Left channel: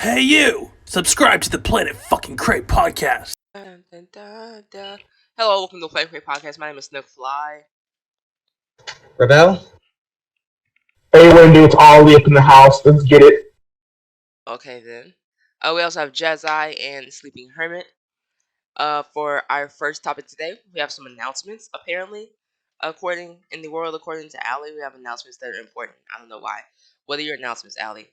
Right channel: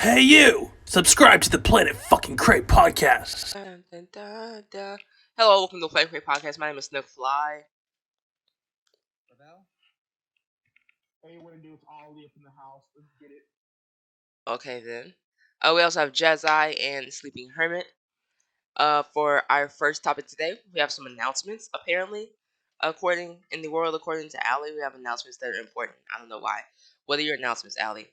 Hey you! Subscribe to the Planet fucking Cray podcast. Dun, dun, dun, dun. Hello, welcome to the Play Crate Podcast. My name is Nick Fly. Rebel? Hey, Wendy, it's Ollie up in the house. Let's get it. Okay then. We also have Jazai and Sleeping Hermit. For our first topic today, we have some announcements. Apparently, according to Allie, we have announcements that are important. I don't know why. What are your announcements, Allie?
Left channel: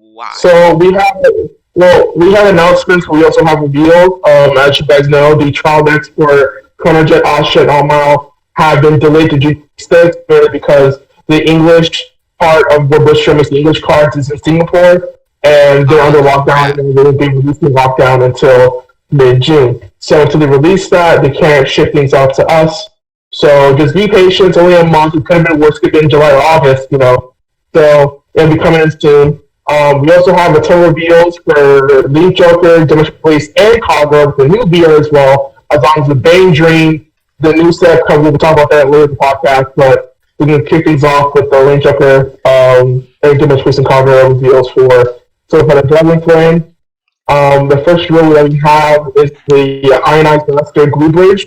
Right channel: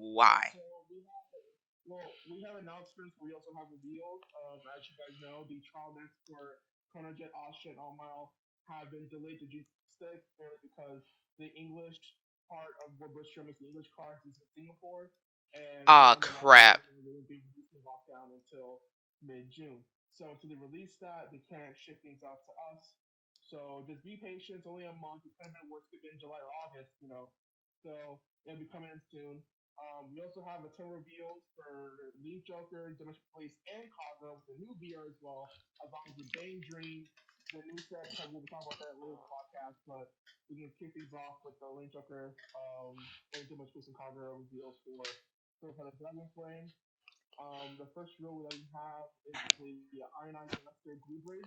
Why? So we have announcements. We also have reveals. As you guys know, the trial dates for Chronojet, Asha, and Almao have been delayed to June 6th because the English part of what Bush is the English cards is in Singapore, and they're under lockdown, and they won't be releasing lockdown until mid-June. So until they release that, they can't ship things out to us. So just be patient. It's only a month. It could have been worse. Could have been July or August, So it'll be coming in soon. We also have the total reveals for Link Joker, Domestic Police, and Cogwell, the new beer as well, as long as the Bane Dream, the new set comes. We'll talk about that later in the podcast, but we're going to kick things off with the Link Joker and Domestic Police and Cogwell reveals for the Dragon Flame. The first reveal that we have is the Ionized Master Glue Bridge.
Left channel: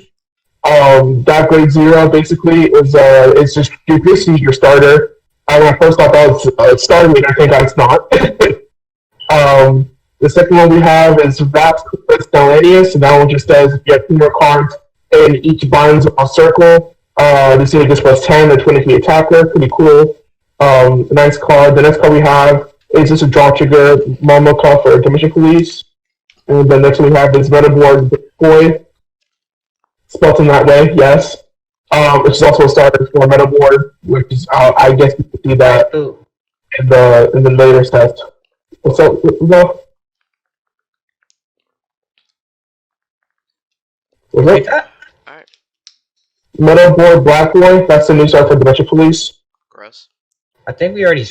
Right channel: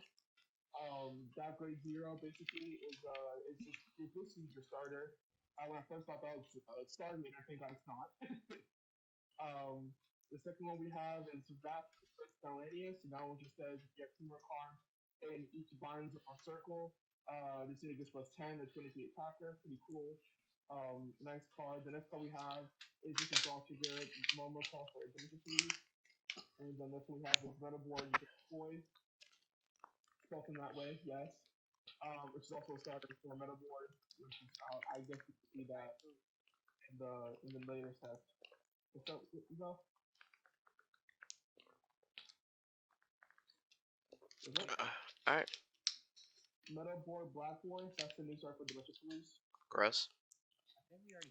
That grade 0 basically is just basically your starter. When I first thought that was starting, I think it's not. The second one we have is Raps Stellanius, and that one just says if you have 2 more cards and each binds a circle, this unit gets plus 10, the 20 feet attacker, pretty cool. Nice card. The next card we have is just a draw trigger, Momoka for Dimension Police. And the next one we have is Metaboard Boy, spelled in that way, yes. Which is also a starter for Metaboard, which is I guess you can see that in the later test. What's up? What's up? Alright. Metaboard Black Boy, that's the new start for Dimension Police. Gross. I think we already...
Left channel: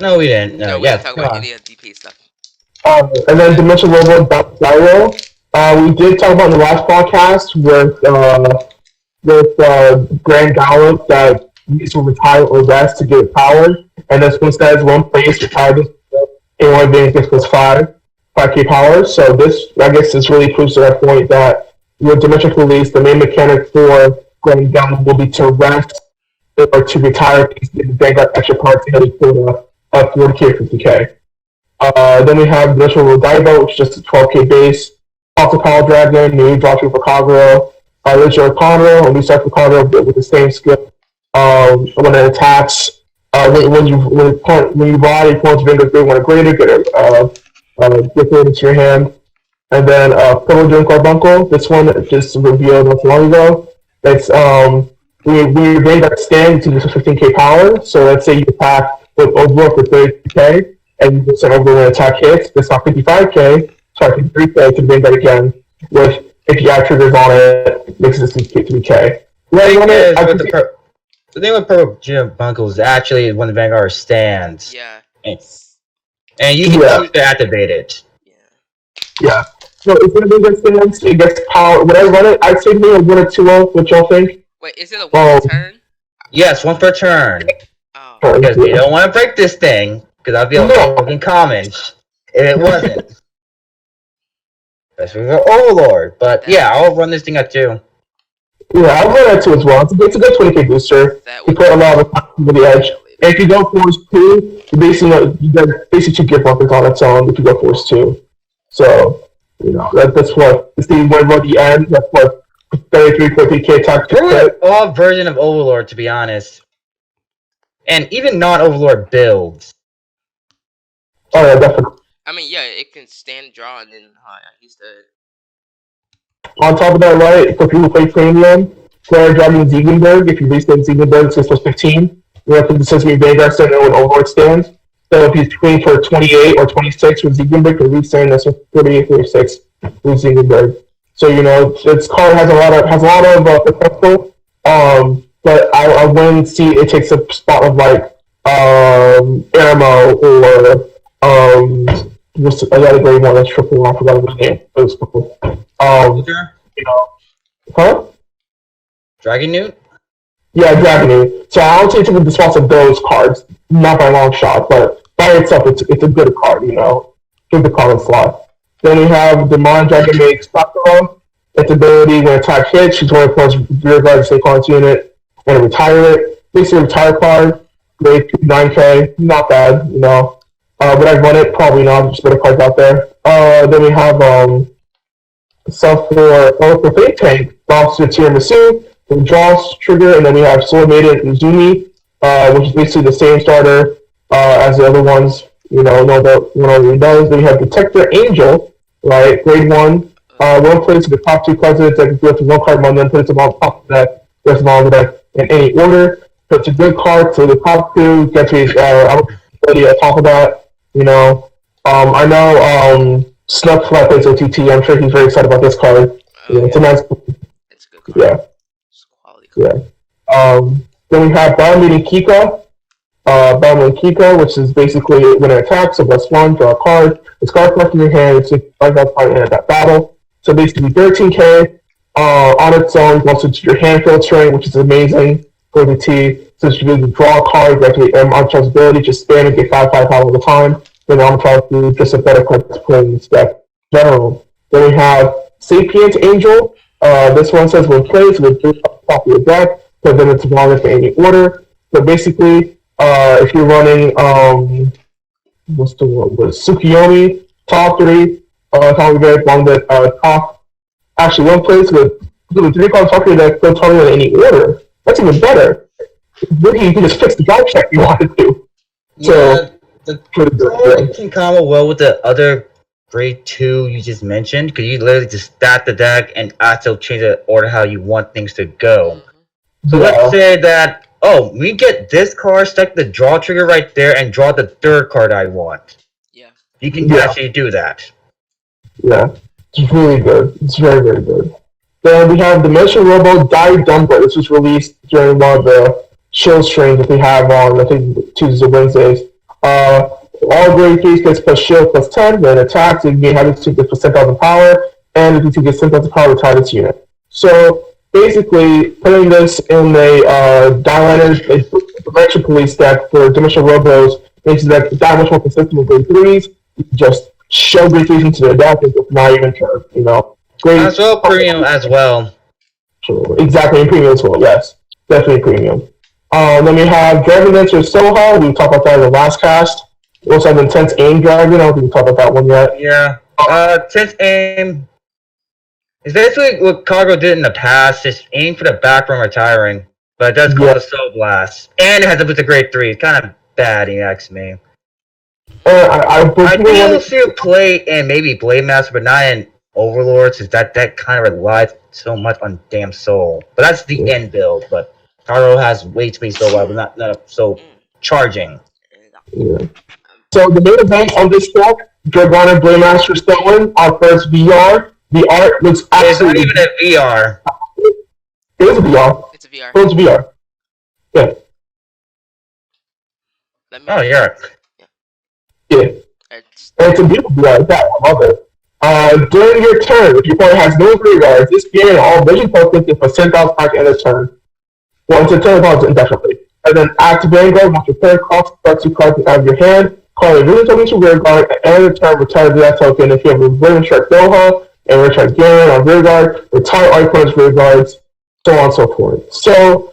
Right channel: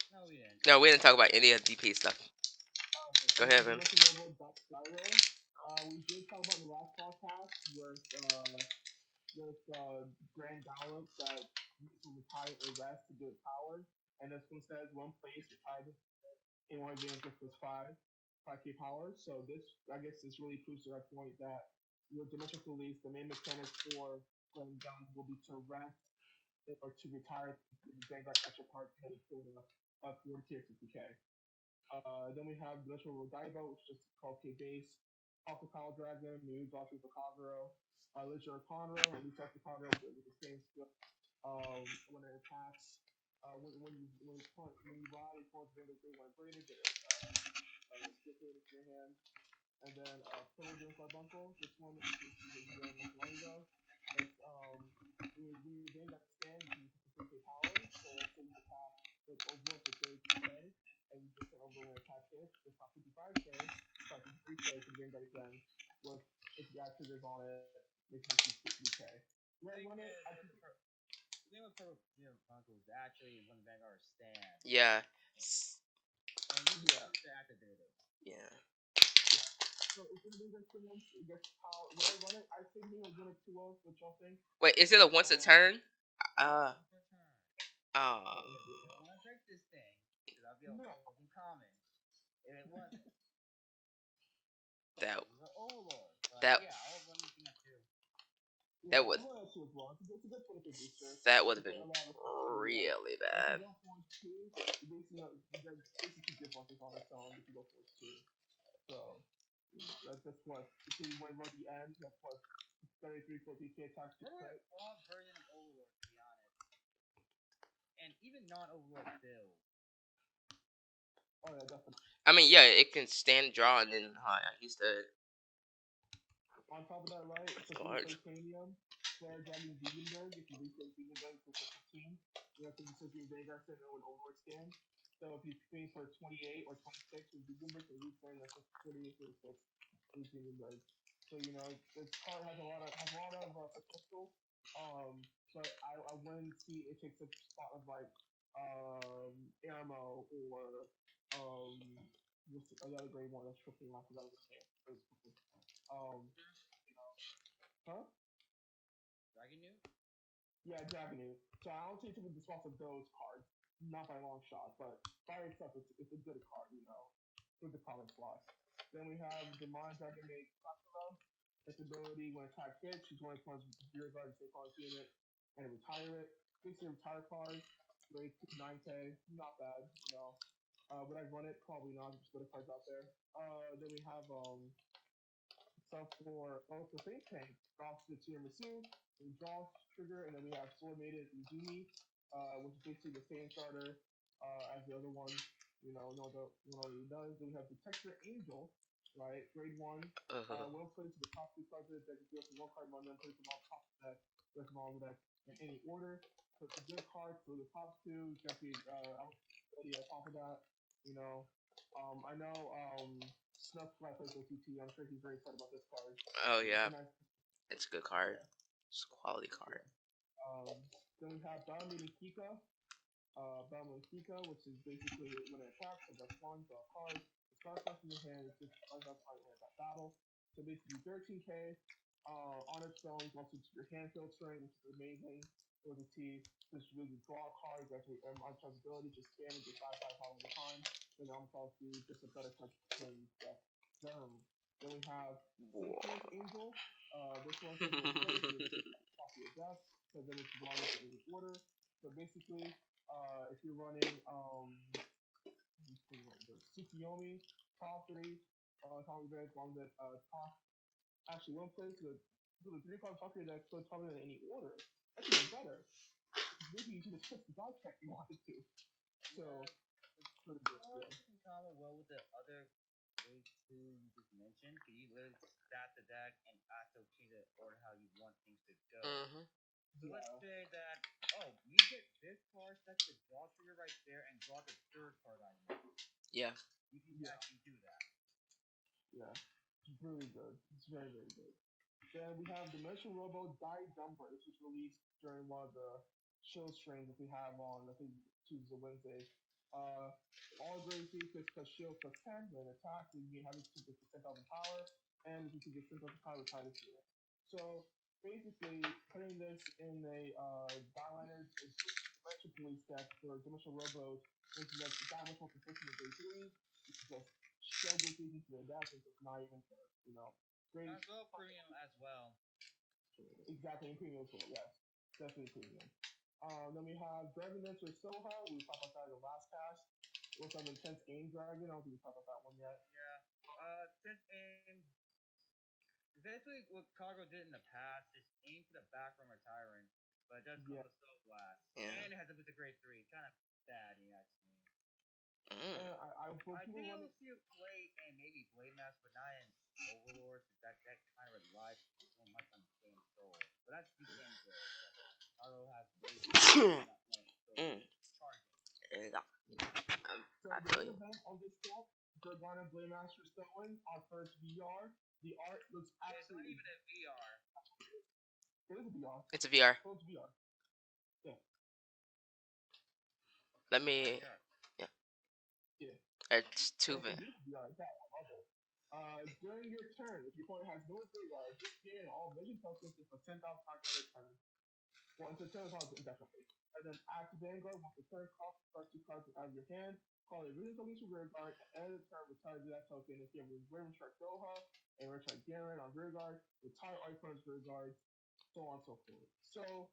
No, we didn't. No, we didn't talk about any of the DP stuff. And then Dimension Robo Gyro. We did talk about in the last podcast with Grand Gallop that needs to retire or rest to get power. And this one says one place retired in one advantage gets plus 5k power. So this, I guess, this really proves to that point that with Dimension Police, the main mechanic for Grand Gallop will be to rest or to retire because they got extra parts in it for 40k or 50k. Then we have Dimension Rodaibo, which is just a 12k base. Also Call Dragon, new draw for Kagura. Original Conroe, and we start for Conroe with the same skill. When it attacks, when you ride, you point to Vanguard 3 when a greater, get it into your hand. And then Purple Dream Carbuncle, this one just revealed not too long ago. It's when your Vanguard stands, you use 15k power. So let's say you attack with Overwork for 30k, and you send over when attack hits, it's not 55k, sorry, 53k to Vanguard again, with if you have triggers on it, it makes it 3k. The thing with Purple Jim Bunkle is actually when the Vanguard stands. Yeah. And you can choose to activate it. Yeah. So if the Vanguard stands, it gets power. When I run it, I'd say maybe a 1 or 2 what y'all think? Wait, is it a 1 per turn? Yes, 1 per turn. Oh. Because you don't want to break this thing, because I'd be fucking common if it wasn't. Especially for Overlord. But yeah, I'll run this thing at 2. Yeah, I'll run that 2 as well. It's a good 20k booster. You put a lot of over the edge. And if you go Force 2, you basically 2 gift weapons on its own if you go Force 2. So, that's what, if you want to run the end, that's what 33, 40k attack. We're an odd version of Overlord, to be honest. And even non-Overlord builds. Oh yeah, definitely. I mean, yeah, it can stand draw and then he's the... On top of that, right, for people who play Premium, Flare Dragon Ziegenberg, if you restate Ziegenberg, it's plus 15. You have to Sesame Vanguard Center when Overlord stands. So if he's tweening for 28 or 26 with Ziegenberg, you're resetting that's 38, 36 with Ziegenberg. So, this card has a lot of potential, but I wouldn't see it takes a spot of like Aramo or I got a great one that's triple. I forgot his name. It was cool. Huh? Dragon Newt? Yeah, Dragon Newt. So I would say take the spots of those cards, not by a long shot, but by itself, it's a good card, with the common slot. Then we have the Mon Dragon makes Sakura. Its ability when attack hits, she's going to plus rear guard to stay cards unit and retire it. Basically, retire card, grade 9K, not bad, you know. Would I run it? Probably not, just better cards out there. Then we have stuff for Fate Tank, Officer Tiramisu, the Jaws trigger, and then we have Sword Maiden Uzumi, which is basically the same starter as the other ones. You know what he does. Then we have Detector Angel, right? Grade 1. One place the top 2 cards in the deck, if you have to one card among them, put it on top of the deck, rest of all the deck in any order. So it's a good card, so the top 2 get to ability on top of that. You know, I know Snuck Flat plays OTT. I'm sure he's very excited about this card. It's a nice. It's a good card. Yeah. It's a quality card. Yeah. Then we have Battle Kika. Battle Kika, which is basically when it attacks, so +1, draw a card. It's card left in your hand, it's 5 card in that battle. So basically 13K on its own, once it's your hand filtering, which is amazing for the T. So you can draw a card, directly Arbitrage ability, just spam and get 5/5 all the time. Then Arbitrage is just a better card to play in this deck in general. Then we have Sapient Angel. This one says when played, so it's top of your deck, but then it's wrong in any order. So basically, if you're running, what's the one? Tsukiyomi, top 3, top of your deck, one that top. Actually, one place with 3 cards top of your deck, don't target in any order. That's even better. Really, you can just fix the drive check you wanted to. So, the card can combo well with the other grade 2 you just mentioned, because you literally just stack the deck and also change the order how you want things to go. So let's say that, we get this card, stack the draw trigger right there, and draw the 3rd card I want. Yeah. You can actually do that. Yeah, it's really good. It's very, very good. Then we have Dimension Robo Die Dumper. This was released during one of the show streams that they have on, I think, Tuesdays or Wednesdays. All grade 3s gets plus shield plus 10. When it attacks, it has its 2 gets plus 10,000 power, and if you gets 10,000 power, retire its unit. So basically, putting this in a Dialiners Dimension Police deck for Dimension Robos makes the deck that much more consistent with grade 3s. You can just show grade 3s into the deck and not even turn, you know. Great. As well, premium as well. Sure. Exactly, and premium as well, yes. Definitely premium. Then we have Dragon Dancer Soha. We talked about that in the last cast. We also have Intense Aim Dragon. I don't think we talked about that one yet. Yeah. Intense Aim is basically what Cargo did in the past. Just aim for the back from retiring. But it does go to Soul Blast. And it has to put the grade 3. It's kind of bad, you ask me. I do see a play in maybe Blade Master, but not in Overlords, is that kind of relies so much on damn Soul. But that's the end build, but Taro has way too many Soul, but not so charging. Yeah. So the main event on this deck, Dragona Blade Master Stolen, our first VR. The art looks absolutely... It's not even a VR. It is a VR. It's a VR. It's a VR. Yeah. Oh, yeah. Yeah. It's a beautiful VR. I love it. During your turn, if your opponent has no rear guards, this game all vision tokens get for 10,000 back in a turn. Once a turn cards indefinitely. And then active Vanguard, once your turn cost starts 2 cards out of your hand, call a vision token to rear guard, and at the end of the turn, retire that token. If you have a Raven Shark Doha and Richard Garen on rear guard, retire all your opponent's rear guards, so on and so forth. So,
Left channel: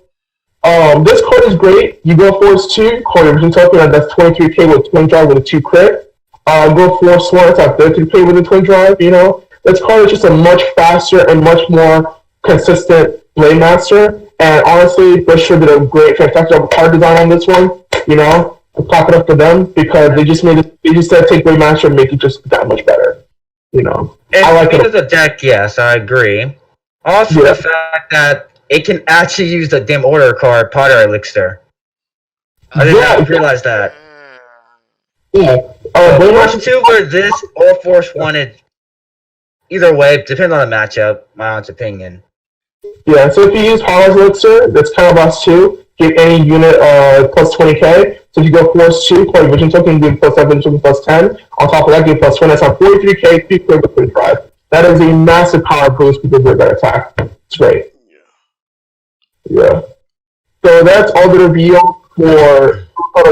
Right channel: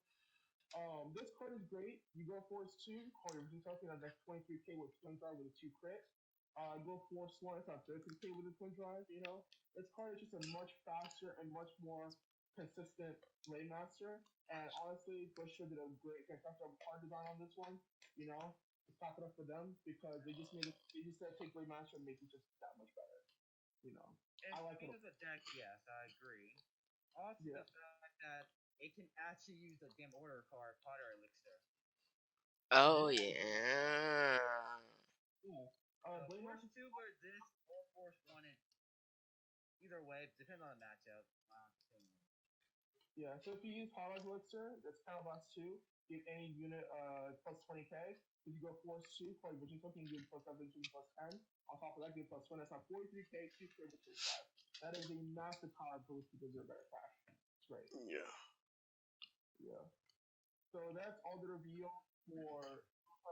this card is great. You go Force 2, call your vision token, and that's 23k with twin drive with a 2 crit. Go Force 1, it's at 33k with a twin drive, you know. This card is just a much faster and much more consistent Blade Master. And honestly, Bush did a great, fantastic card design on this one, you know. I'm clapping up for them because they just said take Blade Master and make it just that much better, you know. I like it. As a deck, yes, I agree. Also, the fact that it can actually use the damn order card, Potter Elixir. I did not realize that. Yeah. Force 2 or this, or Force 1, either way, depends on the matchup, my honest opinion. Yeah, so if you use Potter Elixir, that's kind of us too. Give any unit plus 20k. So if you go Force 2, play Vision Token, give plus 7, Vision plus 10. On top of that, give plus 20. That's on 43k, 3 clear with 25. That is a massive power boost because of that attack. It's great. Yeah. So that's all the reveal for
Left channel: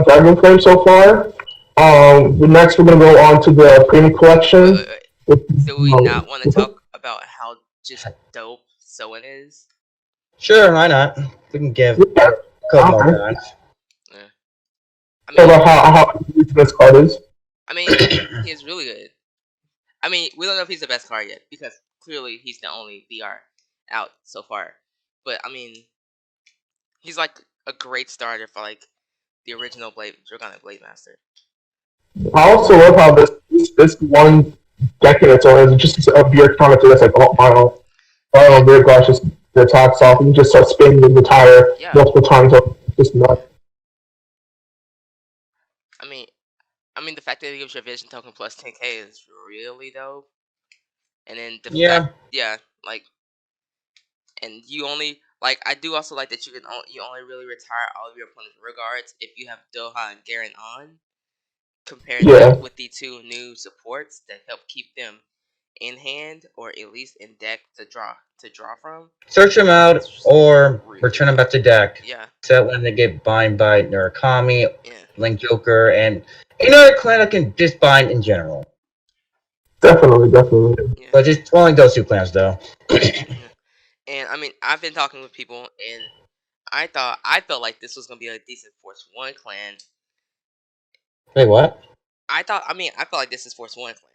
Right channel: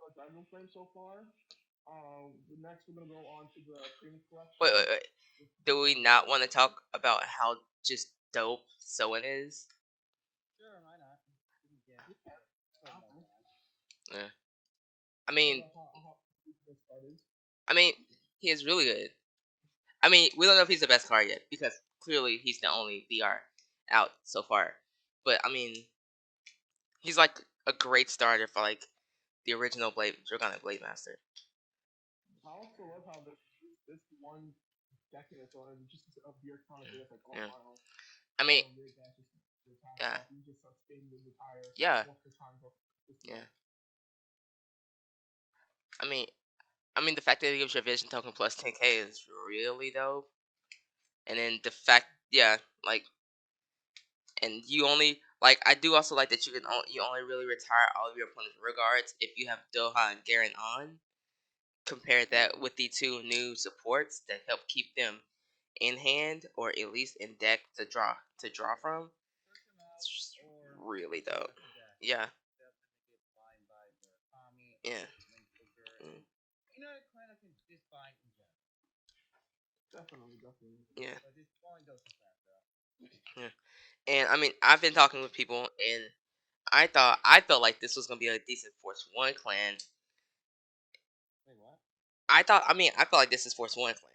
Dragon Flame so far. Next, we're gonna go on to the premium collection. Wait. Do we not want to talk about how just dope Soen is? Sure, why not? We can give a couple more times. Yeah. I Talk mean, about how easy this card is. I mean, he is really good. I mean, we don't know if he's the best card yet because clearly he's the only BR out so far. But I mean, he's like a great starter for like the original Dragonic Blade Master. I also love how this one deck in its own is just a beer counter that's like, oh my, very gosh, just the attacks off, and you just start spinning and retire multiple times. Just nuts. I mean, the fact that it gives your vision token plus 10k is really dope. And then the fact, like, and you only like. I do also like that you only really retire all of your opponent's regards if you have Doha and Garen on. Comparing that with the two new supports that help keep them in hand or at least in deck to draw from. Search them out or really return them back to deck. Yeah. So when they get bind by Murakami, Link Joker, and another clan that can just bind in general. Definitely. Yeah. But just only those two clans though. And I mean, I've been talking with people, and I felt like this was gonna be a decent Force 1 clan. Wait, what? I felt like this is Force 1 clan.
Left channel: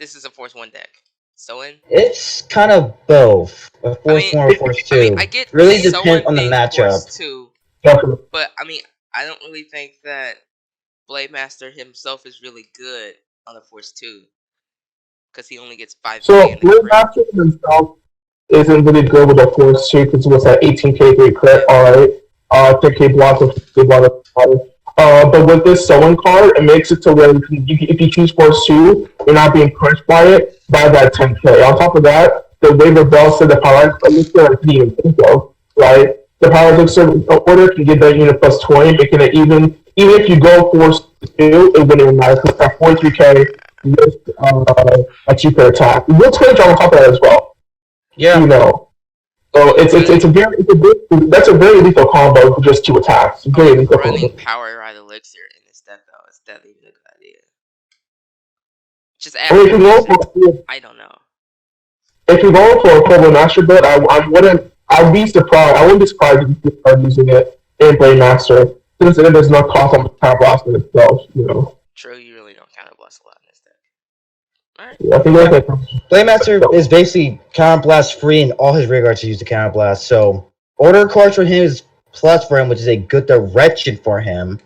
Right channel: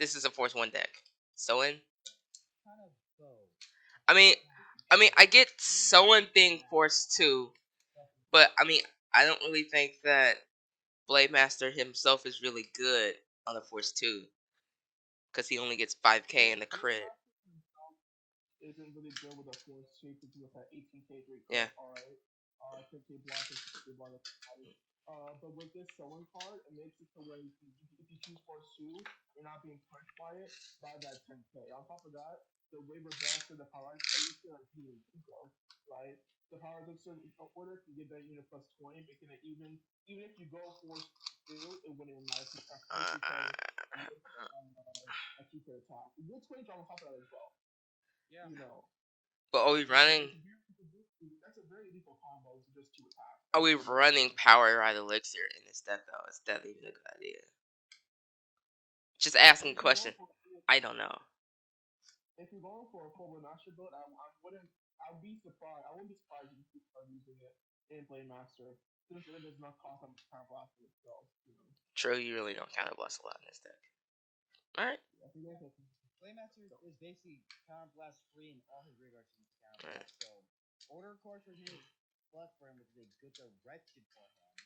This is a Force 1 deck. Soen? It's kind of both. A Force 1 or Force 2. I mean, I get really Soen depends on the matchup. Force 2, but I mean, I don't really think that Blade Master himself is really good on a Force 2. Because he only gets 5k so in the Blade Master himself isn't really good with a Force 2 because it was that 18k great crit, alright. 10k block with 50k block. But with this Soen card, it makes it to where if you choose Force 2, you're not being punished by it by that 10k. On top of that, the waiver bell said the power elixir I didn't even think of, right? The power elixir order can give that unit plus 20, making it even if you go Force 2, it wouldn't even matter because that 43k with a cheaper attack. We'll change on top of that as well. Yeah. You know. So that's a very lethal combo for just 2 attacks. Running power right elixir in this deck though is definitely a good idea. Just add I don't know. If you're going for a Purple Master build, I'd be surprised. I wouldn't be surprised if you start using it in Blade Master, since it does not cost on the counter blast in itself, you know. True, you really don't counter blast a lot in this deck. Alright. Yeah, I think that's Blade Master is basically counter blast free in all his regards to use the counter blast. So order cards for him is plus for him, which is a good direction for him.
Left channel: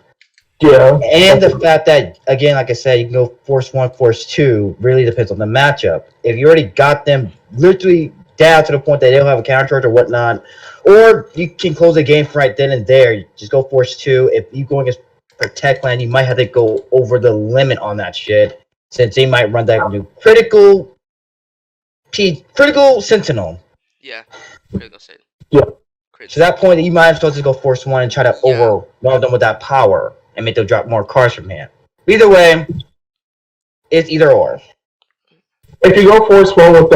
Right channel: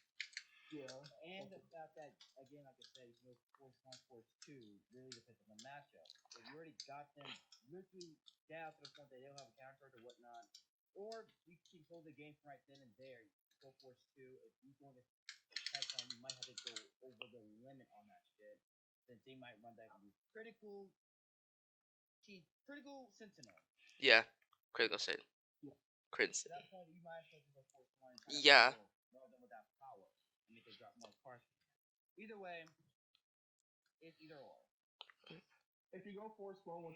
Yeah. And the fact that, again, like I said, you can go Force 1, Force 2, really depends on the matchup. If you already got them literally down to the point that they don't have a counter charge or whatnot, or you can close the game right then and there, just go Force 2. If you go against Protect Land, you might have to go over the limit on that shit, since they might run that new critical Sentinel. Yeah, critical Sentinel. Yeah. To that point, you might have to just go Force 1 and try to overwhelm them with that power and make them drop more cards from hand. Either way, it's either or. If you go Force 1 with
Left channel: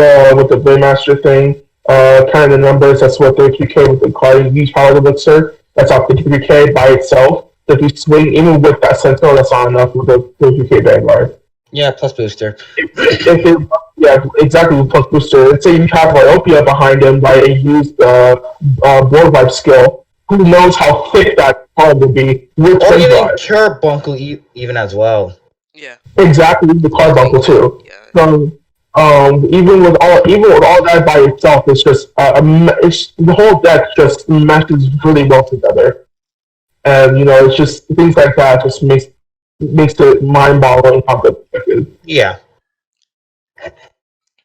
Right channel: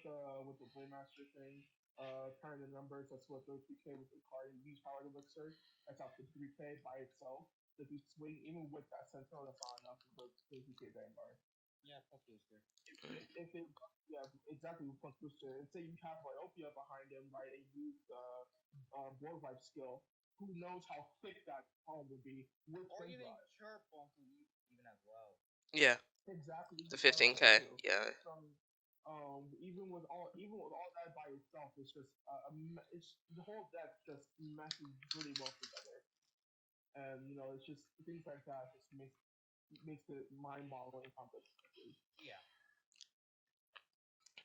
the Blade Master thing, kind of the numbers, that's what 33k with the card. You use Power Elixir, that's off 33k by itself. So if you swing, even with that Sentinel, that's not enough with the 33k Vanguard. Yeah, plus booster. Yeah, exactly, with plus booster. Let's say you have Myopia behind him, right, and use the Board Vibe skill. Who knows how thick that card will be with or even Carbuncle even as well. Yeah. Exactly, with Carbuncle too. Yeah. So, even with all that by itself, it's just the whole deck just meshes really well together, and it's just things like that just makes it mind-boggling how good the deck is. Yeah.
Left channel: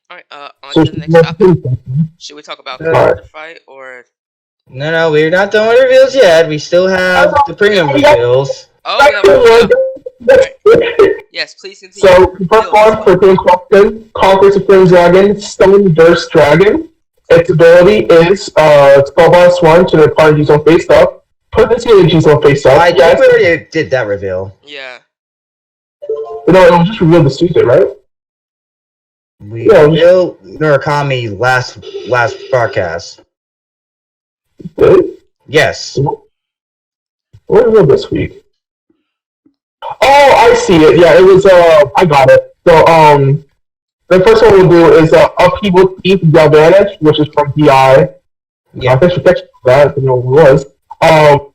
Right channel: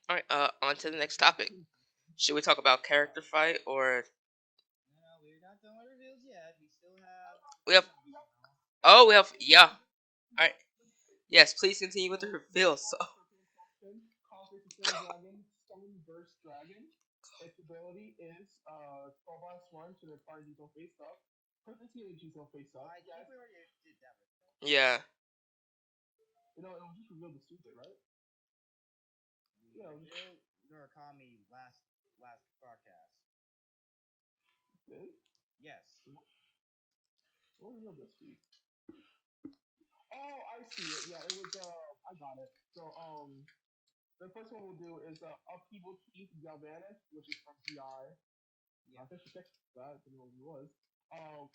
Alright, on to the next topic. Should we talk about character fight or? No, we're not done with reveals yet. We still have the premium reveals. Oh, yeah. Right. Yes, please continue. So, first one for Premium Question, Conquer Supreme Dragon, Stone Burst Dragon. Its ability is Spellbound Swarm to the party use on face up. Put this in use on face up. I think we already did that reveal. Yeah. No, it was just revealed this Tuesday, right? We revealed Murakami last broadcast. Did? Yes. What revealed this week? Oh, I see it. Yeah, it was. I got it. So, the first one we'll do is Upheaval Thief Galvanic, which is from DI. Yeah. Thanks for catching that. I didn't know what it was.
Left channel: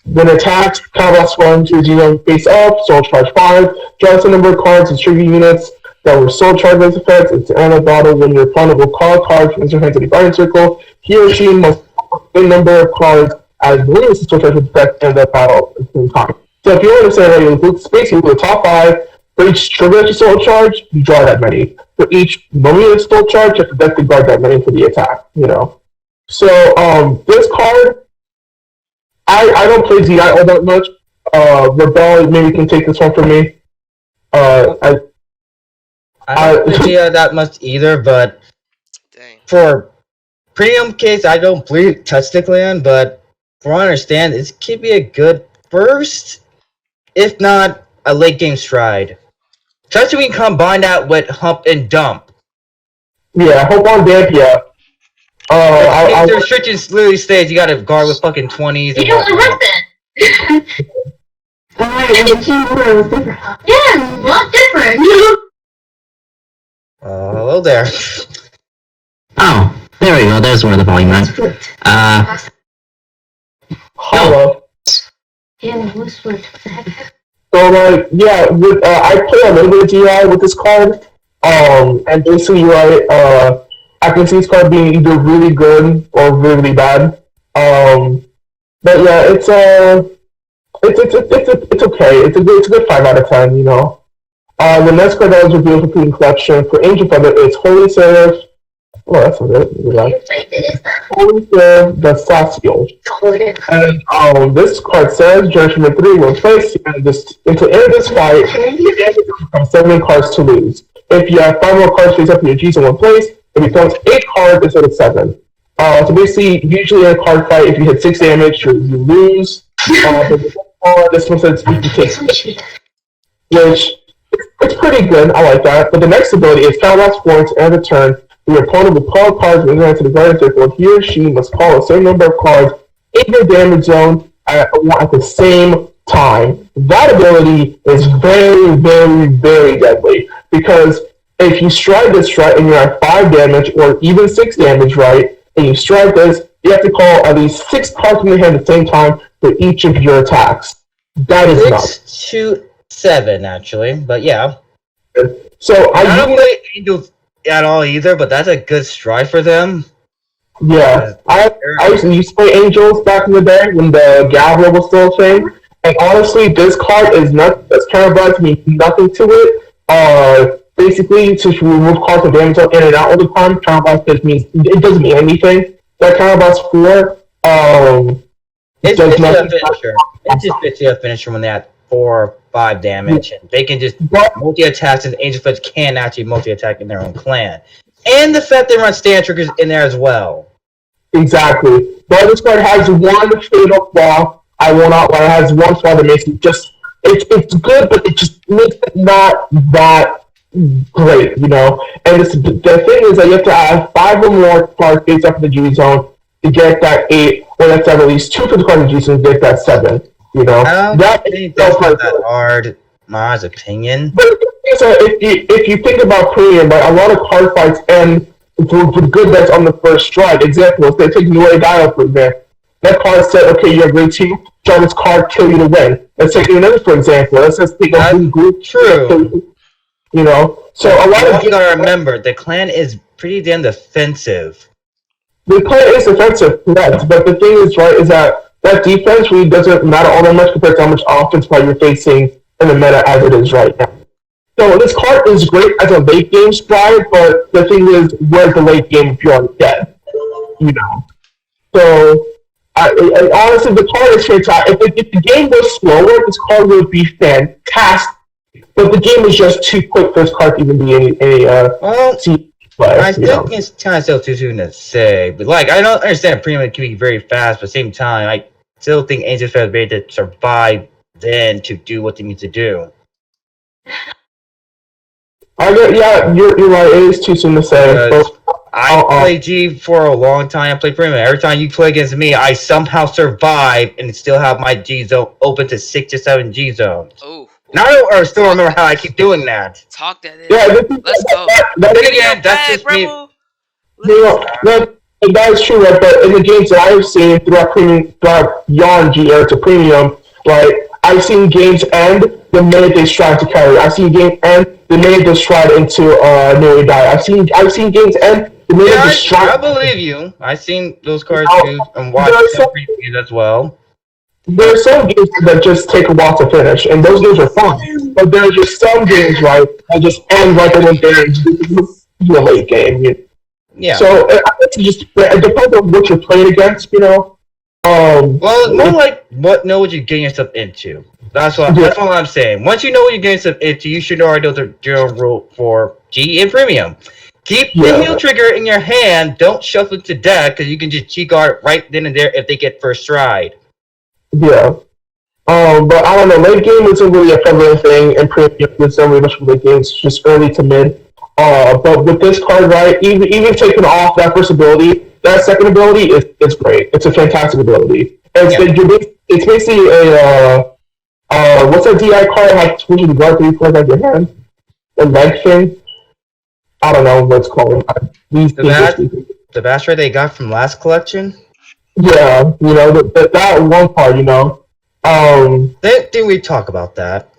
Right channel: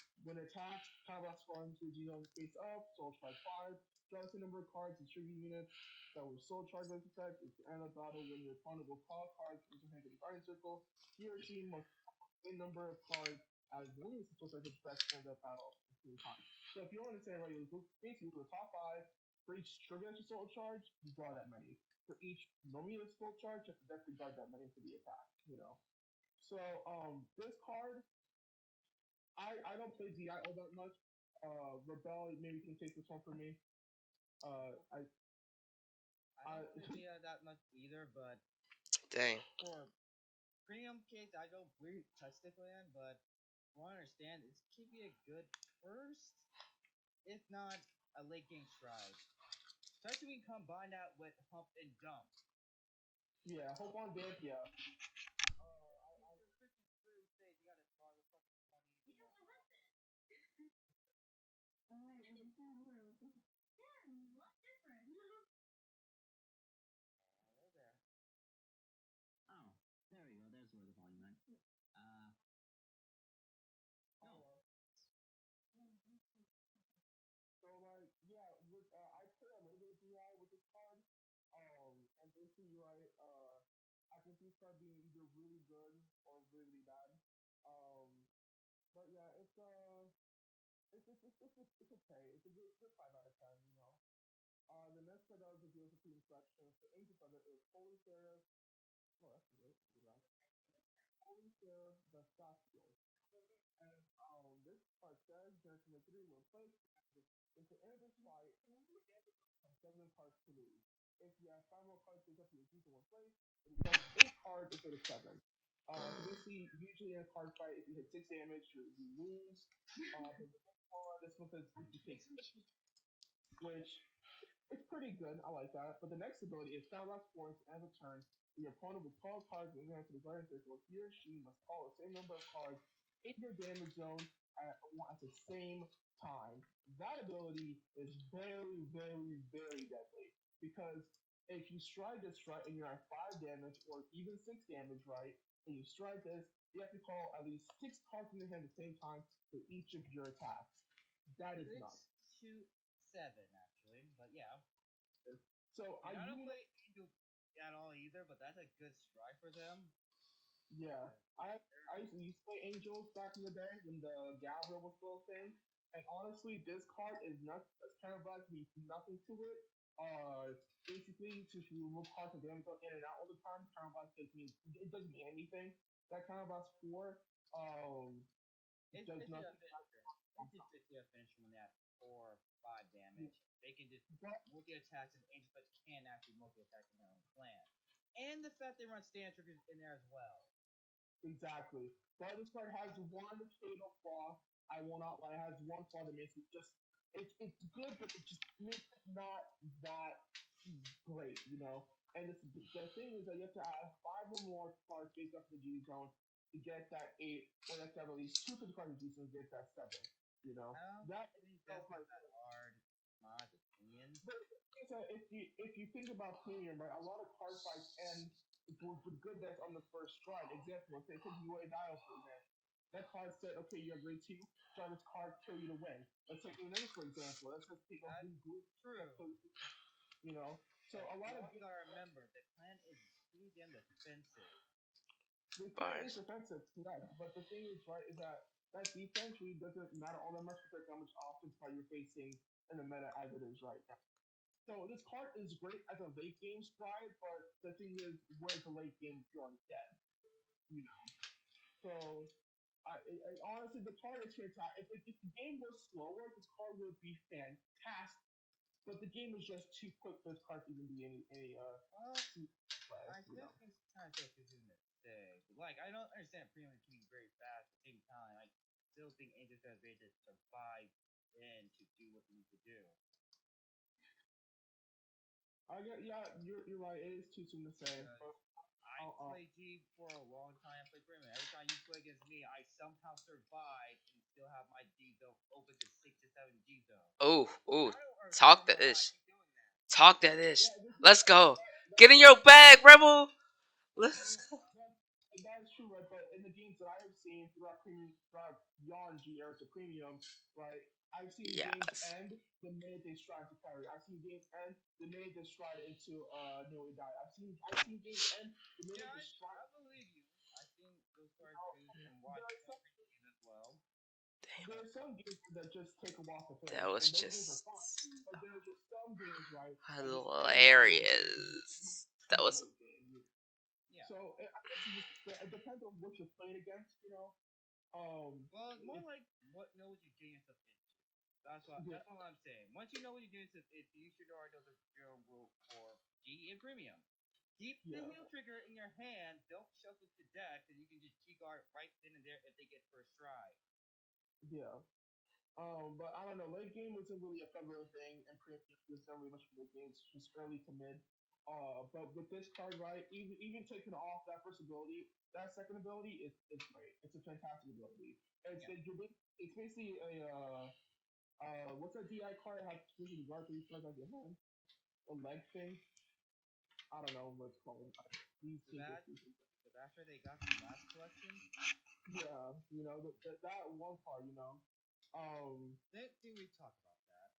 When attacks, combat scoring to 0 face up, soul charge 5, draws the number of cards and trigger units that were soul charge as effects. It's an end of battle when your opponent will call a card from his or her hand to the guardian circle. He or she must call the number of cards as many as the soul charge with effect in that battle at the same time. So if you want to say that you include space, you include the top 5. For each trigger that you soul charge, you draw that many. For each moment you soul charge, you have to definitely guard that many for the attack, you know. So, this card, I don't play ZI all that much. Rebel, maybe can take this one from me. I don't play GI that much either, but Dang. for premium case, I don't touch the clan, but from what I understand, it could be a good first, if not a late game stride. Especially when you combine that with Hump and Dump. Yeah, hope on Damp, yeah. The restrictions literally states you gotta guard with fucking 20s. You know what happened? Alright, the keyboard was different. Yeah, a lot different. Hello there. Oh, there we go. There's where the volume went. Hello. Yeah, what's what the heck? So, like, yeah, with, I play a little bit of GI with this card. And basically, right, I can see this card being either really good or really bad. But yeah, it's okay. It's a good 5 out of 10. You know. The next card that was revealed for Queen Collection for Angel Feather is Holy Seraph. Oh, that's not it. Holy Seraph the Saciel. And this card says Judgment 3 will place and until end of this fight, you have 7 cards to lose. If you have 5 more cards face up in your G's in one place, it becomes 8 cards instead of 7. So basically, usually in a card fight, if you hit 6 damage, you lose. But this one says you take 6, which it's pretty good. I like that. But the next ability is Calabash Florence and a turn. Your opponent will call cards when they enter the guardian circle. He or she must call a certain number of cards in your damage zone at the same time. That ability is very, very, very deadly. Because if you strike this right and you're at 5 damage or even 6 damage right, and you strike this, you have to call at least 6 cards from your hand at the same time for each of your attacks. That is nuts. 6 to 7, actually, but yeah. So I don't play Angels at all either, but that's a good stride for them. Yeah, I used to play Angels back in the day when the Galvanic was still a thing, and honestly, this card is not. This Carabat means nothing to it. Basically, to remove cards from damage in and out all the time, Carabat just means it doesn't mean anything. That Carabat's for it's just a finisher. It just fits a finisher when they have 4 or 5 damage, and they can just multi-attack, and Angel Feds can actually multi-attack in their own clan. And the fact they run stand triggers in there as well. Exactly. But this card has one fatal flaw. I will not lie. It has one flaw that makes it just... It's good, but it just makes it not that great, you know? And the thing is that you have to have 5 or more cards face up in the G zone to get that 8, or you have to have at least 2 for the cards in the G zone to get that 7. You know, I don't think that's not that hard, in my opinion. But if you think about premium, right, a lot of card fights end with good bets on the first strike. Example, if they take Noe Dial for example. That card said, okay, you're a great team, draw this card, kill you to win. Let's take another for example. Let's just take a group. True. You know, so a lot of you gotta remember, the clan is pretty damn defensive. The clan is defensive, correct, but the thing is, right, is that defense really doesn't matter all that much compared to how much offense you're facing in the meta as it is right now. So this card is great as a late game stride, but the thing is, where's the late game if you're already dead? You know. So, I honestly, the card is fantastic. If the game was slower, this card would be fantastic. But the game is just too quick for this card to even be any play. I think it's kind of still too soon to say, but like I don't understand premium can be very fast, but at the same time, I still think Angel Feds made to survive then to do what they need to do. Yeah, you're right. It is too soon to say. I played G for a long time. I played premium. Every time you play against me, I somehow survive and still have my G zone open to 6 to 7 G zones. Ooh. Now I still remember how I keep doing that. Talk that in. Yeah, Let's go. That Get in again, your that's bag, just me. Rebel. that is true, right? But in the games that I've seen throughout beyond GR to premium, right? I've seen games end the minute they stride to carry. I've seen games end the minute they stride into nearly die. I've seen games end the minute they stride. I believe you. I've seen those cards too and watched some previews as well. There are some games that just take a while to finish, and those games are fun. But there are just some games, right, that just end right when they're a late game. Yeah. So I think it depends on what you're playing against, Well, it's more like know what you're getting yourself into. That's what I'm saying. Once you know what you're getting yourself into, you should already know the general rule for G and Premium. Keep the heal trigger in your hand. Don't shuffle it to death because you can just G-guard right then and there if they get first stride. Yeah. But I don't know, late game isn't really a prevalent thing, and Premium isn't really much of late games, just early to mid. But with this card, right, even taking off that first ability, that second ability is great. It's a fantastic ability. And it's basically a what's that DI card? Like switching the guard 3 cards out of your hand? A leg thing? I don't know what it's called. The Basher they got from last collection? Yeah, that one part, Didn't we talk about that?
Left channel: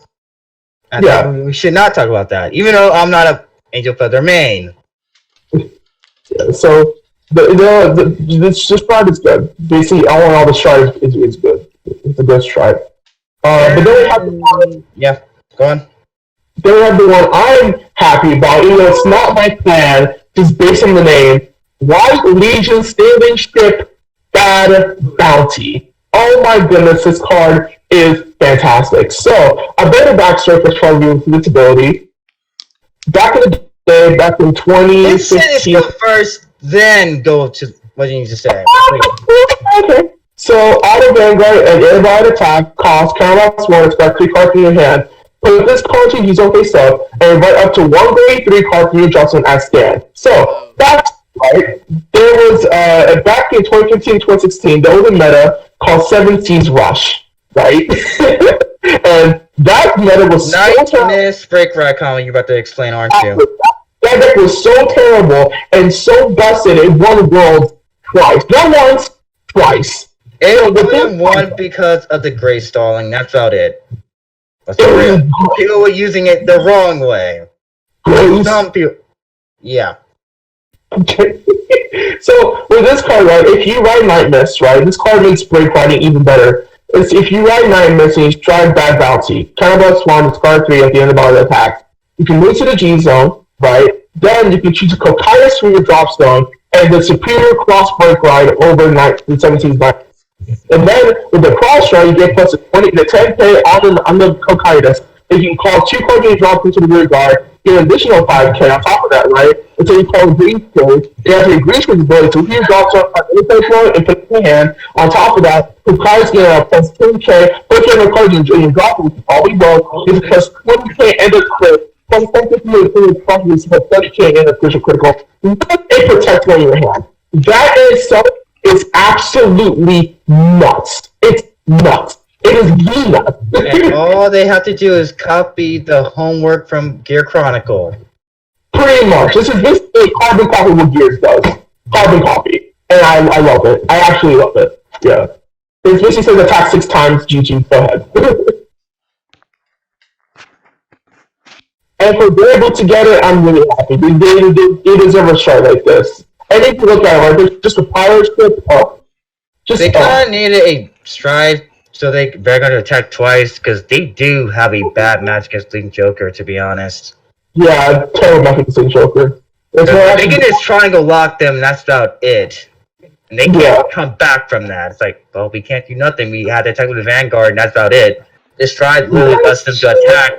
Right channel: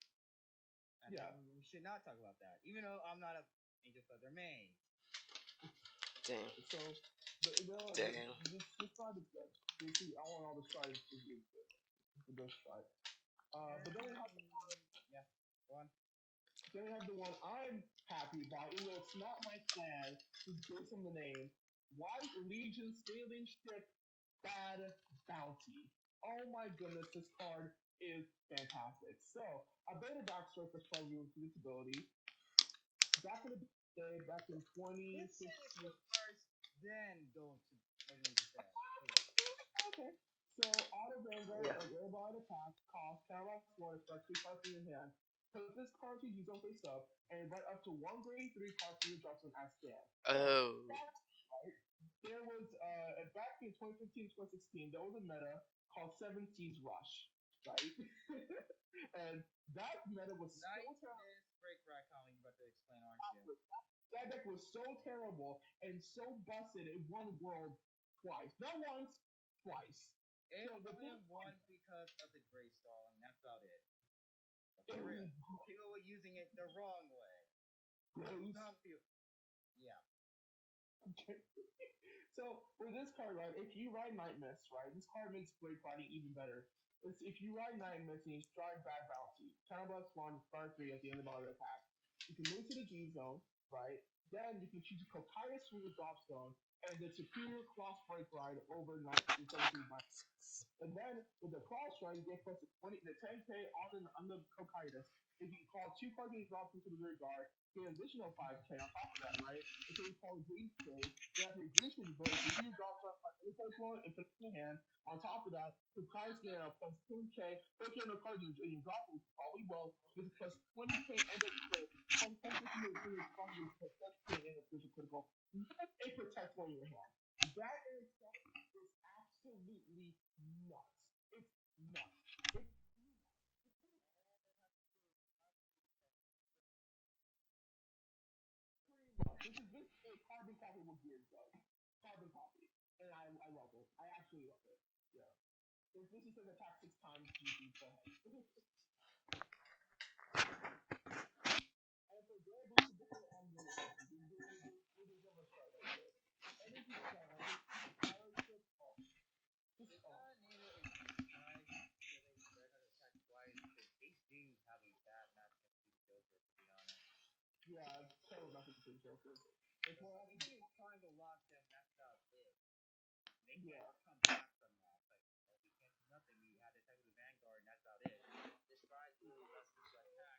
We should not talk about that, even though I'm not a Angel Feather main. Yeah, so this stride is good. Basically, all the stride is good. It's a good stride. But then we have the one. Yeah, go on. Then we have the one I'm happy about, even though it's not my plan, just based on the name. White Legion Sailing Ship Bad Bounty. Oh my goodness, this card is fantastic. So, a bit of backstory for Charlie with this ability. Back in the day, back in 2015. Go first, then go to what you need to say. Okay. So, Auto Vanguard and Airborne Attack cost counterblocks 1, expect 3 cards in your hand. Put this card to use on face up, and invite up to 1 grade 3 cards from your adjustment as stand. So, that's right. There was, back in 2015-2016, there was a meta called 7 Seas Rush, right? And that meta was Nice break right comment you're about to explain, aren't you? That deck was so terrible and so busted it won Worlds twice. Not once, twice. It only won because of the gray stalling, that's about it. People were using it the wrong way. Some people... Yeah. Okay. So, with this card, right, if you ride Night Mist, right, this card makes break riding even better. If you ride Night Mist and you stride Bad Bounty, counterblocks 1, discard 3 at the end of all the attacks, you can move to the G zone, right? Then you can choose a Cocytus from your drop zone and the superior cross break ride over the 17's Night. And then with the cross ride, you get plus the 10k on the Cocytus. And you can call 2 cards and drop into the rear guard, get an additional 5k on top of that, right? Until you call Green Code. You have to Green Code's ability to heal drops on any place one and put it in your hand. On top of that, the cards get a plus 10k, put your cards in your drop, all we roll is plus 20k and a crit. Plus 10k for the properties, plus 30k and a critical. It protects on your hand. That in itself is absolutely nuts. It's nuts. It is nuts. And all they have to do is copy the homework from Gear Chronicle. Pretty much. This is a carbon copy what Gears does. Carbon copy. And I love it. I actually love it. Yeah. It basically says attack 6 times, GG, go ahead. And for they're able to get it, I'm really happy. They deserve a shot like this. And if you look at it, like, just a pirate ship up. They kind of needed a stride so they're going to attack twice, because they do have a bad match against Link Joker, to be honest. Yeah, terrible match against Link Joker. They can just try and go lock them, and that's about it. And they can't come back from that. It's like, well, we can't do nothing. We had to attack with the Vanguard, and that's about it. This stride really lets them to attack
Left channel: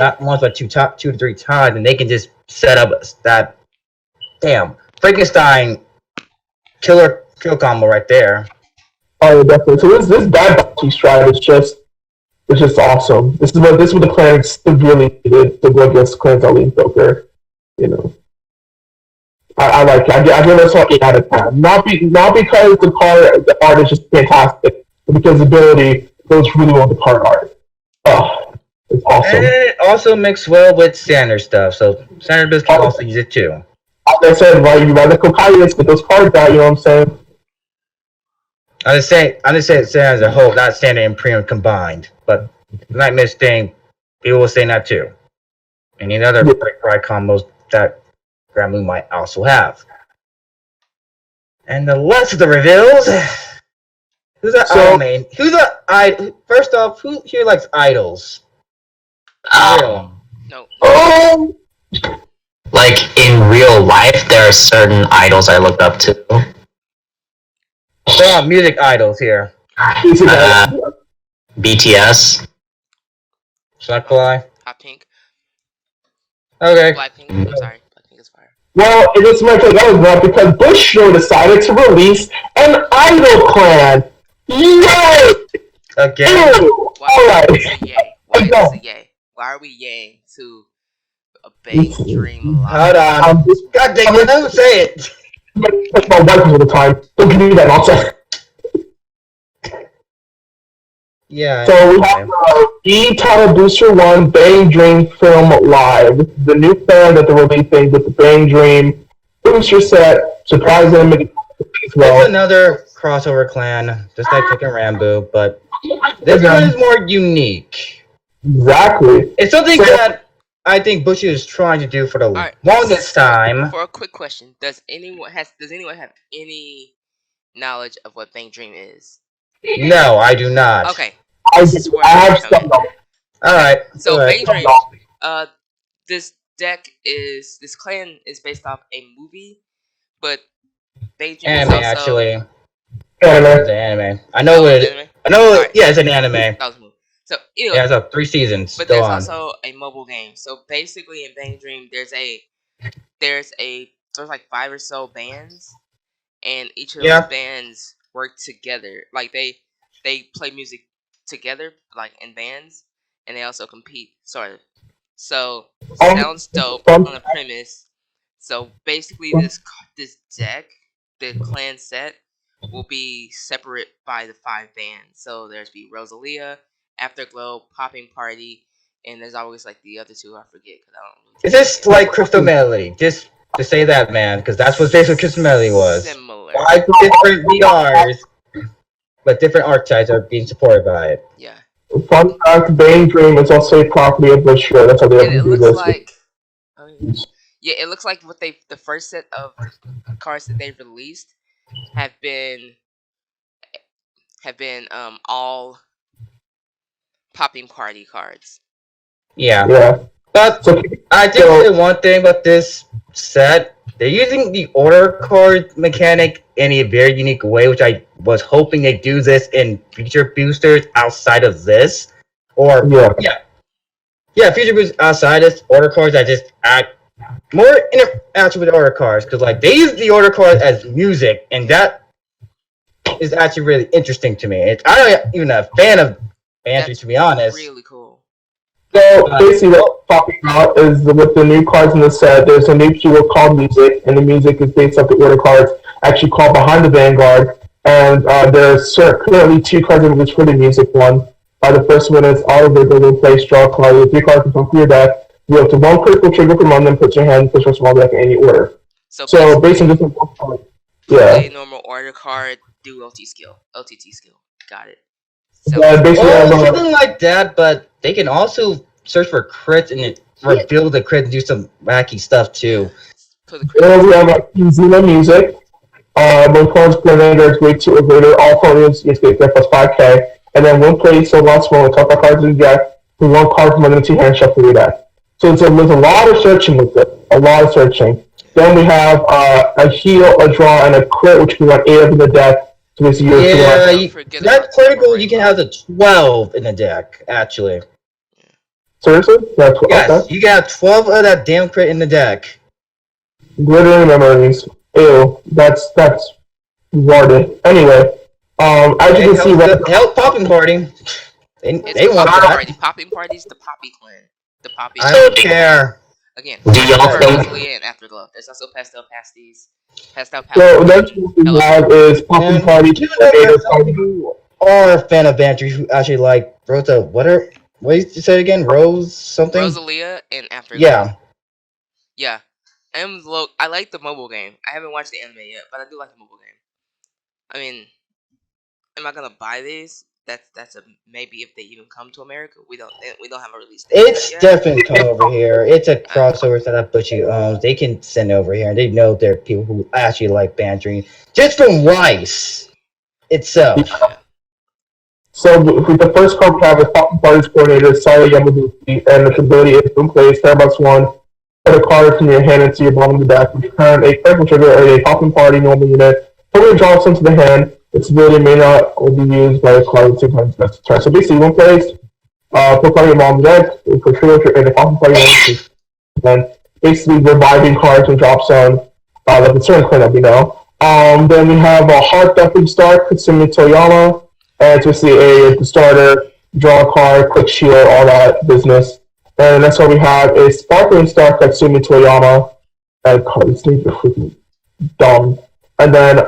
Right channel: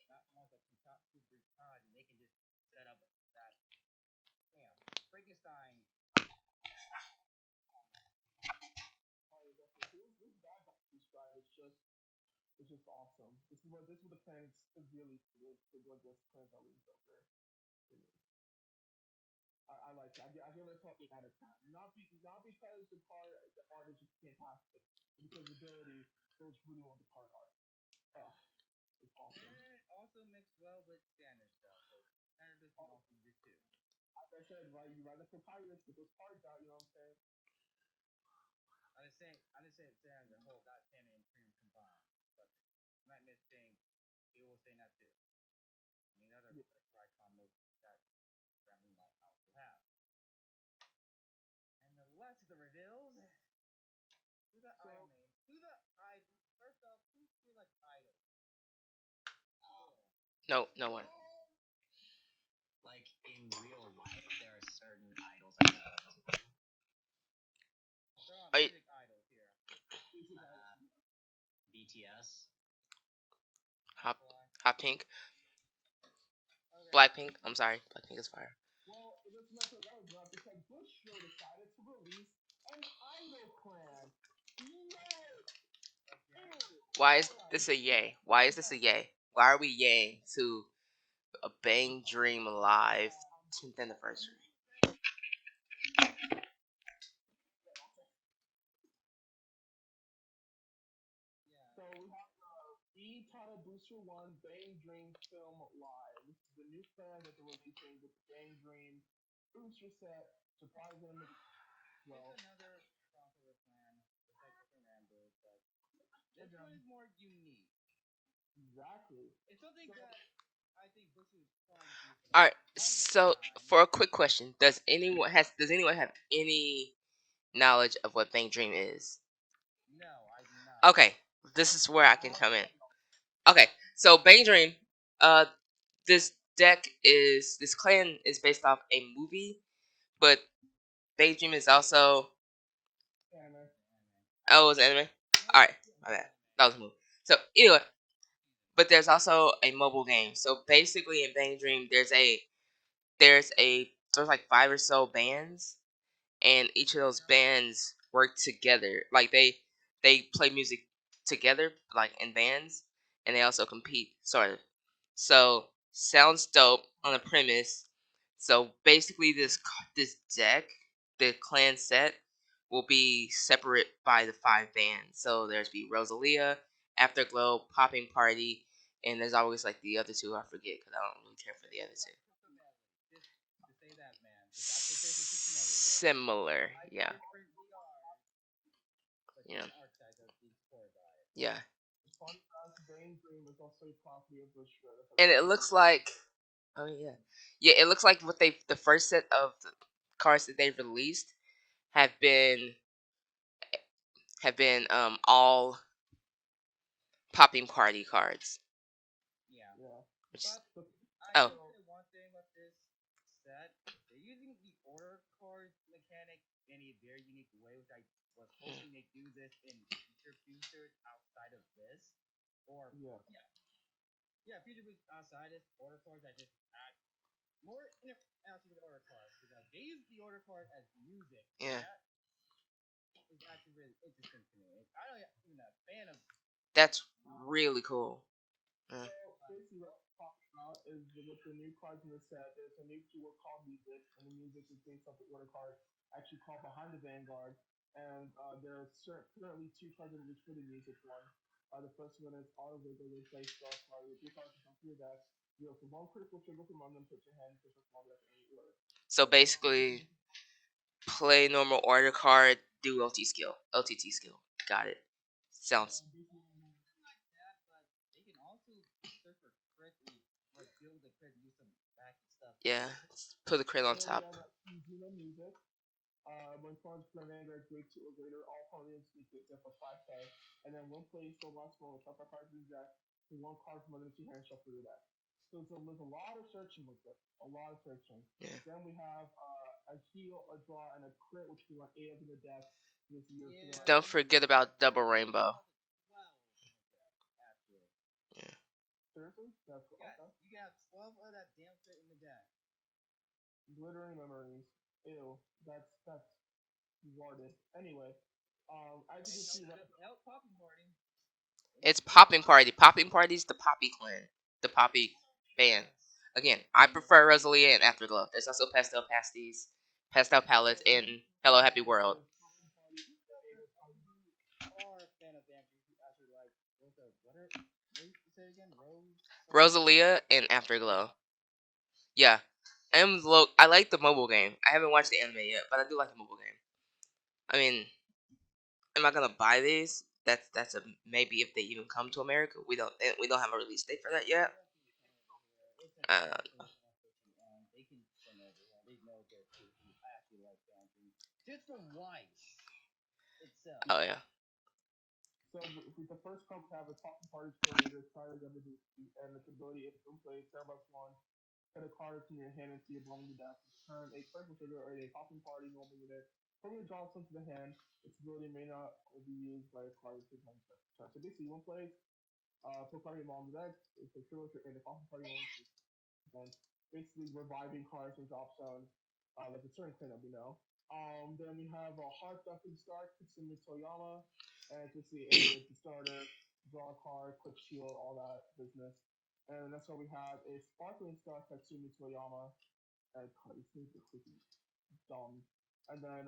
not once, but two to three times, and they can just set up that Frankenstein kill combo right there. Oh, definitely. So this Bad Bounty stride is just awesome. This is what the clans really needed to go against clans that Link Joker. I like it. I give this one 8 out of 10. Not because the art is just fantastic, but because the ability goes really well with the card art. It's awesome. And it also mixed well with standard stuff, so standard builds can also use it too. Like I said, right, you rather copious, get those cards out, you know what I'm saying? I'm just saying standard as a whole, not standard and premium combined. But the Nightmare thing, people will say that too. And any other pride combos that Grand Moon might also have. And the last of the reveals. Who's an idol main? First off, who here likes idols? No. Oh! Like in real life, there are certain idols I look up to. There are music idols here. BTS. Suckfly. Hot Pink. Okay. Blackpink. I'm sorry. Blackpink is fire. Well, it was my take that was not because Bush decided to release an idol clan. Yay! Again. Ew! Why Alright. is it yay? Why is it yay? Why are we yaying to a Bang Dream Hold live? on. God dang it, don't say it. That's my wife all the time. Don't give me that nonsense. Yeah. So we have E-Title Booster 1 Bang Dream Film Live. This is the new fan that they're releasing with the Bang Dream booster set. Surprise animated as well. It's another crossover clan, just like Pick and Rambo, but this one is more unique. Exactly. It's something that I think Bush is trying to do for the longest time. For a quick question, does anyone have any knowledge of what Bang Dream is? No, I do not. Okay. I coming. have some. Alright. So Bang Dream, this clan is based off a movie, but Bang Dream Anime, is also actually. Anime. It's an anime. I know it. I know. Yeah, it's an anime. That was a movie. So anyway, Yeah, it's up 3 seasons. but Still there's on. also a mobile game. So basically, in Bang Dream, there's like 5 or so bands, and each of those bands work together. Like they play music together, like in bands, and they also compete, sort of. So sounds dope on the premise. So basically, this deck, the clan set, will be separate by the 5 bands. So there's Rosalia, Afterglow, Popping Party, and there's always like the other 2 I forget because I don't. Is this like Crystal Melody? Just to say that, man, because that's what basically Crystal Melody was. Similar. 5 different VRs, but different archetypes are being supported by it. Yeah. Fun fact, Bang Dream is also a property of Bush. That's how they And it do looks this. like, it looks like what the first set of cards that they released have been all Popping Party cards. Yeah. But I think the one thing about this set, they're using the order card mechanic in a very unique way, which I was hoping they do this in future boosters outside of this. Or future boosters outside of this, order cards that just add more interaction with order cards, because like they use the order cards as music, and that is actually really interesting to me. I'm not even a fan of Banshee, to be honest. Really cool. So basically, what's popping out is with the new cards in the set. There's a new keyword called music, and the music is based off the order cards, actually called Behind the Vanguard. And there's currently 2 cards in this for the music one. The first one is Oliver, the place draw card. With 3 cards from your deck. You have to 1 critical trigger from one, then put your hand, push your small deck in any order. So based on this one, play normal order card, do LTT skill. Got it. So, Something like that, but they can also search for crits and reveal the crit and do some wacky stuff too. We have Zena music. When cards Grenadier is grade 2 or greater, all opponents get plus 5k. And then 1 play so lost one with top 5 cards in the deck, with 1 card from under 2 hand shuffle your deck. So there's a lot of searching with it. A lot of searching. Then we have a heal, a draw, and a crit, which we want 8 of in the deck. So that's critical. You can have the 12 in the deck, actually. Seriously? Yeah, yes, okay. you can have 12 of that damn crit in the deck. Glittering memories. Ew, that's retarded. Anyway, as you can see, help Popping Party. They want that. Popping Party's the Poppy clan. The Poppy. I don't care. Again, do y'all think? And Afterglow. There's also Pastel Pasties. So next we have is Popping Party. You are a fan of Banshee who actually like Rosa. What are What did you say again? Rose something? Rosalia and Africa. Yeah. Yeah. I like the mobile game. I haven't watched the anime yet, but I do like the mobile game. I mean, am I gonna buy these? That's a maybe if they even come to America. We don't have a release date. It's yet. definitely come over here. It's a crossover that Butchie owns. They can send it over here, and they know there are people who actually like bantering just from Rice itself. Yeah. So with the first card we have is Poppin Party's coordinator, Saya Yamaguchi, and its ability is to play Starbucks 1, put a card from your hand into your bottom of the deck, return a critical trigger or a Poppin Party normal unit, put it drops into the hand, its ability may not be used by a card with 2 times best turn. So basically, one place, put card in your bottom of the deck, put trigger and a Poppin Party unit, and basically reviving cards and drop zone, like a certain cleanup, you know. Then we have a Heart Dumping Start, Katsumi Toyama. And to see the starter, draw a card, quick shield, all that business. And that's what we have is Sparkling Star Katsumi Toyama. And cards need to freaking dumb. And then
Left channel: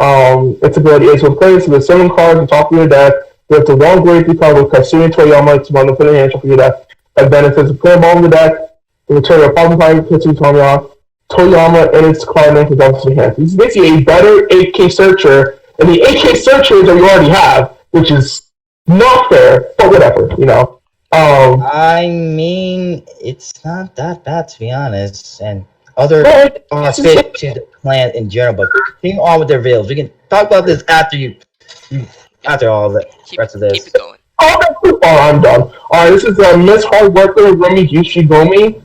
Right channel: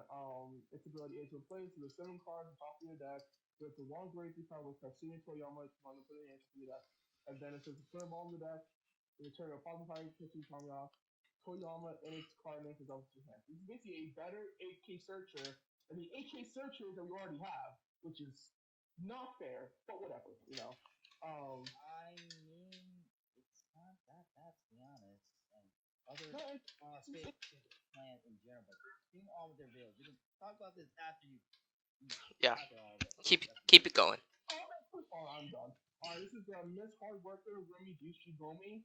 its ability is when players with 7 cards on top of your deck, with the wrong gravity card with Katsumi Toyama, it's one to put in your hand top of your deck. And then it says play a ball in the deck, return your problem card Katsumi Toyama, and its card name is obviously hand. This is basically a better 8K searcher, and the 8K searchers that you already have, which is not fair, but whatever, you know. I mean, it's not that bad to be honest, and other are fit to the clan in general. But continue on with their videos. We can talk about this after all the rest of this. Keep it going. Oh, I'm done. Alright, this is Miss Hard Worker Rumi Yushigomi.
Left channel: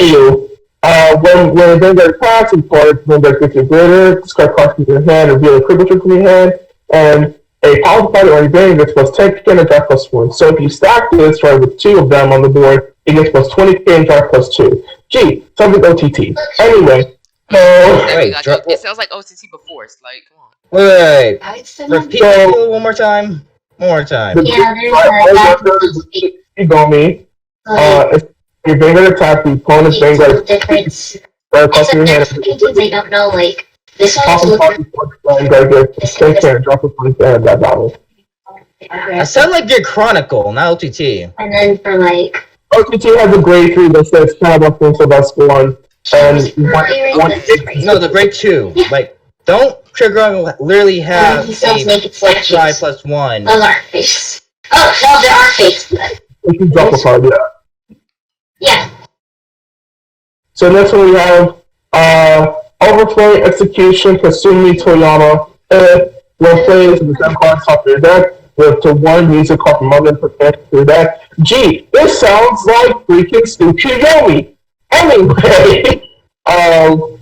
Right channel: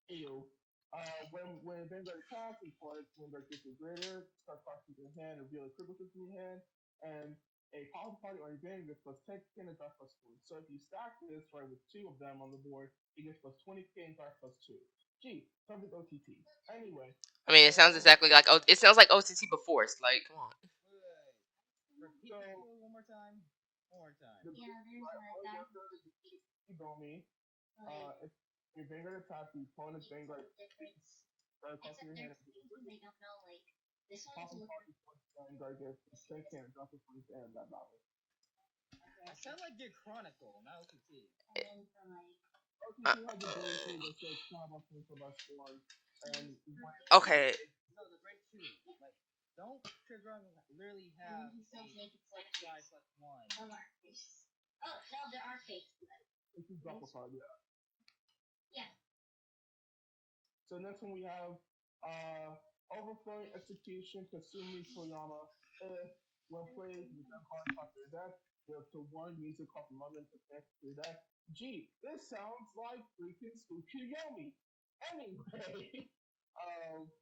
Ew. When a Vanguard attacks, and part Vanguard gets your greater, discard cards from your hand, reveal a critical from your hand, and a power fighter or a Vanguard gets plus 10k and draft plus 1. So if you stack this right with 2 of them on the board, it gets plus 20k and draft plus 2. Gee, something OTT. Anyway, it sounds like OTT before. It's like, come on. Wait. Repeat it one more time. One more time. Yeah, there's Yushigomi. If your Vanguard attack, the opponent's Vanguard difference. plus your hand. I don't know, like, this one's looking Vanguard gets 10k and draft plus 1 and that battle. I sound like your Chronicle, not OTT. And then for like OTT has a grade 3 that says kind of thing, so that's one. And no, the grade 2. Like, don't trigger literally have a 5 plus 1. Those aren't fakes. Oh, no, there are fakes. You can drop a card, yeah. Yeah. So next one we have Overflowing Execution Kasumi Toyama. When players with the 10 cards top of your deck, with to 1 music card from other protect your deck. Gee, this sounds like freaking Tsukuyomi. Anyway,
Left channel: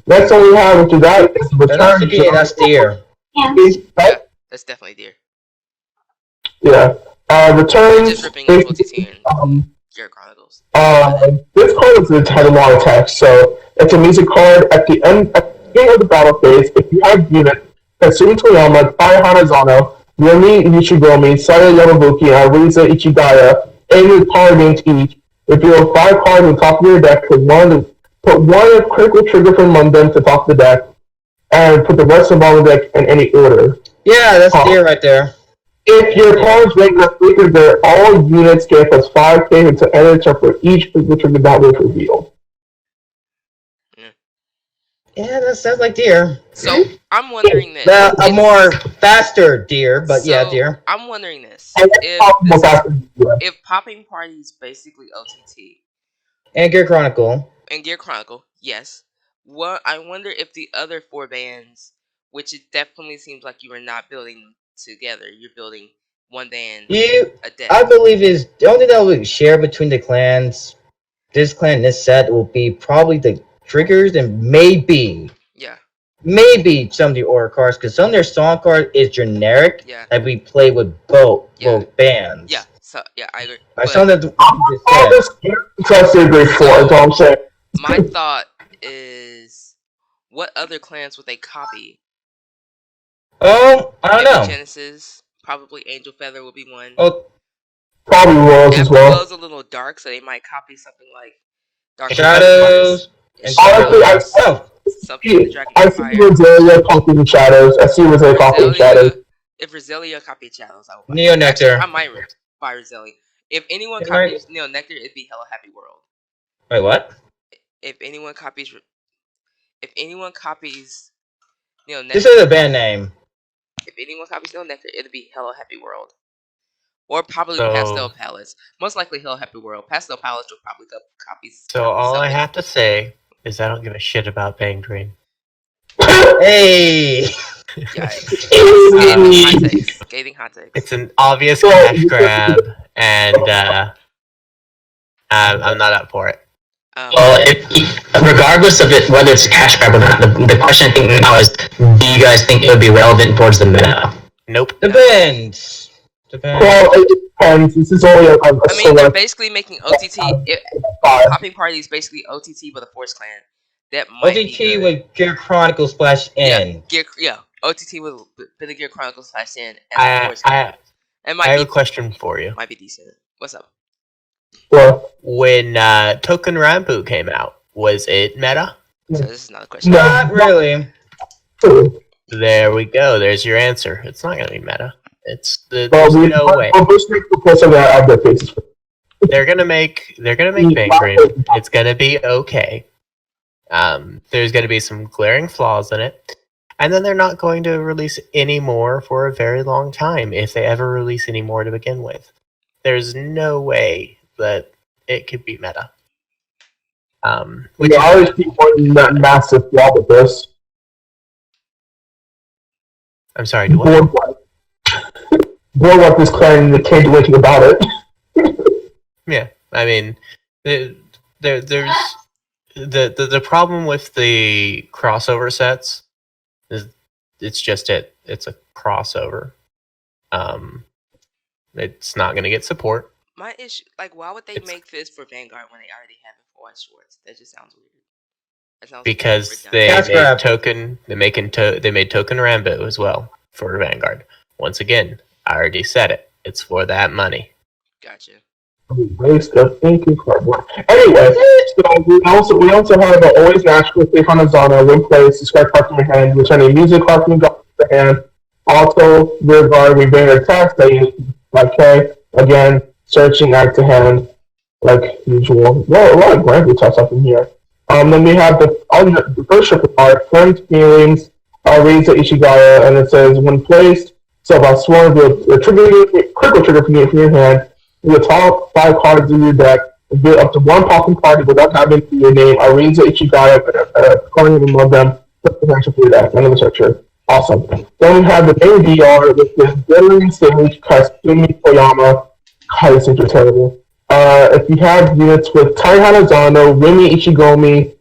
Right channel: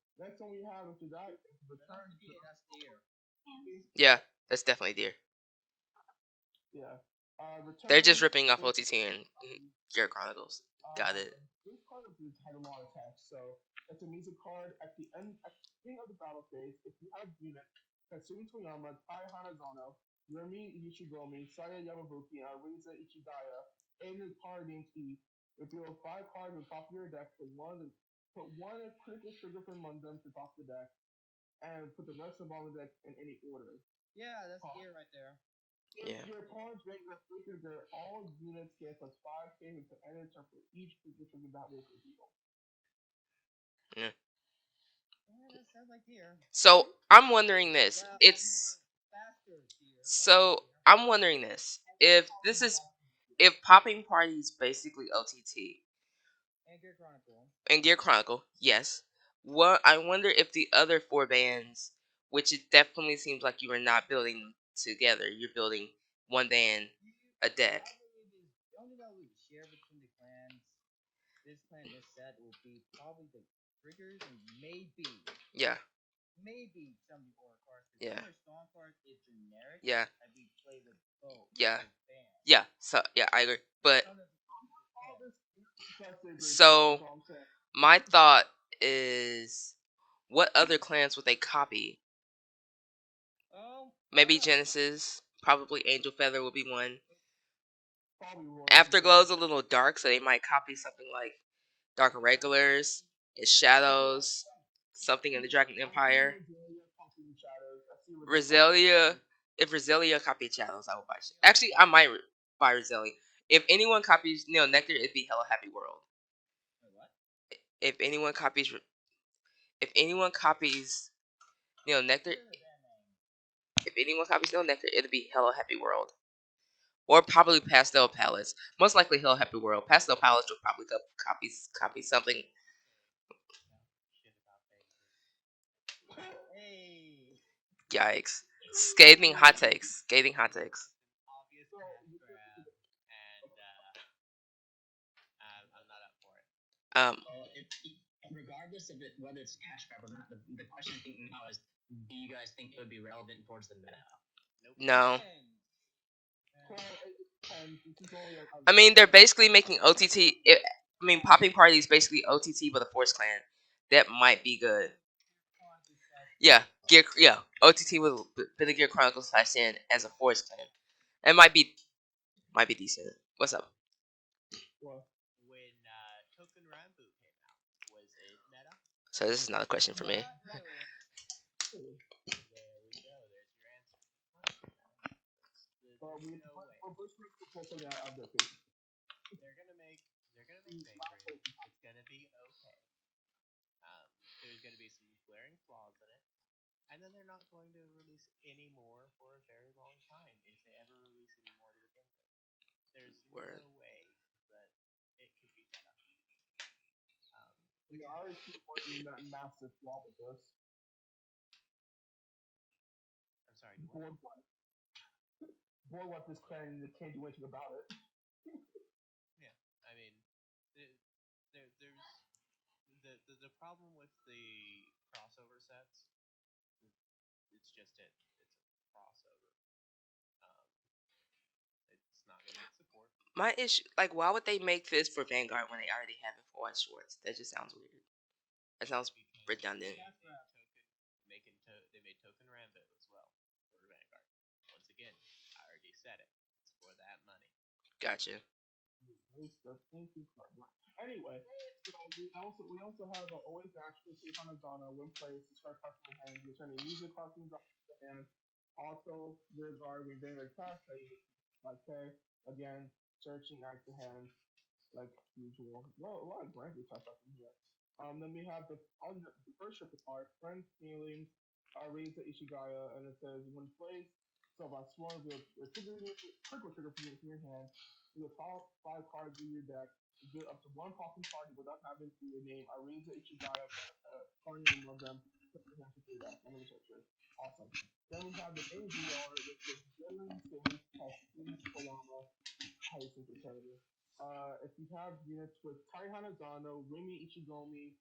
next one we have after that is Return. That's Deer. Yeah, that's definitely Deer. Yeah. Return. Just ripping up OTT and Jared Chronicles. This card had a lot of text, so it's a music card at the end of the battle phase. If you have units, Katsumi Toyama, Tai Hanazano, Rumi Yushigomi, Saya Yamabuki, and Ariza Ichigaya, and your card names each. If you have 5 cards on top of your deck, put one critical trigger from among them to the top of the deck, and put the rest of all the deck in any order. Yeah, that's Deer right there. If your cards regular trigger, all units get plus 5k until end of turn for each critical trigger that was revealed. Yeah, that sounds like Deer. So I'm wondering this. A more faster Deer, but yeah, Deer. I'm wondering this. If Popping Party is basically OTT and Gear Chronicle. And Gear Chronicle, yes. What I wonder if the other 4 bands, which it definitely seems like you are not building together, you're building one band a deck. I believe is the only thing that will share between the clans. This clan, this set will be probably the triggers and maybe some of the order cards, because some of their song cards is generic that we play with both bands. Yeah, so yeah, I agree. Some of the my thought is, what other clans would they copy? I don't know. Genesis, probably Angel Feather would be one. Oh, probably Worlds as well. Worlds a little dark, so they might copy something like Dark Shadows. Honestly, I see Rosalia copying Shadows. I see Rosalia copying Shadows. If Rosalia copied Shadows, I would buy Neo Nectar. I might buy Rosalia. If anyone Can I- copies Neil Nectar, it'd be Hello Happy World. Wait, what? If anyone copies Neil Nectar, This is a band name. if anyone copies Neil Nectar, it'd be Hello Happy World. Or probably So- Pastel Palace. Most likely Hello Happy World. Pastel Palace will probably copy So all I something. have to say is I don't give a shit about Bang Dream. Hey! Yikes. Scathing hot takes. Scathing hot takes. It's an obvious cash grab, and I'm not up for it. Well, regardless of it, whether it's a cash grab or not, the question I think now is, do you guys think it would be relevant towards the meta? Nope. Depends. Well, it depends. This is only a I mean, they're select. basically making OTT. Popping Party is basically OTT with a Force Clan. That might be OTT good. with Gear Chronicles /N. OTT with the Gear Chronicles /N as a I Force Clan. It I might have be a question for you. might be decent. What's up? Well, When Token Rambu came out, was it meta? So this is another question. No. Not really. true. There we go. There's your answer. It's not gonna be meta. Well, There's no way. We'll just make the person that have their faces. They're gonna make Bang Dream. It's gonna be okay. There's gonna be some glaring flaws in it, and then they're not going to release any more for a very long time, if they ever release any more to begin with. There's no way that it could be meta. Which I always keep one massive flaw with this. I'm sorry. Do what? Boardwalk is claiming they can't do anything about it. Yeah, I mean, there's the problem with the crossover sets is it's a crossover. It's not gonna get support My issue, like, why would they make this for Vanguard when they already have it for White Schwartz? That just sounds weird. That sounds because ridiculous. they Cash made grab. Token. They made Token Rambo as well for Vanguard. Once again, I already said it. It's for that money. Gotcha. Waste of ink and cardboard. Anyway, so we also have always natural safe on Azana, win place, describe card from your hand, returning music card from your hand. Also, rear guard, we bring our text, that you like Cray. Again, searching act to hand, like usual. Well, a lot of grand tests up in here. Then we have the first triple card, Friends Feelings, Riza Ishigaya, and it says when placed, so by sworn with a critical trigger from your hand, the top 5 cards in your deck, build up to 1 popping party without having your name, Ariza Ichigaya, calling them of them, put the potential for your deck, end of the searcher. Awesome. Then we have the main DR with this Glittering Sage, Kasumi Koyama. God, this things are terrible. If you have units with Tai Hanazano, Rimi Ichigomi,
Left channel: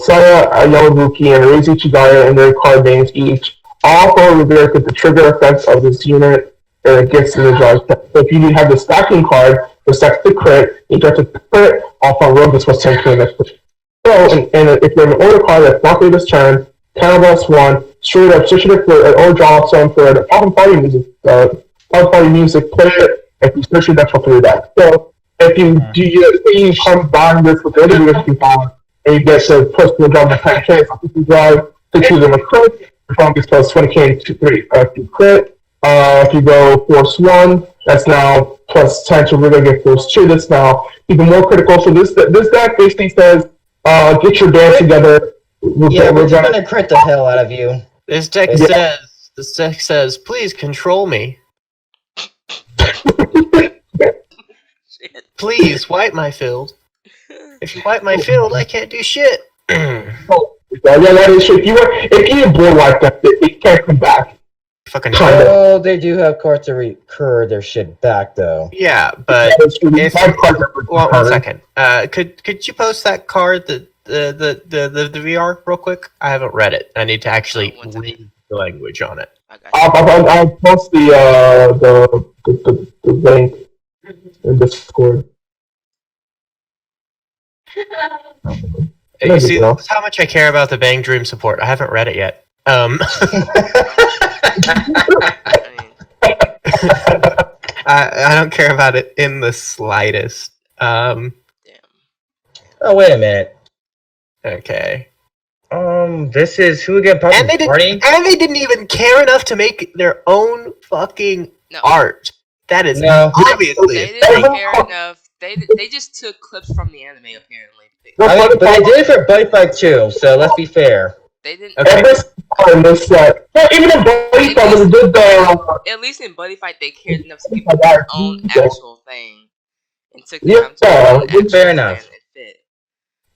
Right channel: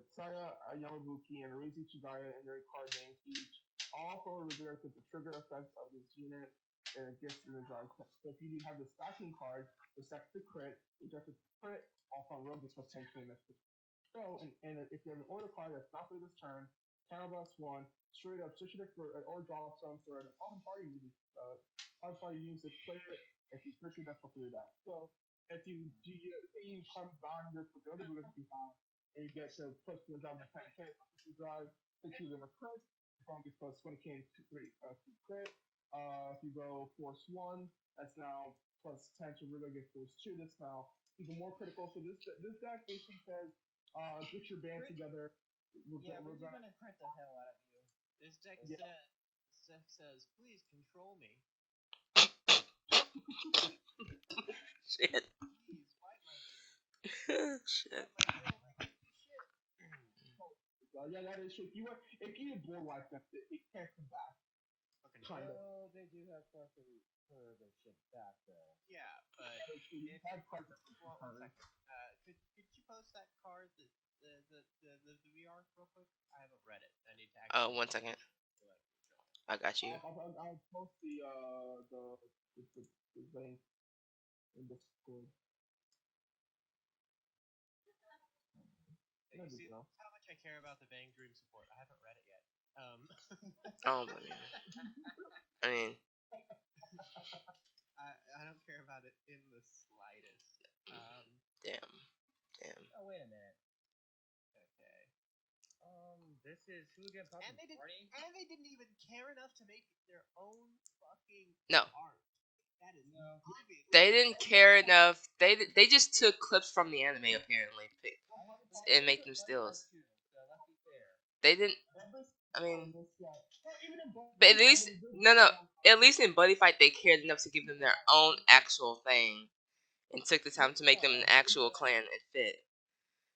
Saya Yamabuki, and Ariza Ichigaya and their card names each, all four reverse with the trigger effects of this unit. And it gets in the draw. So if you have the stacking card, the stacks the crit, you get to crit off on rogue, this was 10 to the next push. So, and if you have an order card that's not for this turn, counterblast 1, straight up, switch it for or draw some for the poppin' party music, play it, if you switch it, that's what for your deck. So, if you combine this with the other units you have, and you get to push the draw the 10k, so if you drive 6 of them a crit, your phone gets plus 20k to 3. If you crit, if you go force 1, that's now plus 10 to really get force 2. That's now even more critical. So this deck basically says, get your band together. We're gonna crit the hell out of you. This deck says, please control me. Shit. Please wipe my field. If you wipe my field, I can't do shit. That is true. If you get bored like that, it can't come back. Fucking Oh, they do have cards to recur their shit back, though. yeah, but If well, 1 second. Could you post that card, the VR real quick? I haven't read it. I need to actually 1 second. read the language on it. I got you. I'll post the link in Discord. You see, that's how much I care about the Bang Dream support. I haven't read it yet. I mean, I don't care about it in the slightest. damn. Oh, wait a minute. Okay. This is who again? Poppin' And they Party? didn't even care enough to make their own fucking No. art. That is No. obviously They a didn't thing. care enough. They just took clips from the anime apparently. I mean, but they did it for Buddy Fight too, so let's be fair. They didn't. Okay. Every time they said, well, even in Buddy Fight, when they did the At least in Buddy Fight, they cared enough to give them their own actual thing and took the time to Yeah, make an actual fair plan enough. that fit.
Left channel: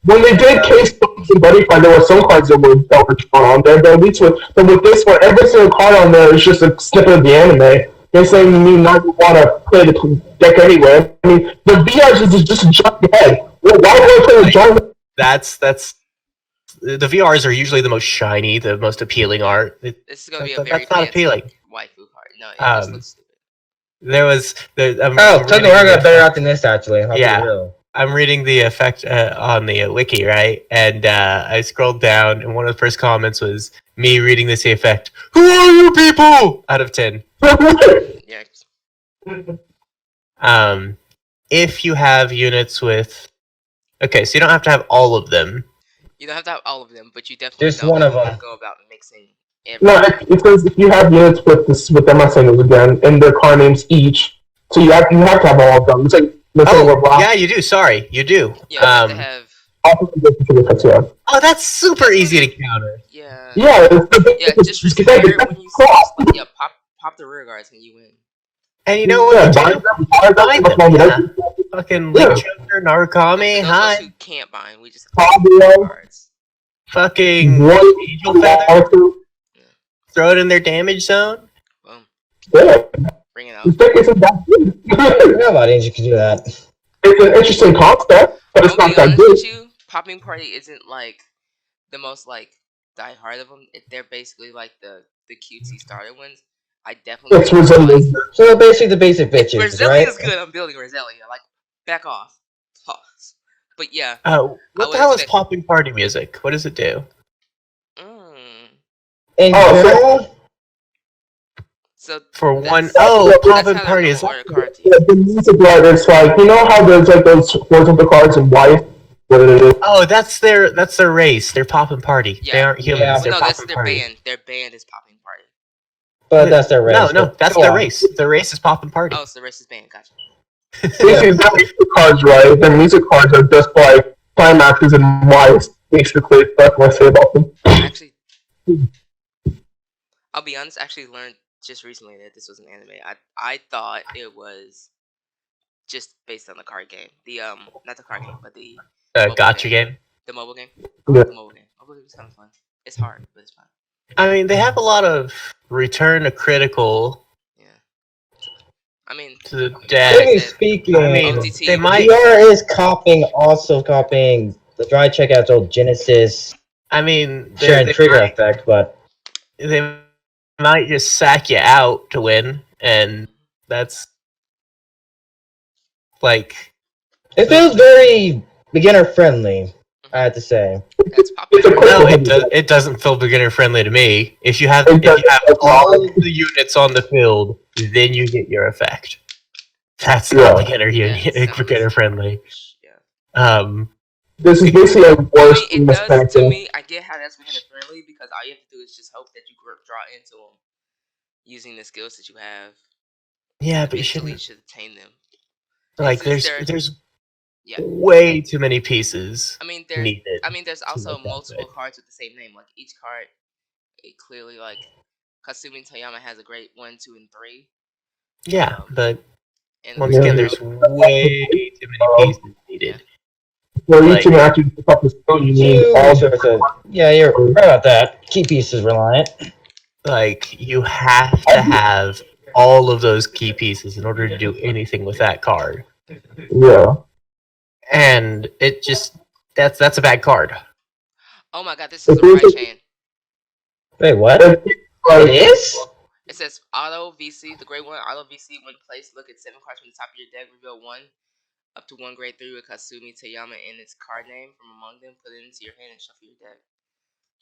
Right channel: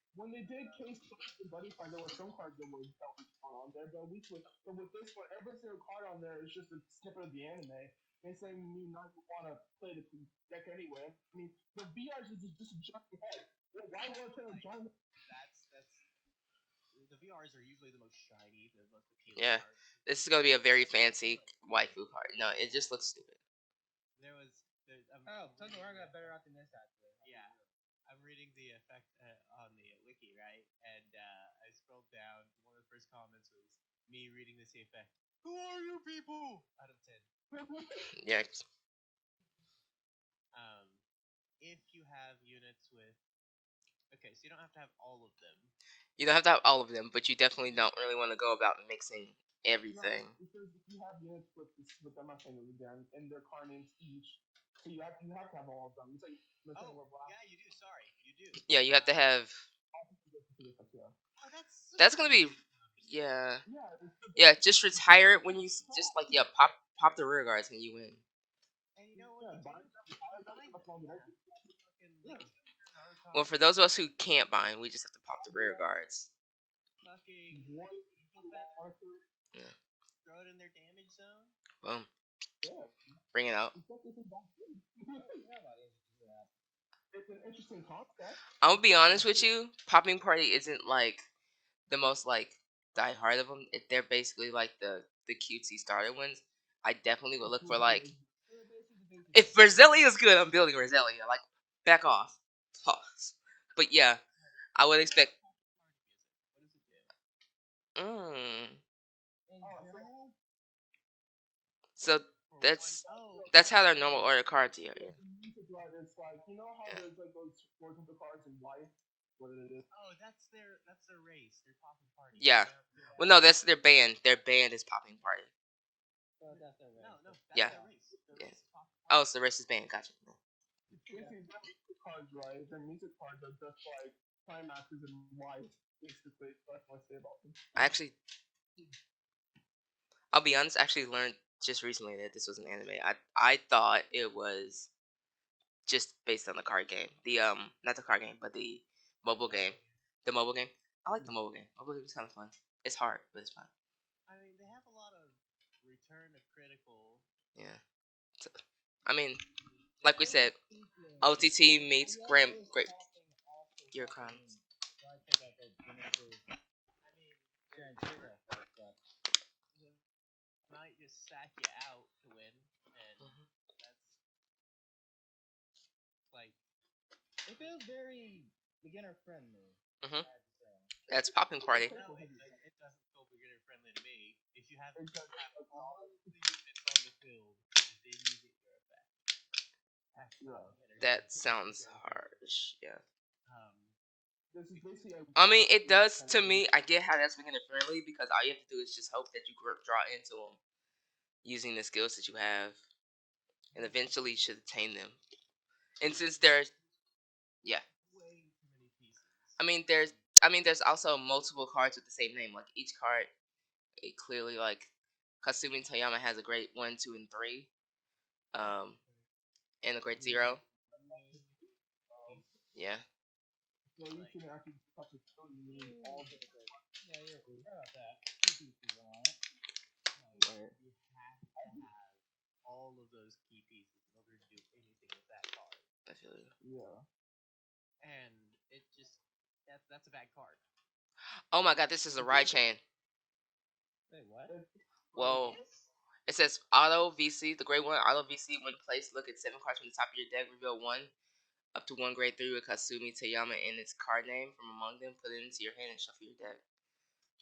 when they did case studies in Buddy Fight, there were some cards that were shown on there, but at least with this one, every single card on there is just a snippet of the anime. They're saying you need not want to play the deck anyway. I mean, the VRs is just a jump ahead. Well, why would I play the jump? That's the VRs are usually the most shiny, the most appealing art. This is gonna be a That's very not fancy appealing. waifu card. No, it just looks stupid. Totally War got better out than this, actually. I'll be Yeah. real. I'm reading the effect on the wiki, right? And I scrolled down, and one of the first comments was me reading this effect. Who are you people? Out of 10. Yeah. If you have units with, okay, so you don't have to have all of them. You don't have to have all of them, but you definitely Just don't one of want to them. go about mixing No, everything. it says if you have units with them, I'm saying this again, and their card names each, so you have to have all of them. It's like Yeah, you do. Sorry, you do. Yeah, you have to have. Yeah. Oh, that's super easy to counter. Yeah. Yeah, Yeah, just retire it when you see like, yeah, pop the rear guards and you win. And you know what? Yeah, you do? Bind them, yeah. Fucking Link Choker, Narukami, For those of us hi. who can't bind, we just have to Fabio. pop the cards. Fucking One Angel Feather. Throw it in their damage zone. Boom. Yeah. Bring it out. It's I forgot about Angel could do that. It's an interesting concept, but it's I'll not be that honest good. with you, Popping Party isn't like the most like die hard of them. They're basically like the cutesy starter ones. I definitely It's resilient. So basically the basic If bitches, Roselia right? is good, I'm building Roselia. Like, back off. Pause. But yeah. What would the hell is expect- popping party music? What does it do? In Oh, so- general, So For that's- one, that's popping how party the is. normal card to Yeah, you. the music right, it's like, you know how there's like those horizontal cards in white? What it is? Oh, that's their race. They're popping party. They Yeah. aren't humans. Yeah. Well, They're no, that's popping their party. band. Their band is Popping Party. but that's their race. No, but that's go their on. race. Their race is popping party. Oh, so the rest is band. Gotcha. Basically, their music cards, right? Their music cards are just like climaxes in white, basically. That's what I say about them. Actually, I'll be honest. I actually learned just recently that this was an anime. I thought it was just based on the card game. The not the card game, but the Gotcha game. the mobile game. Yeah. The mobile game. Mobile game sounds fun. It's hard, but it's fun. I mean, they have a lot of return to critical Yeah. I mean, to the Like I deck. Technically said, speaking, I mean, OTT, they might. VR is also copying the dry checkout's old Genesis I mean, share and trigger might, effect, but they might just sack you out to win, and that's like. it feels very beginner friendly, I have to say. that's Popping It's a Party. No, it doesn't feel beginner friendly to me. If you have all of the units on the field, then you get your effect. That's not Yeah. beginner friendly. Yeah. This is basically a I worse mean, than it does to expensive. me. I get how that's beginner friendly because all you have to do is just hope that you draw into them using the skills that you have. Yeah, but you Eventually, shouldn't. should attain them. Like, Since there's Yeah. way too many pieces I mean, there's needed. there's also make that multiple good. cards with the same name. Like each card, it clearly like Kasumi Toyama has a great 1, 2, and 3. Yeah, but And once Yeah. again, there's way too many pieces needed. For you like- to actually pick up the skill, you need Two all sorts of- yeah, you're right about that. Key pieces reliant. Like, you have to have all of those key pieces in order to do anything with that card. Yeah. And it just that's a bad card. oh my god, this is a right chain. Wait, what? Like, It is? It says auto VC, the grade 1 auto VC. When placed, look at 7 cards from the top of your deck, reveal 1 up to 1 grade 3 with Kasumi Toyama and its card name from among them. Put it into your hand and shuffle your deck.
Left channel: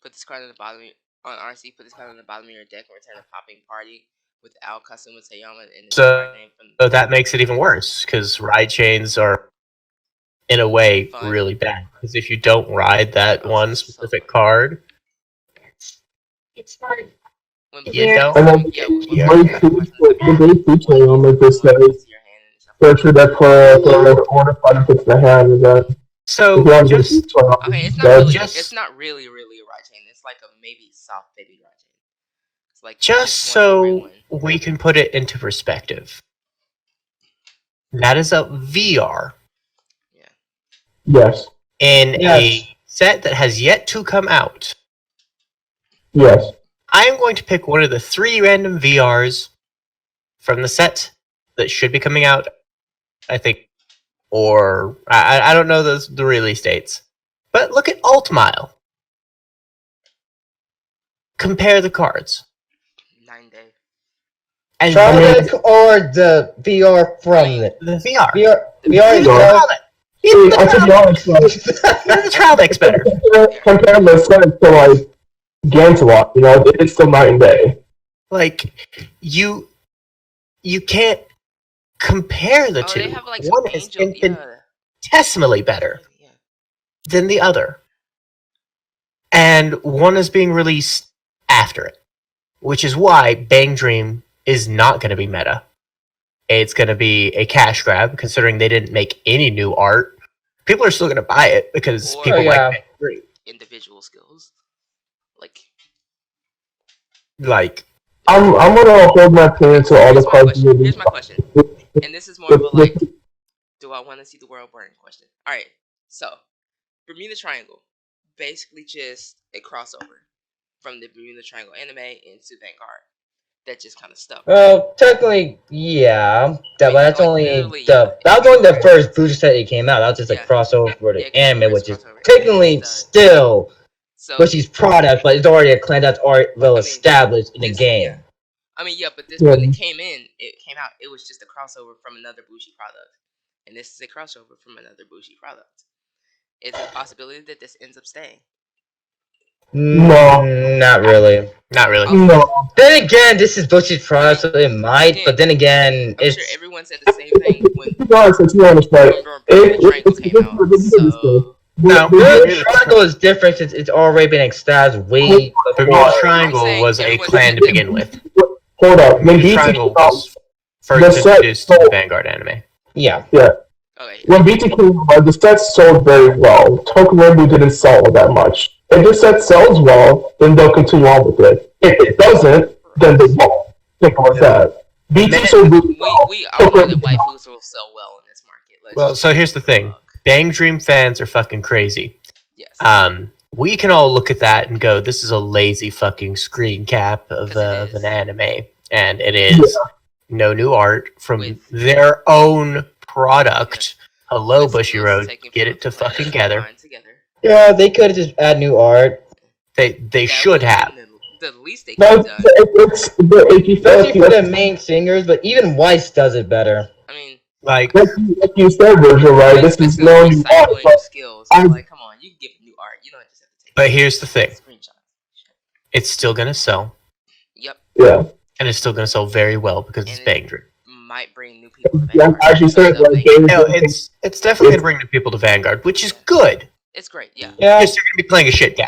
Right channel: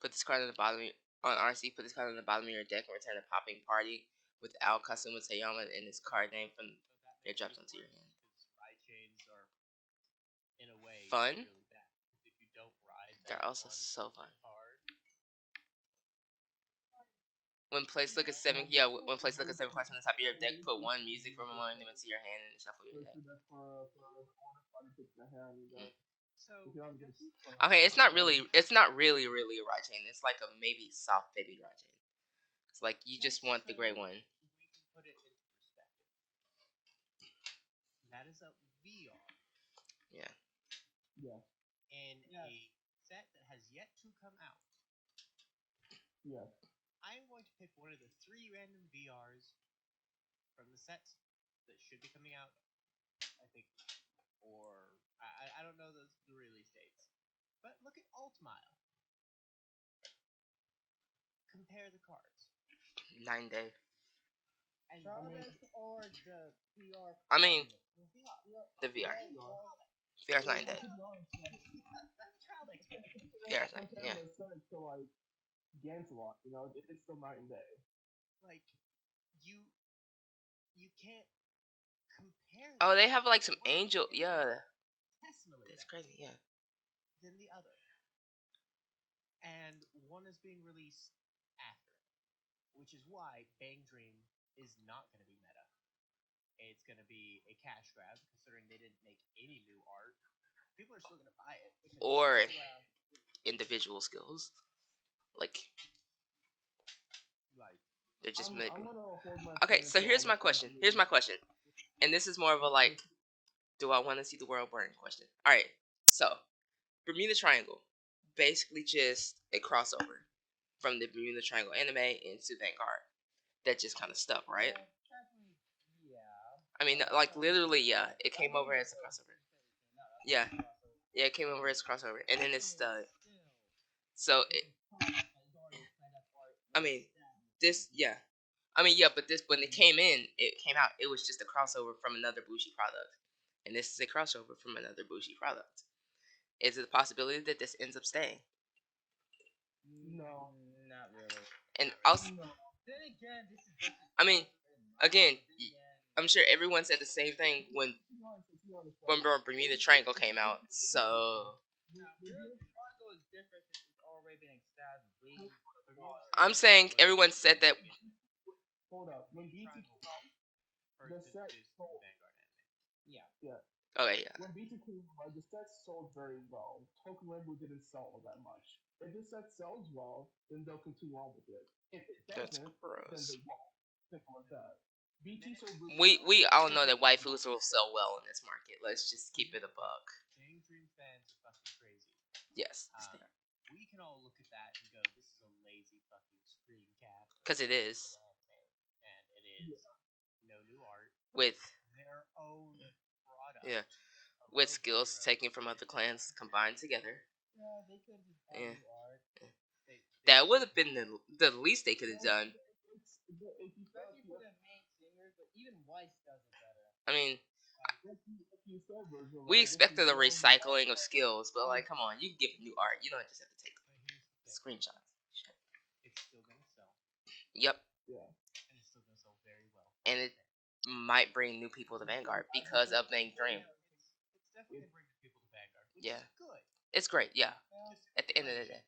Put this card in the bottom on RC. Put this card in the bottom of your deck and return a Popping Party without Kasumi Toyama and its So- card name from. So that makes it even worse because ride chains are, in a way, Fine. really bad. Because if you don't ride that Oh, one so specific card, It's fun. You don't. And then Yeah. the day featuring on like this says search that for order benefits in the hand and then So if you want to just Okay, it's not then- really. just- It's not really a right chain. It's like a maybe soft baby right chain. It's like just one of the so right one. we can put it into perspective. That is a VR yes, in Yes. a set that has yet to come out. yes. I am going to pick one of the 3 random VRs from the set that should be coming out, I think, or I don't know the release dates. But look at Altmile. Compare the cards. 9 day. And Trial mean- deck or the VR from it? the VR. VR is VR. better. Even the I should be trial, honest, like, even the trial deck's better. compare the set to like Gantelot, you know, it's still night and day. Like you can't compare the Oh, two. they have like some One is angel. Yeah. infinitesimally better Yeah. than the other, and one is being released after it, which is why Bang Dream is not going to be meta. It's going to be a cash grab, considering they didn't make any new art. People are still going to buy it because Or- people yeah. like Bang Dream. Individual skills. Like. Like, I'm gonna hold my opinion to all the Here's my cards. question. Here's my question. And this is more of a like, do I want to see the world burn question? All right. So, Bermuda Triangle, basically just a crossover from the Bermuda Triangle anime into Vanguard. That just kind of stuck. Well, technically, yeah. But that's like, only literally, that was only the first booster set that came out. That was just a Yeah. crossover for the Yeah, anime, crossover, which is crossover. technically And it's, still So, Bushy's product, but it's already a clan that's already well I mean, established in the this- game. yeah. I mean, yeah, but this Yeah. when it came out, it was just a crossover from another Bushi product. And this is a crossover from another Bushi product. Is it a possibility that this ends up staying? No. Not really. not really. No, Then again, this is Bushy's product, so it might. But then again, I'm it's sure everyone said the same thing when to be honest, right? Bermuda Triangle came out. No. the triangle is different since it's already been established way Bermuda before. Triangle saying was a everyone's clan to different. begin with. Hold up. When Bermuda BT Triangle came out, was the first set introduced to the sold- Vanguard anime. Yeah. Okay. when BT came out, the set sold very well. Tokurenbu didn't sell that much. If the set sells well, then they'll continue on with it. If it doesn't, then they won't. Think about that. BT sold really well. We all know that waifus will sell well in this market. Let's Well, just so here's the thing. Bang Dream fans are fucking crazy. Yes. We can all look at that and go, this is a lazy fucking screen cap of 'Cause it is. an anime. And it is no new art from With- their own product. Hello, With Bushy skills Road. taken Get from it to the planet fucking and together. combined together. Yeah, they could just add new art. They That should would've have. been the least they could No, have done. it's if you Especially for the like main singers, but even Weiss does it better. I mean, Like, you said, Virgil, right? This is especially no with new art, recycling but of skills. I'm like, come on, you can give new art. You don't just have to take. but here's the thing. Screenshots. It's still gonna sell. Yep. yeah. And it's still gonna sell very well because it's And- Bang Dream. Might bring new people to Yeah, Vanguard. as you said, So like, they- No, it's definitely gonna bring the people to Vanguard, which is good. it's great, yeah. Yeah. Because they're gonna be playing a shit game.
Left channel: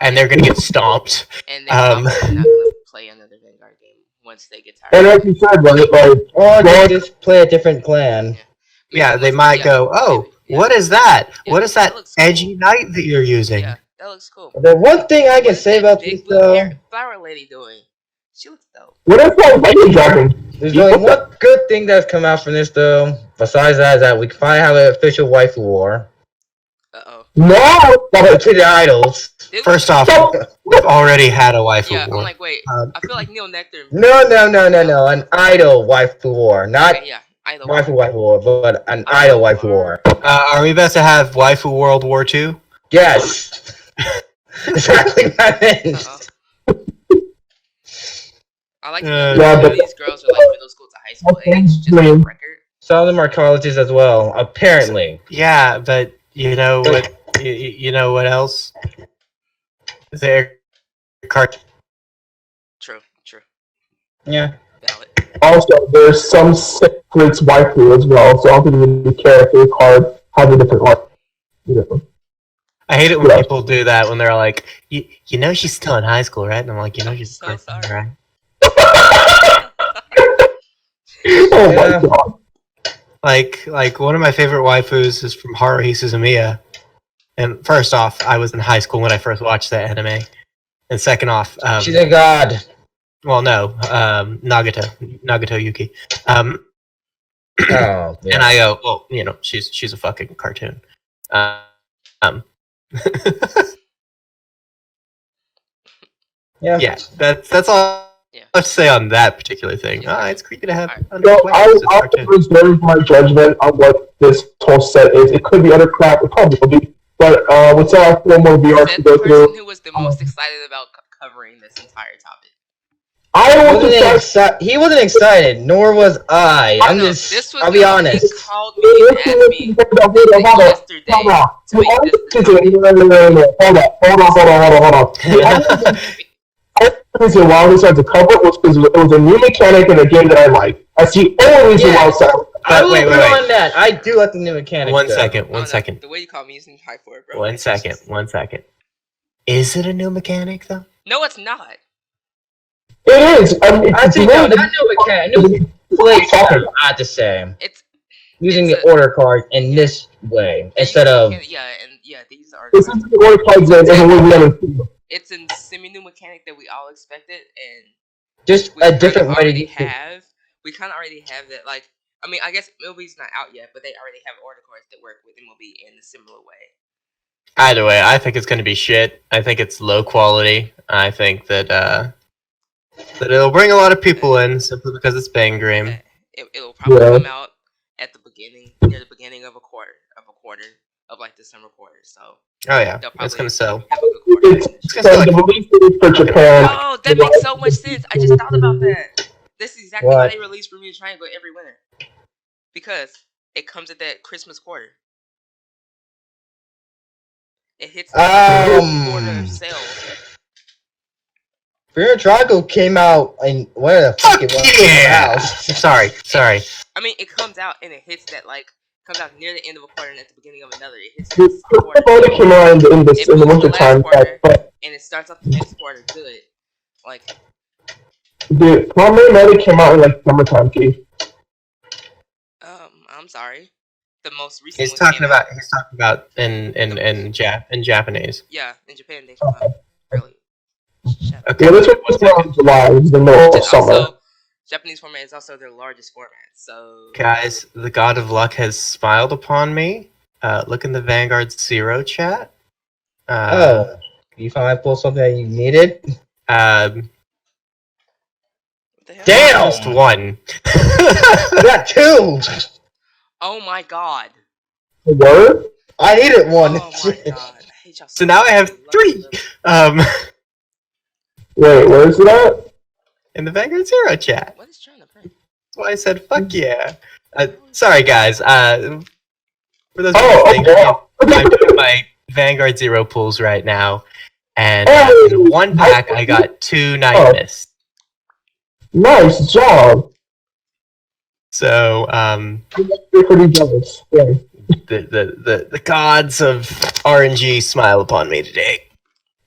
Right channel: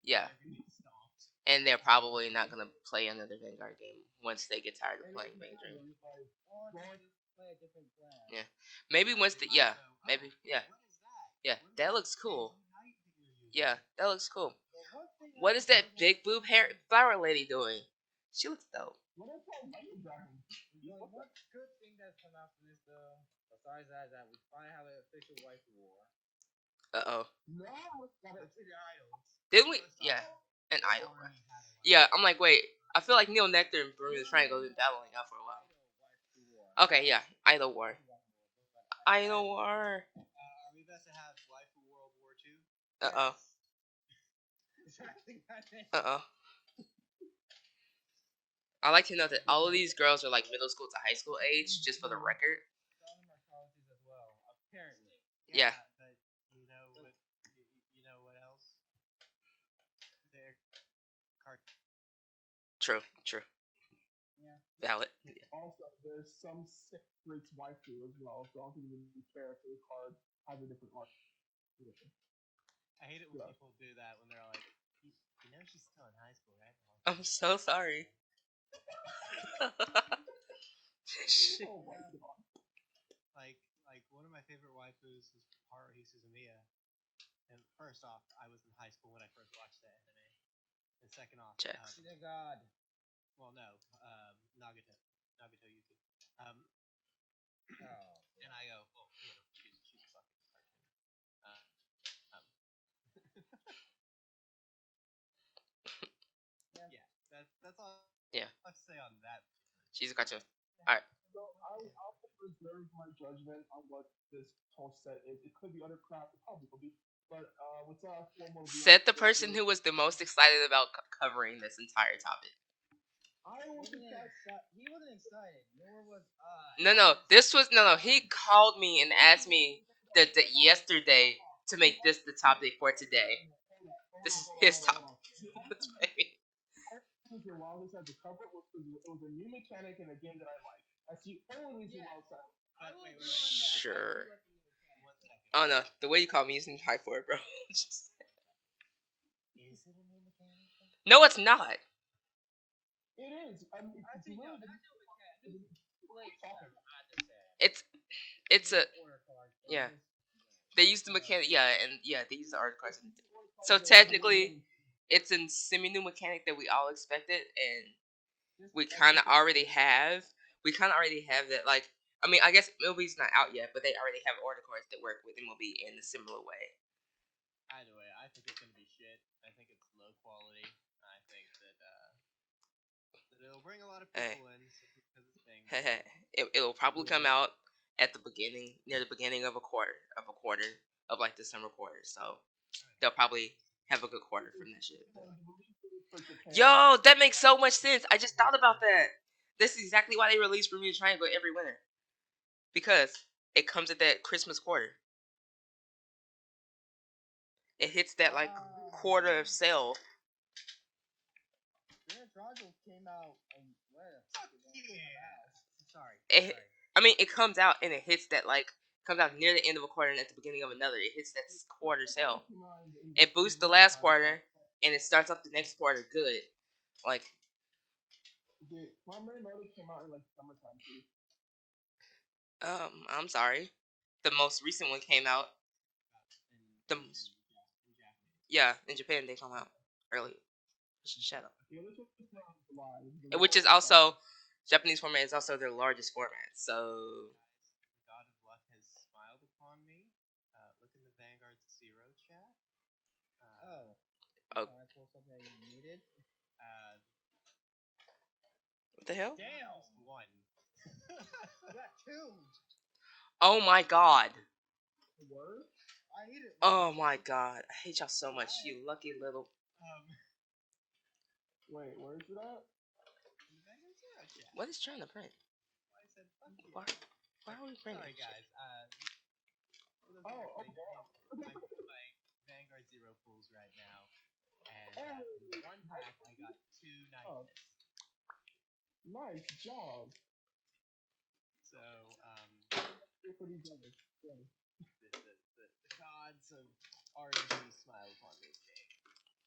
And they're gonna get stomped. And they're probably not gonna play another Vanguard game once they get tired. and as you said, right, like, Or they just play a different clan. Maybe Yeah, they once- might yeah, go, oh, maybe, yeah. what is that? Yeah, What is that looks cool. edgy knight that you're using? Yeah, that looks cool. The one thing I What can is say that about big this blue though, hair flower lady doing? She looks dope. what if that lightning dragon? there's only one good thing that's come out from this though. Besides that, is that we can finally have an official waifu war No! between the idols. First off, we've already had a waifu yeah, I'm war. like, wait. Um, I feel like Neil Nectar. No, an idol waifu war, not Okay, yeah, either waifu war, but an idol waifu war. Are we about to have waifu World War II? Yes, exactly what I meant. I like Yeah, that but- these girls are like middle school to high school age, just for the record. Some of them are colleges as well, apparently. Yeah, but you know what? You know what else? They're cart. True. Yeah. Valid. Also, there's some secrets waifu as well, so I don't think we really care if your card has a different art. You know. I hate it when Yeah. people do that when they're like, you know she's still in high school, right? And I'm like, you know she's So a freshman, sorry. right? Oh my Yeah. god. Like one of my favorite waifus is from Haruhi Suzumiya. And first off, I was in high school when I first watched that anime. And second off, She's a god. well, no, Nagato Yuki. Oh, And yeah. I go, well, you know, she's a fucking cartoon. Um, Yeah. yeah, that's all Yeah. I have to say on that particular thing. Yeah. It's creepy to have Alright. So underwear. It's a I cartoon. reserve my judgment on what this whole set is. It could be other crap, it probably will be. But we still have 4 more VRs Said to the go person through. who was the most excited about covering this entire topic. He wasn't excited, nor was I. I know, this was I'll be he honest. called me and asked me yesterday Hold on. to make this the topic. Hold on. The reason why we started to cover it was because it was a new mechanic in a game that I like. That's the only reason why I started. I will Wait. agree on that. I do like the new mechanic. One though. second. Oh, no, One second. the way you called me isn't high for it, bro. One second. Is it a new mechanic though? No, it's not. It is. I mean, Actually, no, not new mechanic. New play style, not the same. It's Using it's the order card in this way they instead use of. these are. this is the only cards that everyone wanted. It's a semi-new mechanic that we all expected, and Just we a kinda different way to already use it. have. We kind of already have that. Like, I mean, I guess MLB's not out yet, but they already have order cards that work with MLB in a similar way. Either way, I think it's going to be shit. I think it's low quality. I think that that it'll bring a lot of people in simply because it's Bang Dream. That it'll probably Yeah. come out at the beginning, near the beginning of a quarter of like December quarter. So Oh yeah, they'll it's probably going to sell. have a good quarter. It's gonna so the release date for Japan. Oh, that makes so much sense. I just thought about that. This is exactly why What? they release Bermuda Triangle every winter. Because it comes at that Christmas quarter. It hits that quarter of sales. Fear Triangle came out in where the fuck Fuck it was. yeah! Out. Sorry. I mean, it comes out and it hits that comes out near the end of a quarter and at the beginning of another. It hits The this quarter. only came out in the It moves winter the last time, quarter. but And it starts off the next quarter good. Like, the primary meta came out in like summertime, Keith. I'm sorry. The most recent He's one talking came about out. in Japanese. Yeah, in Japan they come out early. Shut up. Okay. Yeah, this one was out in July. It was the middle Which of is summer. also Japanese format is also their largest format. So Guys, the God of Luck has smiled upon me. Look in the Vanguard Zero chat. You finally pulled something that you needed? what the hell? Damn! Just one. I got 2! Oh my god. The word? I needed 1. Oh my god. I hate y'all So now I have much. Love 3. them. Wait, where is it at? In the Vanguard Zero chat. What is trying to print? That's why I said fuck yeah. Sorry guys. For those Oh, of you okay. I'm doing my Vanguard Zero pulls right now, and in one pack I got 2 Night Mist. Nice job. So You're pretty jealous. Yeah. the gods of RNG smile upon me today.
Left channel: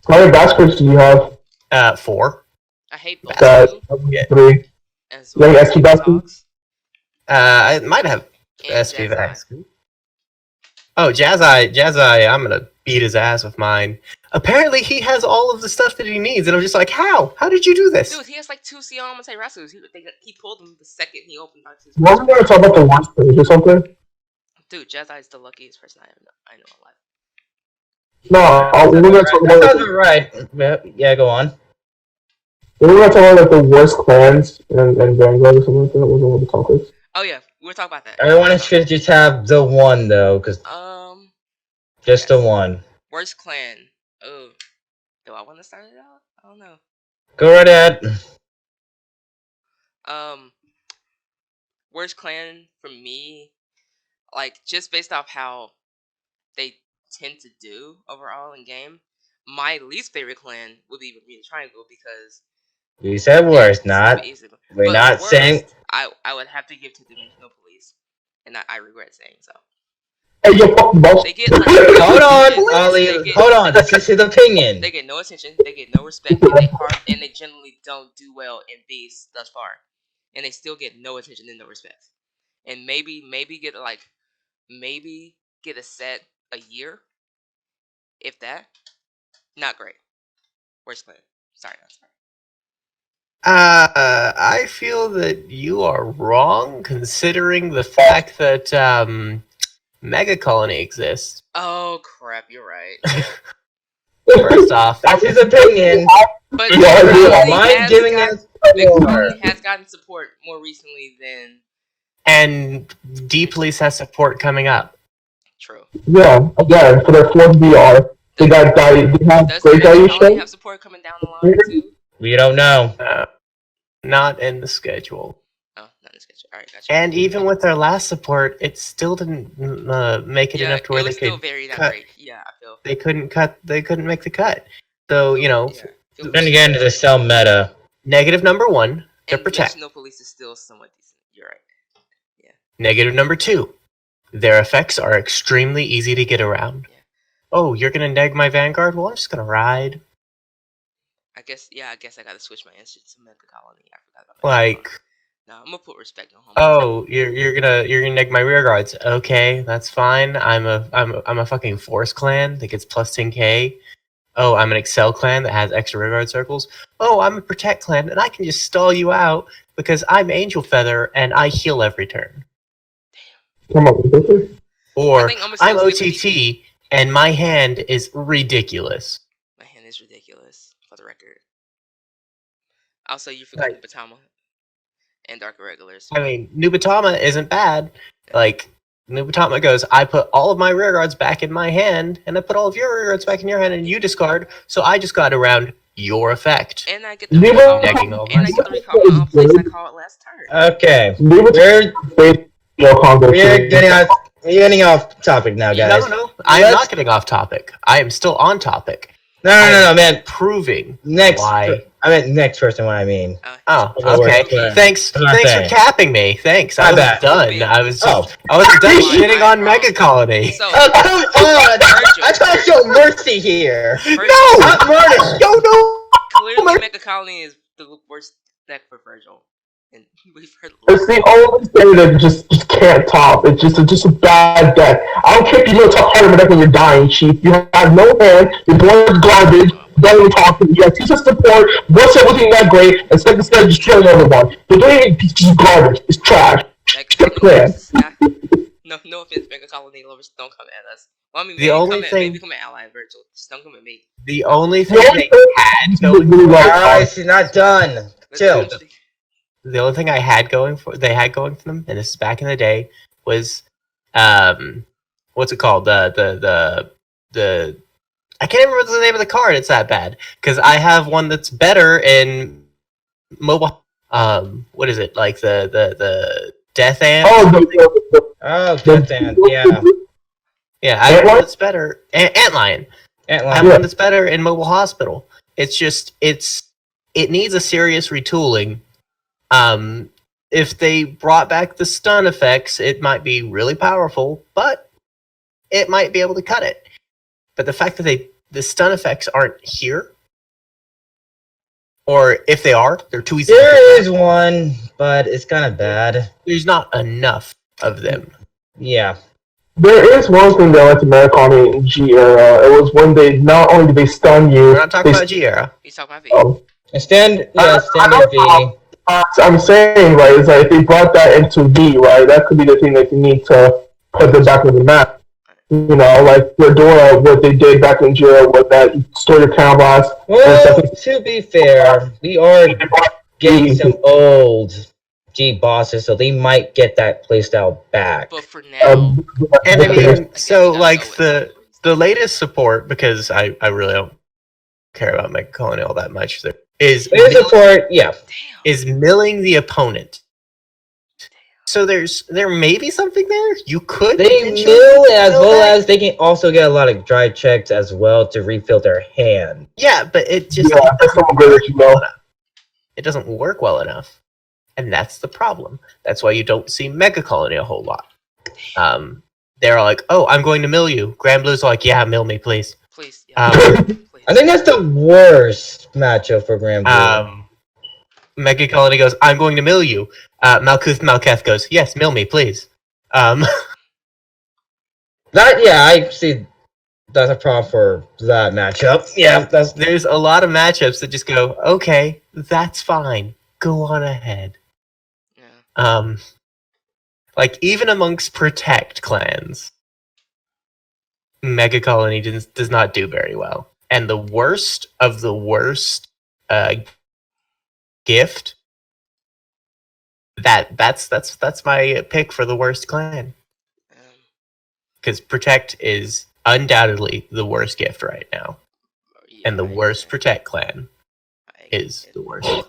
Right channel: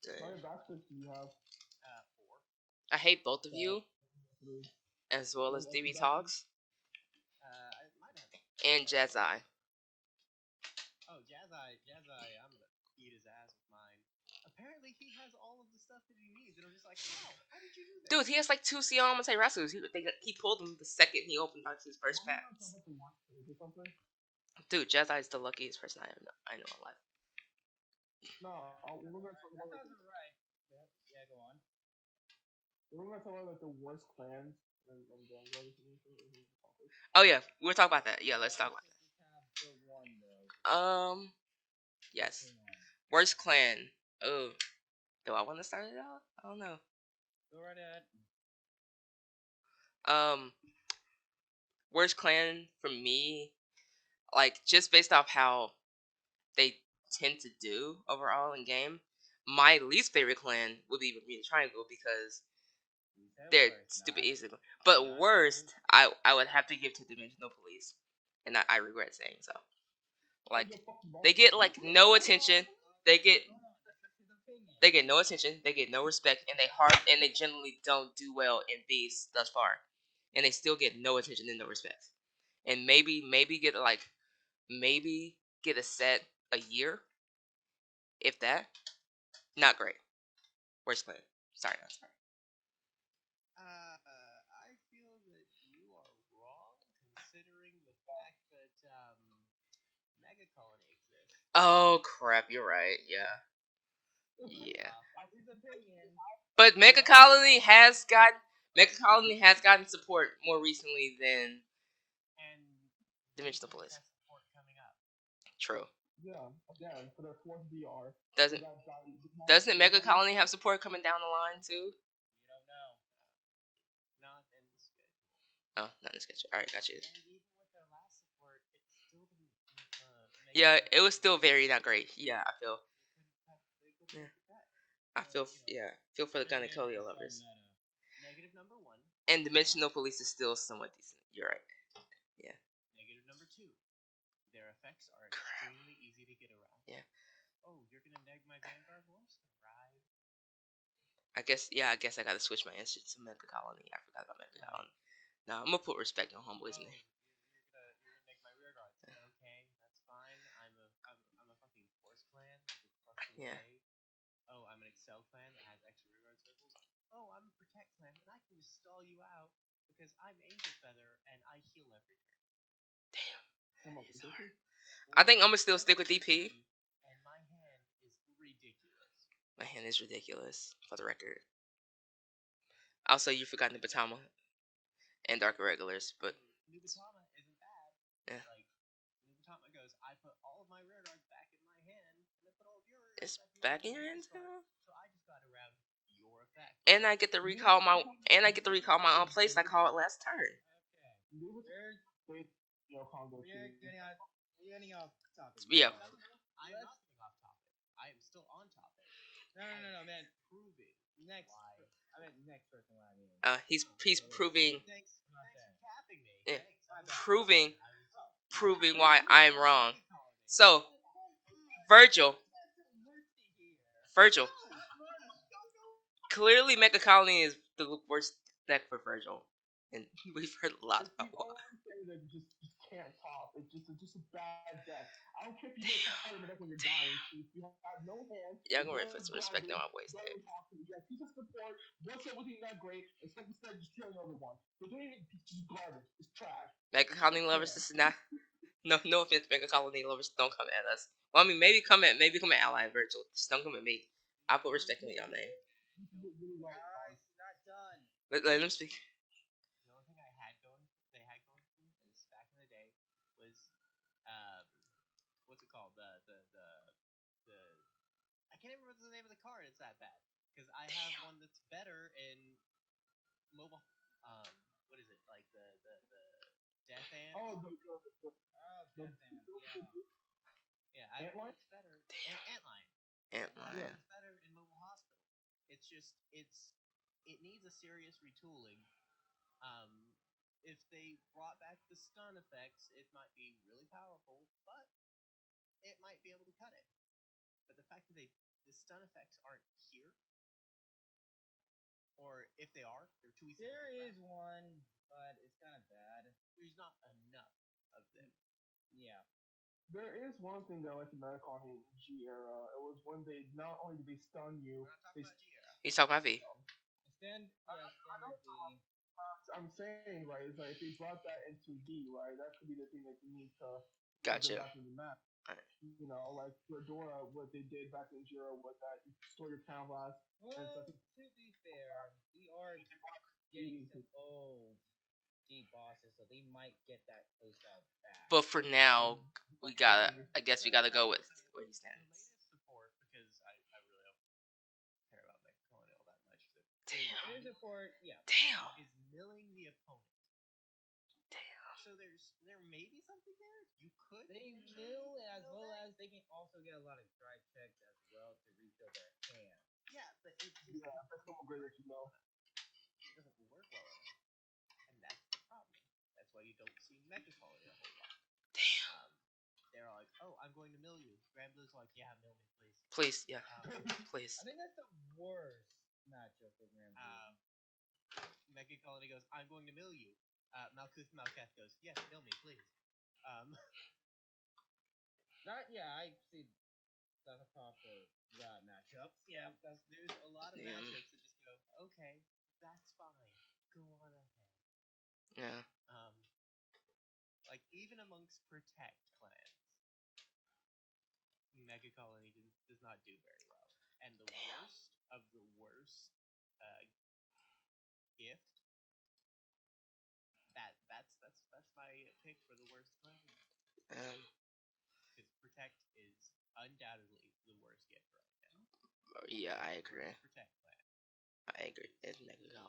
How many baskets do you have? 4. I hate both That of you. 3. And so Like I SP hate baskets? dogs I might have and SP Jazz Vax. Oh, Jazz-Eye, I'm gonna beat his ass with mine. Apparently he has all of the stuff that he needs, and I'm just like, how? How did you do this? Dude, he has like 2 Siama Rasus. He pulled them the second he opened boxes. Wasn't there talk about the worst page or something? Dude, Jazz Eye is the luckiest person I know in life. No, we were going to talk That about sounds right. Yeah, go on. we were going to talk about like the worst clans and Vanguard or something like that. Wasn't one of the topics. Oh yeah, we'll talk about that. Everyone should just have the 1 though, because just the 1. Worst clan. Oh, do I want to start it out? I don't know. Go right ahead. Worst clan for me, like just based off how they tend to do overall in game. My least favorite clan would be Bermuda Triangle because You said worst, not. We're but not worst, saying. I would have to give to Dimensional Police, and I regret saying so. Hey, yo, fuck the boss. They get like no Hold on, attention. Ollie. They get- Hold on. This is his opinion. They get no attention. They get no respect, and they generally don't do well in these thus far, and they still get no attention and no respect. And maybe get get a set a year, if that. Not great. Worst player. Sorry, not sorry. I feel that you are wrong, considering the fact that Mega Colony exists. Oh crap, you're right. First off, That's his opinion. But Yeah, Mega Colony Mind has giving got- us Mega more. Colony has gotten support more recently than and D Police has support coming up. True. Yeah, again, for their 4th VR, they have Does great Mega Colony value. have support coming down the line too? We don't know. Not in the schedule. Oh, not in the schedule. Alright, gotcha. And even with their last support, it still didn't make it yeah, enough to where it they was still could. very not cut. great. Yeah, I feel. They couldn't cut. They couldn't make the cut. So you know, Yeah, feel Then again, it's cell meta. negative number 1 to and protect. National Police is still somewhat decent. You're right. Negative number 2, their effects are extremely easy to get around. Yeah. Oh, you're gonna neg my Vanguard? Well, I'm just gonna ride. I guess I gotta switch my answer to Mega Colony. I forgot about Mega Like, Colony. No, I'm gonna put respect on home. oh, you're gonna neg my rear guards. Okay, that's fine. I'm a fucking Force clan that gets plus 10k. Oh, I'm an Excel clan that has extra rear guard circles. Oh, I'm a Protect clan and I can just stall you out because I'm Angel Feather and I heal every turn. Come on, Victor. Or think I'm gonna I'm still stick with OTT and my hand is ridiculous. My hand is ridiculous, for the record. Also, you forgot Right. Batama and Dark Irregulars. I mean, Nubatama isn't bad. Like, Nubatama goes, I put all of my rear guards back in my hand, and I put all of your rear guards back in your hand, and you discard, so I just got around your effect. And I get the Neither- recall. Decking all And I my get the recall my own place I call it last turn. Okay. We're We're getting off topic now, guys. No, I'm Let's- not getting off topic. I am still on topic. No, man. Proving Next. why. I meant next person. What I mean. Oh, That's what okay. we're doing. Thanks That's what I'm for saying. capping me. Thanks. I My was bad. done. I was Oh. I was done Why? shitting on Mega Colony. So, Oh, come on! Virgil. I try to show mercy here. Virgil, No! Not murder. Yo, no! clearly Mega Colony is the worst deck for Virgil. And we've heard It's the only thing that just can't top. It's just a bad deck. I don't care if you know top part of the deck when you're dying, Chief. You have no hand, your board is garbage, barely talking, you have 2 sets support, 1 set wasn't that great, and second set just kill another one. The thing is just garbage. It's trash. Mega Colony Yeah. is not- No offense, Mega Colony lovers, don't come at us. Well, I mean, The maybe only come at, thing- maybe come at Ally Virgil. Just don't come at me. The only thing The only they thing had is going really well Alright, she's not done. Chill. the only thing they had going for them, and this is back in the day, was what's it called? The I can't remember the name of the card. It's that bad because I have one that's better in mobile. What is it like the Death Ant? Oh, good then. Yeah. Yeah, I have one Antlion? that's better. Antlion. I have Antlion. one that's better in Mobile Hospital. It's just it needs a serious retooling. If they brought back the stun effects, it might be really powerful, but it might be able to cut it. But the fact that the stun effects aren't here, or if they are, they're too easy. There is one, but it's kind of bad. There's not enough of them. Yeah. There is one thing that I like to Americana in G era. It was when they not only did they stun you. We're not talking they about G-Era. He's talking about V. Oh. And stand I V. know. I'm saying, right, is that if they brought that into V, right, that could be the thing that you need to put them back on the map. You know, like Fedora, what they did back in Jira with that store your town blast. Well, to be fair, we are getting some old G bosses, so they might get that playstyle back. But for now, And I mean, guess so that's like always the latest support, because I really don't care about Mega Colony all that much, is Their support, yeah. is milling the opponent. So there may be something there. You could They potentially mill as mill well that. as they can also get a lot of dry checks as well to refill their hand. Yeah, but it just Yeah, that's someone good that you know. it doesn't work well enough, and that's the problem. That's why you don't see Mega Colony a whole lot. they're all like, "Oh, I'm going to mill you." Grand Blue's like, "Yeah, mill me, please." Please. Yeah. Please. I think that's the worst matchup for Grand Blue. Mega Colony goes, "I'm going to mill you." Malkuth Malketh goes, "Yes, mill me, please." I see. That's a problem for that matchup. Yeah, that's. There's a lot of matchups that just go, "Okay, that's fine. Go on ahead." Yeah. Like even amongst Protect clans, Mega Colony does not do very well. And the worst of the worst gift. That's my pick for the worst clan. Because Protect is undoubtedly the worst gift right now. Yeah, And the worst Protect clan is the worst clan.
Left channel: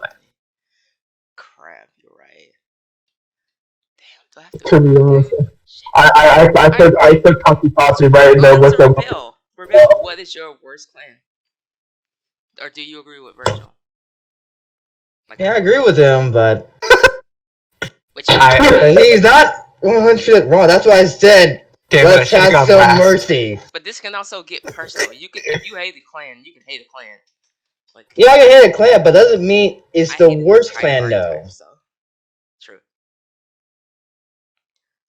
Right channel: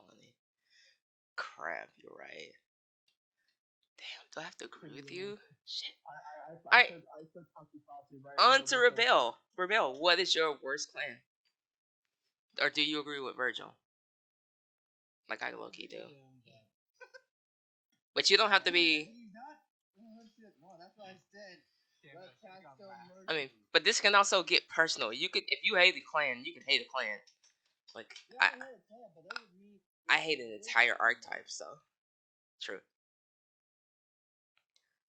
Crap, you're right. Damn, do I have To be honest, I took Kakipasi right in there with them. Reveal, what is your worst clan? Or do you agree with Virgil? Yeah, I agree with him, but Which he's not 100% wrong. That's why I said let's have some mercy. But this can also get personal. If you hate the clan, you can hate a clan. Like, Yeah, I can hate a clan, but doesn't mean it's the worst clan, though. So. True.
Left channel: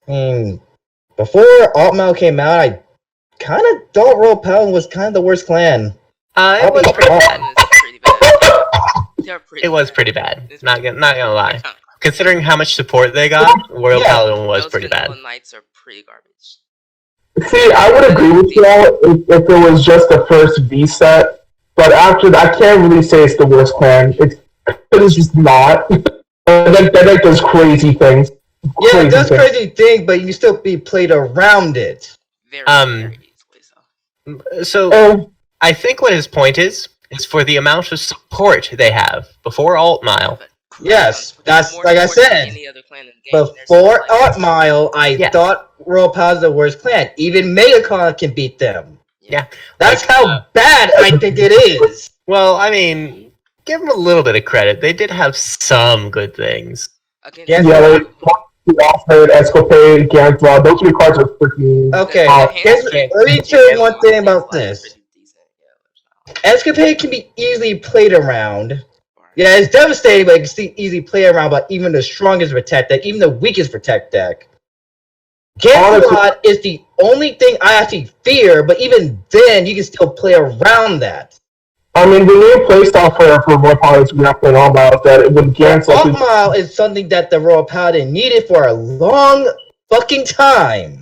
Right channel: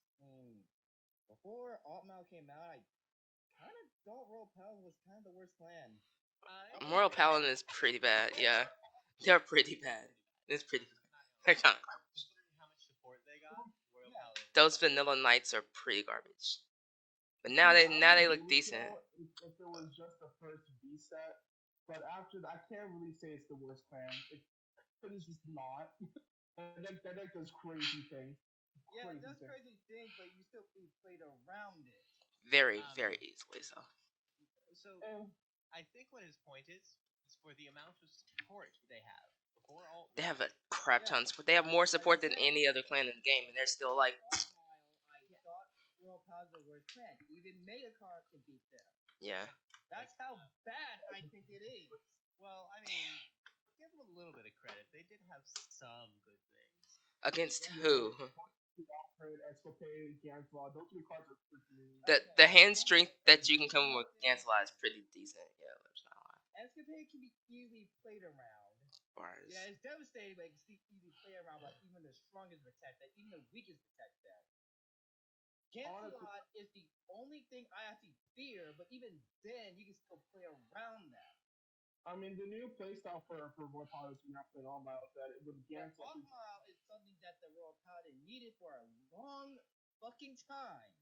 I mean, before Altmile came out, I kind of thought Royal Paladin was kind of the worst clan. It was pretty bad. It was pretty bad. Not gonna lie. Considering how much support they got, Royal Paladin was pretty bad. Knights are pretty garbage. See, I would agree with y'all if it was just the first V set, but after that, I can't really say it's the worst clan. It's just not. That does crazy things. Yeah, it does crazy things, but you can still be played around it. Very easily so. I think what his point is for the amount of support they have before Altmile. Yes, that's like I said. Before Altmile, I thought Royal Paladin was the worst clan. Even Megacon can beat them. Yeah. That's how bad I think it is. Well, I mean, give them a little bit of credit. They did have some good things. They offered Escopade, Gantla. Those three cards are freaking... Okay, let me tell you one thing about this. Escapade can be easily played around. Yeah, it's devastating, but it can easily play around by even the strongest Protect deck, even the weakest Protect deck. Gantla is the only thing I actually fear, but even then, you can still play around that. I mean, the new playstyle for Royal Paladin is grappling all about that. With Gantla, Altmile is something that the Royal Paladin needed for a long fucking time.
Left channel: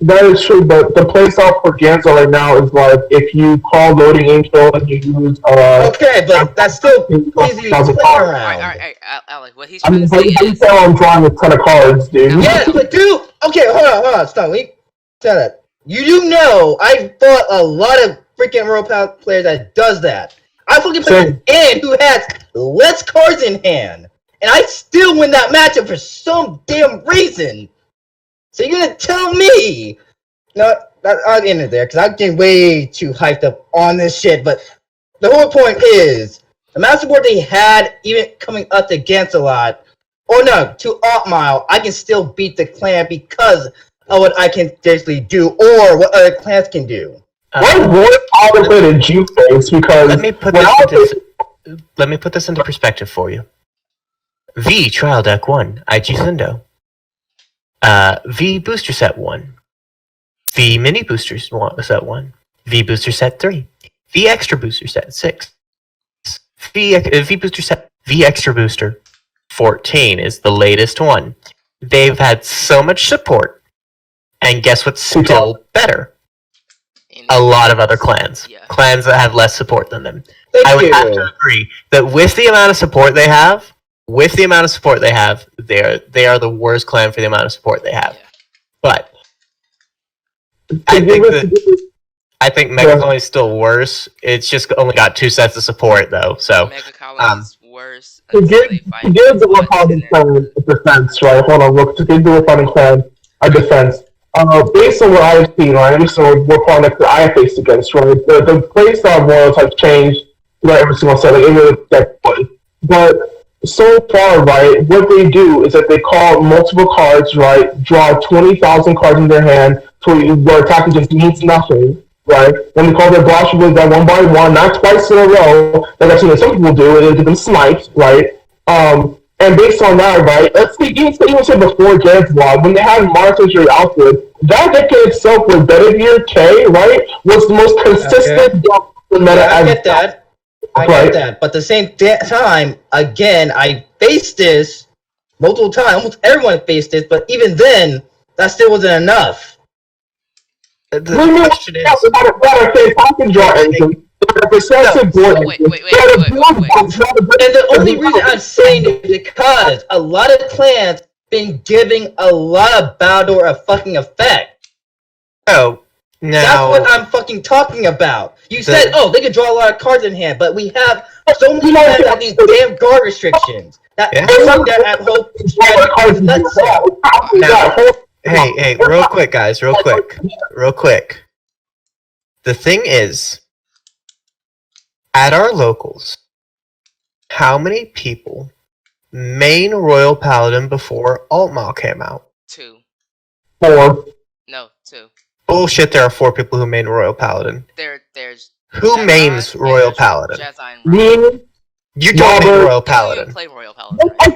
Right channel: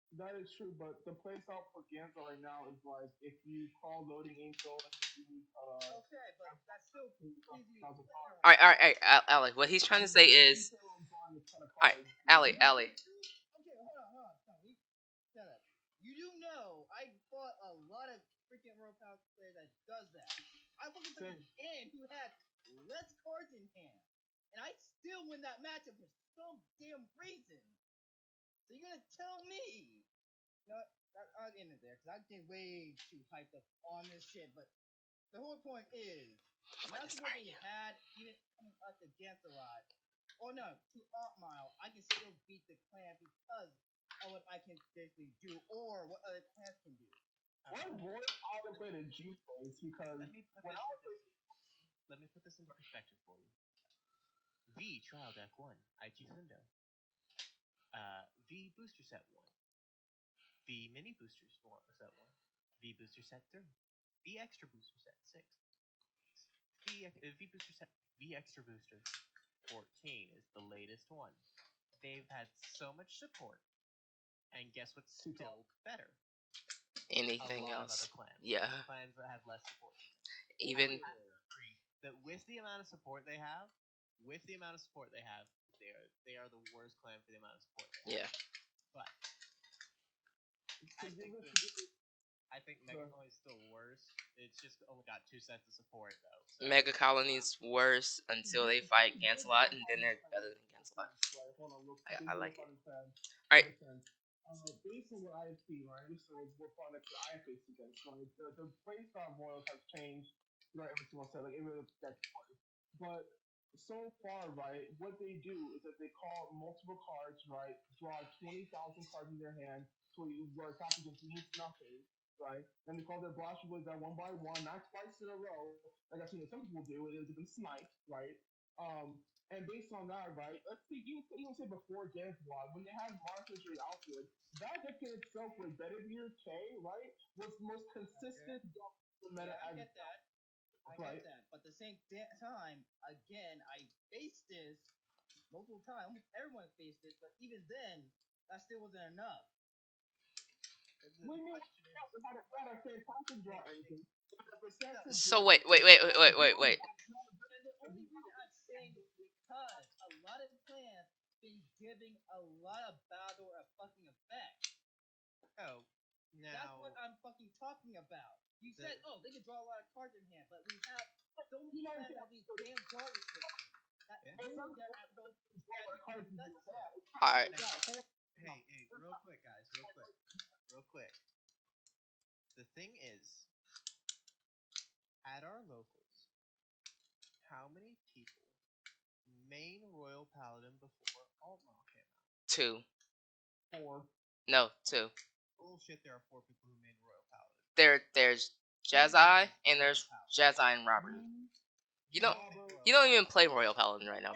That is true, but the playstyle for Gantla right now is like if you call Loading Angel and you use okay, but that's still easy to play around. Alright, Alec, what he's trying to say is... I'm drawing a ton of cards, dude. Yes, but dude... Okay, hold on, stop. Let me tell that. You do know, I've fought a lot of freaking Royal Paladin players that does that. I fucking played an who has less cards in hand, and I still win that matchup for some damn reason. So you're gonna tell me? No, I'll end it there because I'm getting way too hyped up on this shit. But the whole point is the amount of support they had, even coming up against a lot, or no, to Altmile, I can still beat the clan because of what I can basically do, or what other clans can do. What Paladin played in Juke Face? Because let me put this into perspective for you. V Trial Deck 1, IG Sundo. V Booster Set 1. V Mini Booster Set 1. V Booster Set 3. V Extra Booster Set 6. V Booster Set V Extra Booster 14 is the latest one. They've had so much support, and guess what's still better? A lot of other clans. Yeah. Clans that have less support than them. I would have to agree that with the amount of support they have, they are the worst clan for the amount of support they have. Yeah. But I think Mega Colony is still worse. It's just only got 2 sets of support though. So Mega Colony is worse. To give the Royal Paladin clan a defense, right? Hold on, look. To give the Royal Paladin clan a defense. Based on what I've seen, right? Based on what products that I have faced against, right? The playstyle of Royals have changed throughout every single set, like in the deck play. But so far, right, what they do is that they call multiple cards, right, draw 20,000 cards in their hand, where attacking just means nothing, right? Then they call their blast abilities that one by one, not twice in a row, like I've seen some people do, and they give them smite, right? And based on that, right, let's see, even say before Jared's Vlog, when they had monetary output, that deck in itself with Bedivere K, right, was the most consistent deck in meta. Yeah, I get that. I get that. But at the same time, again, I faced this multiple times. Almost everyone faced this, but even then, that still wasn't enough. The question is, And the only reason I'm saying it is because a lot of clans been giving a lot of battledore a fucking effect. oh, now That's what I'm fucking talking about. You said, oh, they can draw a lot of cards in hand, but we have so many clans that have these damn guard restrictions. That that at hope hey, real quick, guys, real quick. The thing is, at our locals, how many people main Royal Paladin before Altmaul came out? 2. 4. No, 2. Bullshit, there are 4 people who main Royal Paladin. There's Who Jedi, mains and Royal there's Paladin? Jedi and Ryan. Me, You don't main Robert- Royal You don't even Paladin. play Royal Paladin. I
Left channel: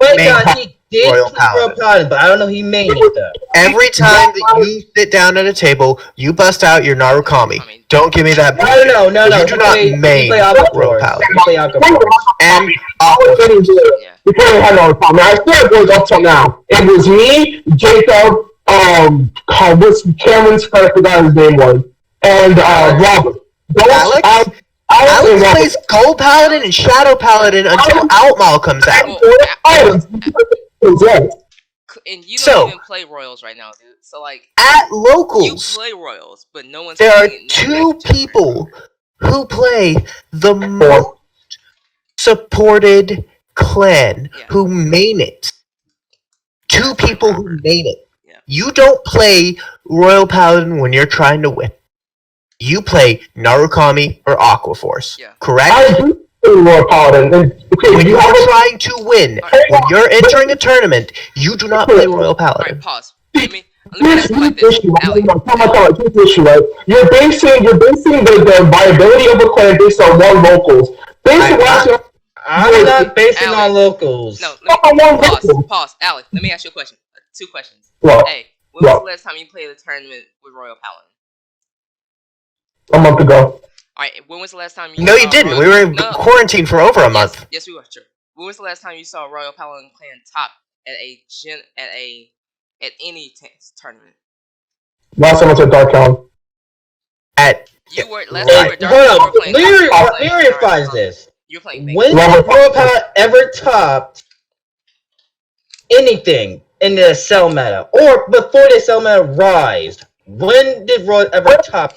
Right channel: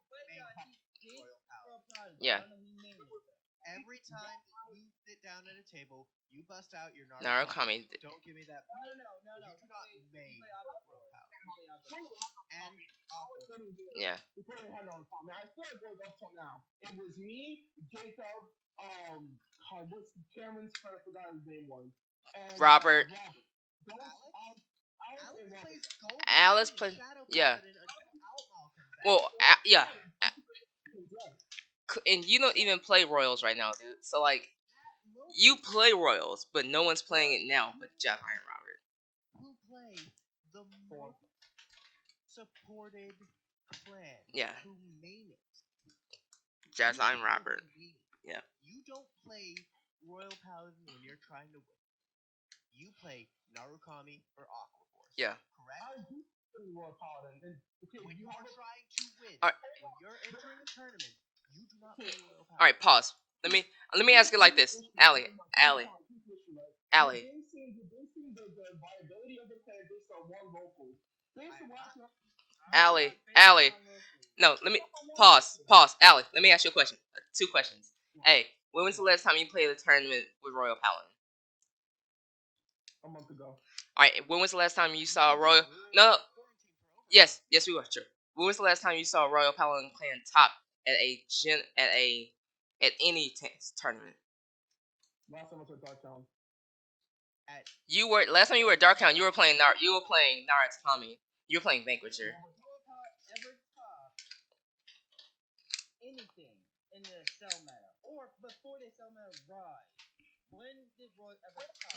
Wait, Main God, he did Royal play Royal Paladin, but I don't know he made it though. Every time that you sit down at a table, you bust out your Narukami. Don't give me that bullshit. No. You do not main play Royal Paladin. You play Alcapor. And Yeah. We can't have no problem. I still it was up till now. It was me, Jacob, what's Cameron's I forgot his name was, and Robert. Alex plays Gold Paladin and Shadow Paladin until Outmaul comes out. And you don't So- even play Royals right now, dude. So like, At you locals, play Royals, but no one's. there are playing it. 2 people who play the most supported clan who main it. 2 people who main it. Yeah. You don't play Royal Paladin when you're trying to win. You play Narukami or Aquaforce. Yeah. Correct? I do play Royal Paladin. When you're trying to win, when you're entering a tournament, you do not play Royal Paladin. Alright, pause. Let me ask you like this, Allie. You're basing the viability of a clan based on one locals. I'm not basing on locals. No, let me pause. Allie, let me ask you a question. 2 questions. What? Hey, when was the last time you played a tournament with Royal Paladin? A month ago. Alright, when was the last time you No, saw you didn't. Royal... We were in No. quarantine for over a month. Yes, we were. True. When was the last time you saw Royal Paladin clan top at any tournament? Last time I said Dark Town. You were last Right. time you were Dark Town, you were playing. Verifies this. You're playing. When did Royal Paladin ever topped anything in the cell meta, or before the cell meta rise? When did Royal ever top?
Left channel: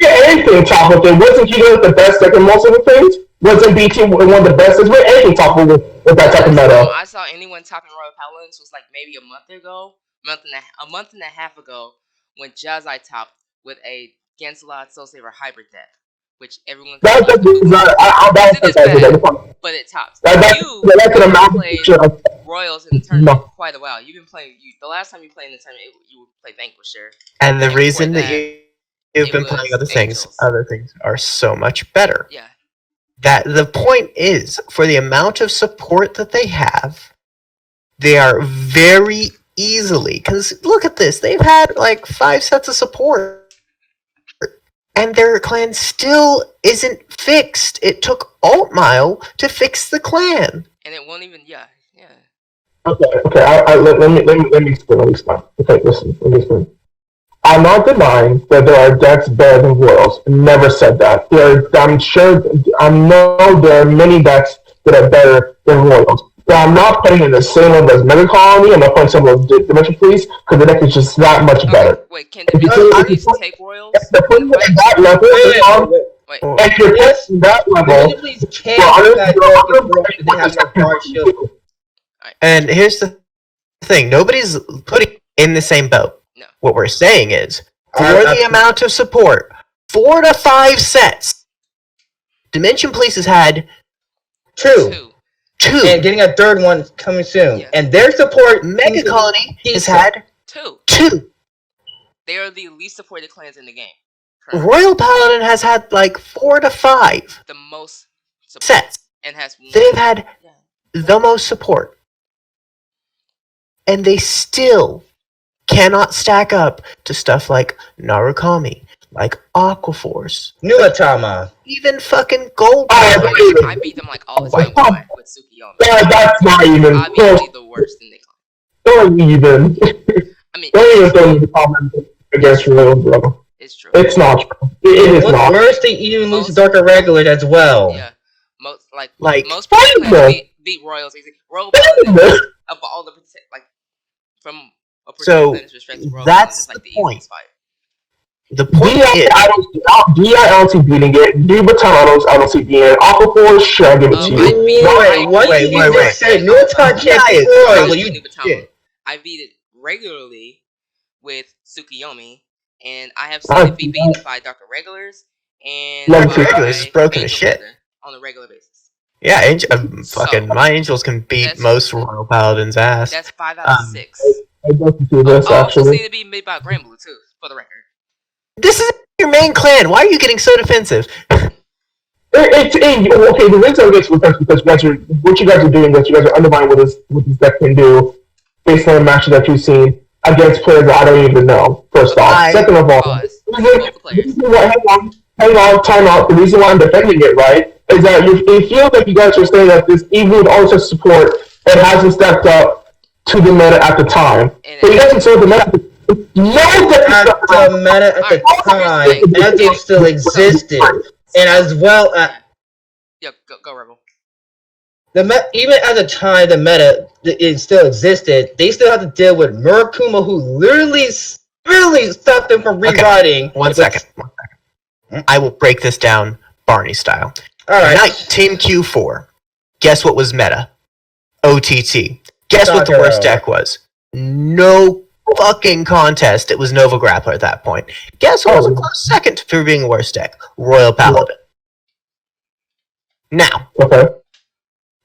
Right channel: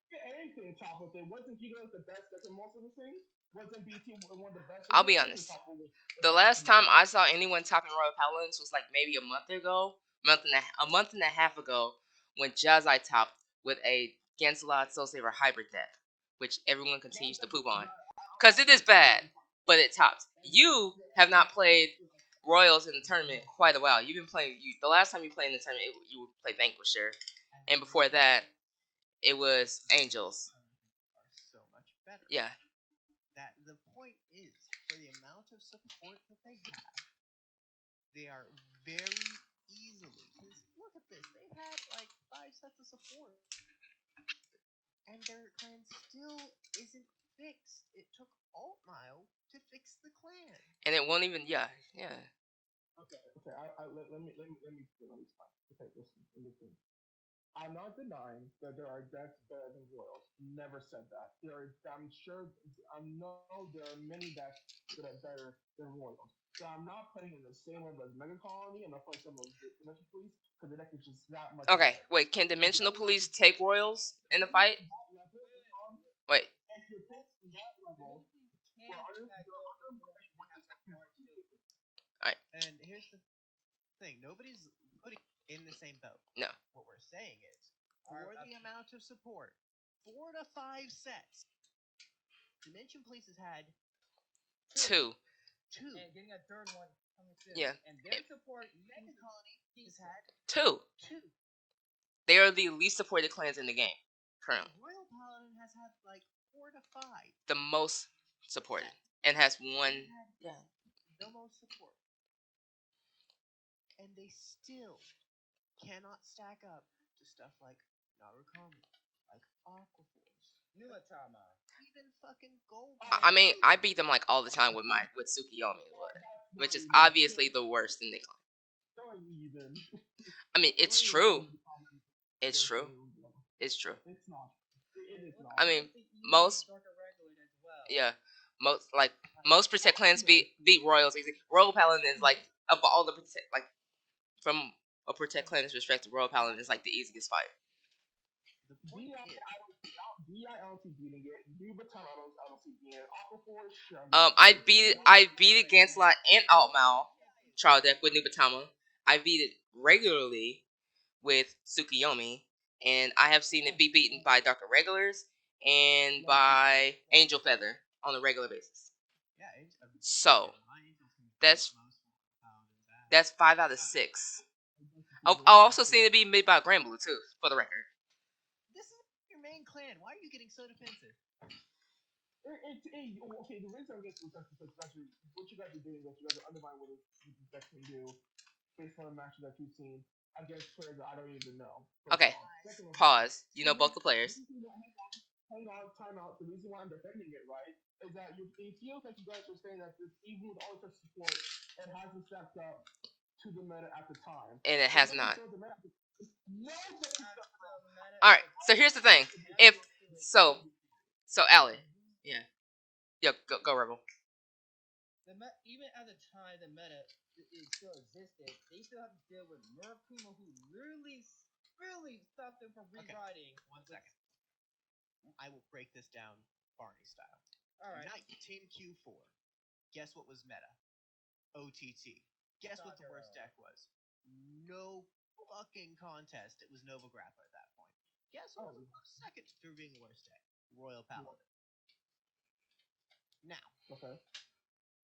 Anything top of it. Wasn't he the best second most of the things? Wasn't BT one of the best? Is anything top with that type of meta? I saw anyone topping Royal Paladins was like maybe a month and a half ago, when Jazai topped with a Gansalot Soul Saver hybrid deck, which everyone. But it tops. that's an amount of Royals in the tournament quite a while. You've been playing. The last time you played in the tournament, you played Vanquisher. And the And reason before that you've been it playing was Angels. other things are so much better. Yeah. That the point is, for the amount of support that they have, they are very easily, because look at this, they've had like 5 sets of support, and their clan still isn't fixed. It took Altmile to fix the clan. And it won't even. Yeah. Okay. Let me explain. Okay, listen. Let me explain. I'm not denying that there are decks better than Royals. Never said that. I know there are many decks that are better than Royals. But I'm not putting in the same level as Mega Colony. I'm not putting some of the Dimension Police because the deck is just that much better. Okay, wait, can Dimension Police take Royals? If you're putting it at that level, Wait. if you're putting that level, Please can't they have no guard shield. And here's the thing, nobody's putting in the same boat. No. What we're saying is, for the amount of support, 4 to 5 sets, Dimension Police has had Two. Two. And getting a third one coming soon. Yeah. And their support... Mega Colony has decent. had Two. two. They are the least supported clans in the game. Currently. Royal Paladin has had like 4 to 5 The most support. sets. And has They've had the most support. And they still cannot stack up to stuff like Narukami, like Aquaforce, Nuatama. even fucking Gold. I beat them like all the time with Tsukiyomi. That's not even Obviously the worst in the clan. Don't even. I mean, Don't even it's throw true. me the comment against Royal, bro. It's true. It's not true. It is What's not. worse, they even lose to Darker Regulars as well. Yeah. Most Kinda. clans beat Royals easy. Royal Paladin of all the like from a So, perspective, Royal that's Paladin is like the the point. easiest fight. The point is, I don't see beating it. Nubatama, I don't see beating it. Aquaforce, sure, I'll give it to I you. beat What did you just say? Nuatama can't be Royal. You did. I beat it regularly with Tsukiyomi, and I have seen it be beaten by Dr. Regulars and Like by Regulars is broken as Angel shit. Feather on a regular basis. yeah, So- my Angels can beat That's- most Royal Paladins' ass. That's 5 out of 6. I'd like to see this, I also actually. seen it being made by Granblue too, for the record. This is your main clan. Why are you getting so defensive? Okay, the reason I get defense because what you guys are doing is you guys are undermining what this deck can do based on the matches that you've seen against players that I don't even know, first off. Second of all, Pause. the reason why, hang on, time out. The reason why I'm defending it, right, is that it feels like you guys are saying that this, even with all such support, it hasn't stepped up to the meta at the time. And But it doesn't serve the meta. No, at the meta at the time, Angel still existed. And as well as... Yeah, go Rebel. Even at the time the meta it still existed, they still have to deal with Murakuma, who literally stopped them from rewriting. One second. I will break this down Barney style. Alright. Team Q4. Guess what was meta? OTT. Guess what the worst deck was? No fucking contest. It was Nova Grappler at that point. Guess what was a close second for being the worst deck? Royal Paladin. Now, Okay.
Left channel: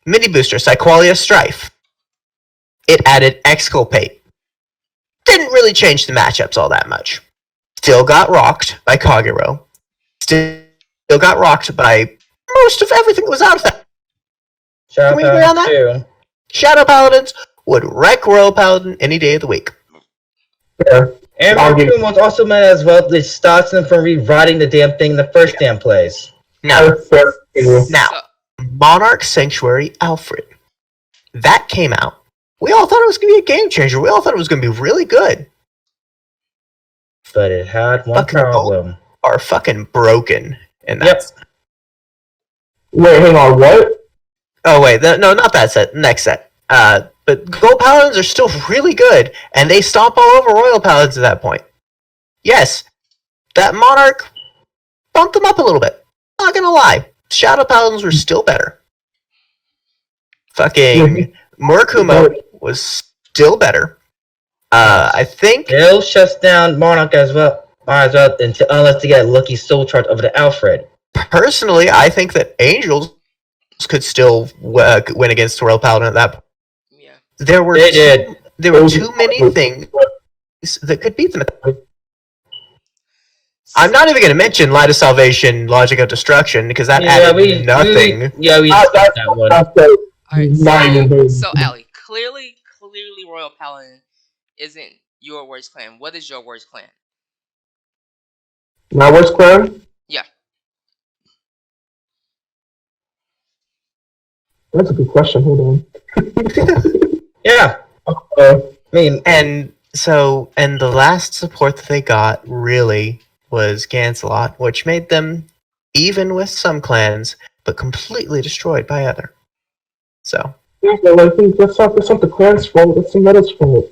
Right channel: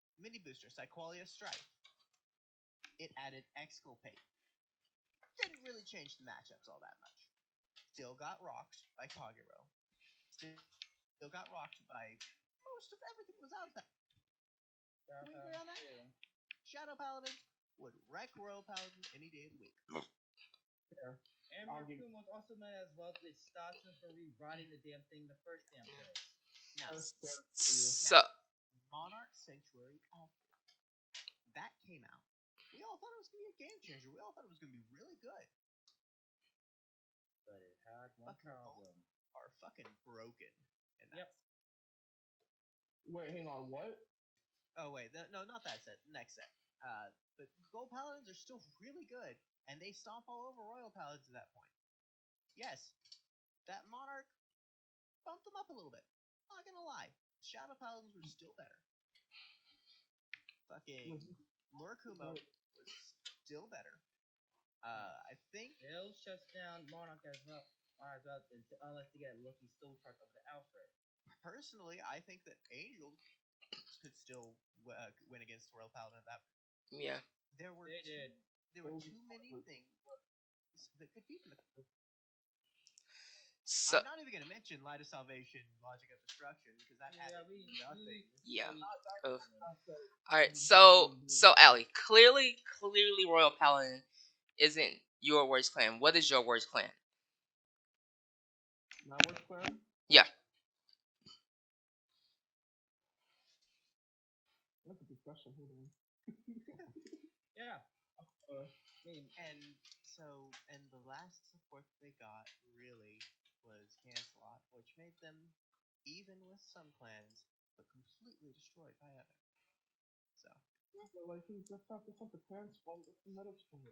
mini booster, Psyqualia Strife. It added Exculpate. Didn't really change the matchups all that much. Still got rocked by Kagero. Still got rocked by most of everything that was out of that. Shout Can we agree on out that? to Shadow Paladins would wreck Royal Paladin any day of the week. Fair. and Murakuma was also meta as well. This stops them from rewriting the damn thing in the first damn place. Now, Fair. now, Monarch Sanctuary Alfred. That came out. We all thought it was going to be a game changer. We all thought it was going to be really good. But it had one Fucking problem. Are fucking broken. And that's... Wait, hang on, what? Oh, wait. No, not that set. Next set. But Gold Paladins are still really good, and they stomp all over Royal Paladins at that point. Yes, that Monarch bumped them up a little bit. Not gonna lie. Shadow Paladins were still better. Fucking Murakuma was still better. I think... Still shuts down Monarch as well. Unless they get a lucky soul charge over the Alfred. Personally, I think that Angels could still win against Royal Paladin at that point. Yeah. There were too many things that could beat them at that point. I'm not even going to mention Light of Salvation, Logic of Destruction, because that added nothing. We discussed that one. Alright, so Allie, clearly Royal Paladin isn't your worst clan. What is your worst clan? My worst clan? Yeah. That's a good question. Hold on. Yeah. Uh, I mean, And the last support that they got really was Gancelot, which made them even with some clans, but completely destroyed by other. So, yeah, but I think that's not the clan's fault. It's the meta's fault. you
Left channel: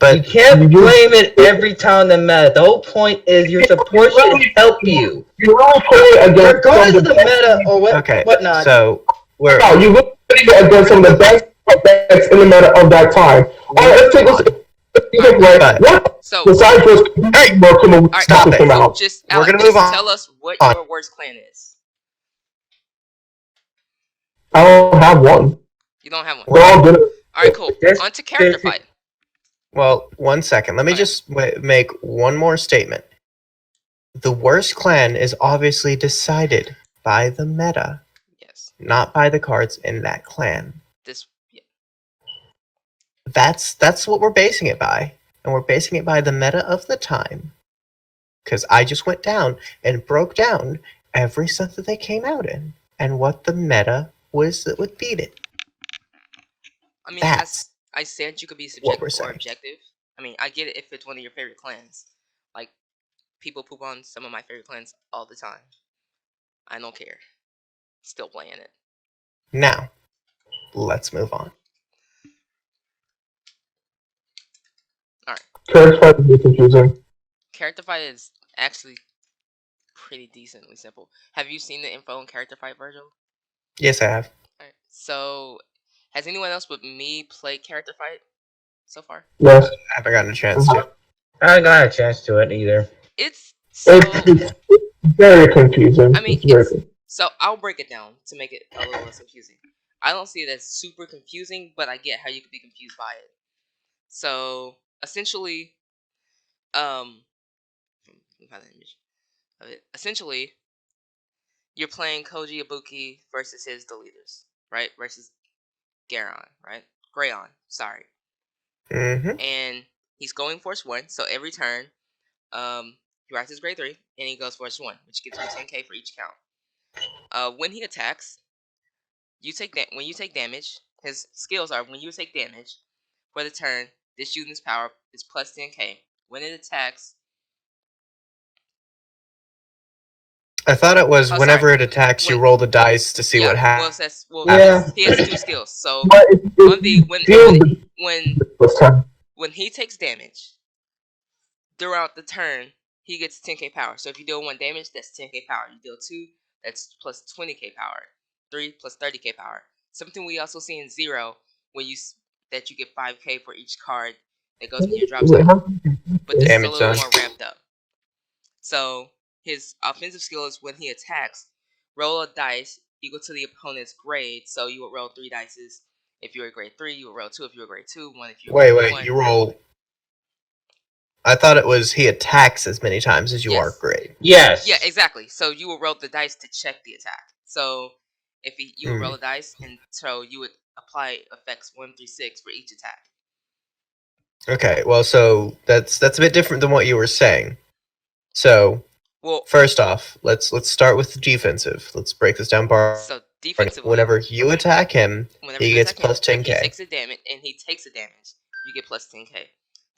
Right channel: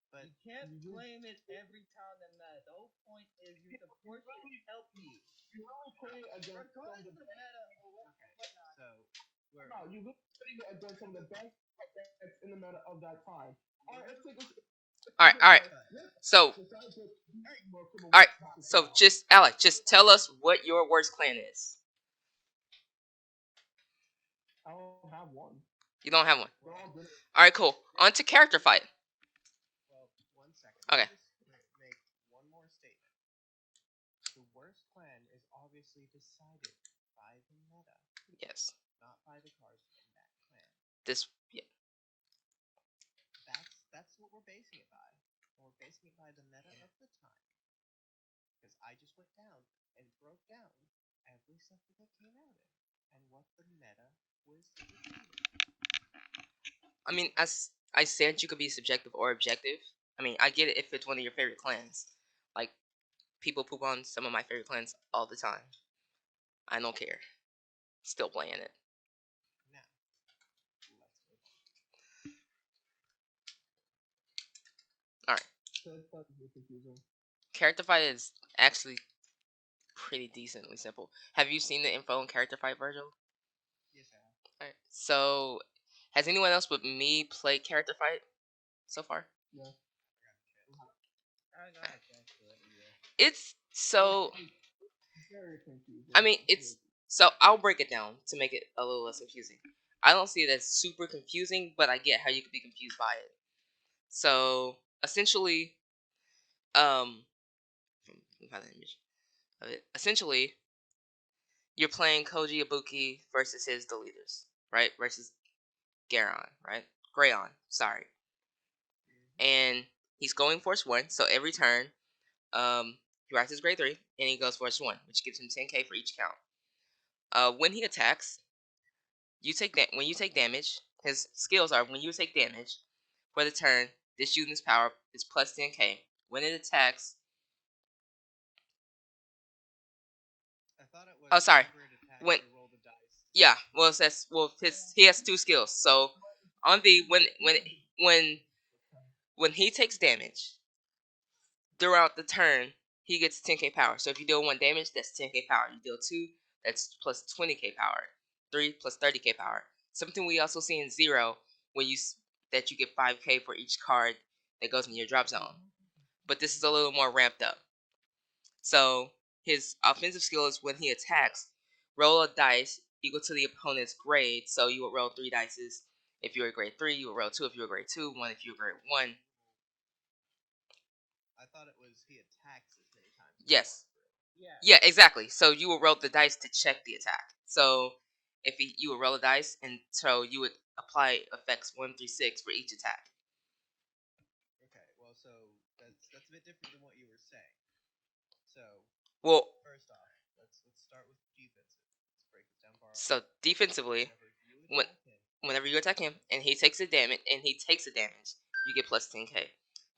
but can't blame it every time the meta. The whole point is your support should help you. You really play against Regardless of the meta or okay, whatnot. so we're No, you really play against some of the best decks in the meta of that time. Let's take But- what? So Besides just Alright, stop it. came so out. just We're Alec, gonna just move on. tell us what On. your worst clan is. I don't have one. You don't have one. They're all good. Alright, cool. This On to character basic- fight. Well, 1 second. Let me Okay. just make one more statement. The worst clan is obviously decided by the meta, Yes. not by the cards in that clan. This. Yeah. That's what we're basing it by, and we're basing it by the meta of the time. Because I just went down and broke down every set that they came out in, and what the meta was that would beat it. I mean, That's I said you could be what we're subjective or saying. objective. I mean, I get it if it's one of your favorite clans. Like, people poop on some of my favorite clans all the time. I don't care. Still playing it. Now, let's move on. Character fight is confusing. Character fight is actually pretty decently simple. Have you seen the info on character fight, Virgil? Yes, I have. Alright. So, has anyone else but me played character fight so far? Yes. I haven't gotten a chance to. I haven't got a chance to it either. It's so. It's very confusing. I mean, very it's so. I'll break it down to make it a little less confusing. I don't see it as super confusing, but I get how you could be confused by it. So essentially, essentially, you're playing Koji Ibuki versus his deleters, right? Versus Garon, right? Grayon, sorry. Mm-hmm. And he's going Force 1, so every turn, he rises grade 3, and he goes Force 1, which gives him 10k for each count. When he attacks, when you take damage, his skills are when you take damage for the turn, this unit's power is plus 10k. When it attacks, I thought it was Oh, whenever sorry. it attacks, you When- roll the dice to see yeah, what happens. Yeah. he has 2 skills. So But on the when when he takes damage throughout the turn, he gets 10k power. So if you deal 1 damage, that's 10k power. You deal 2, that's plus 20k power. 3 plus 30k power. Something we also see in 0 when that you get 5k for each card that goes into your drop zone. But this is a Damage little zone. more ramped up. So his offensive skill is when he attacks, roll a dice equal to the opponent's grade. So you would roll 3 dices. If you're a grade 3, you would roll 2 if you're a grade 2, 1 if you're a grade 1. You roll. I thought it was he attacks as many times as you Yes. are grade. Yes. Yeah, exactly. So you would roll the dice to check the attack. So if you would roll a dice, and so you would apply effects 1 through 6 for each attack. Okay, well, so that's a bit different than what you were saying. So, Well, first off, let's start with the defensive. Let's break this down. so defensively, Whenever you attack him, whenever he you gets attack him, plus if 10k. he takes a damage, you get plus 10k.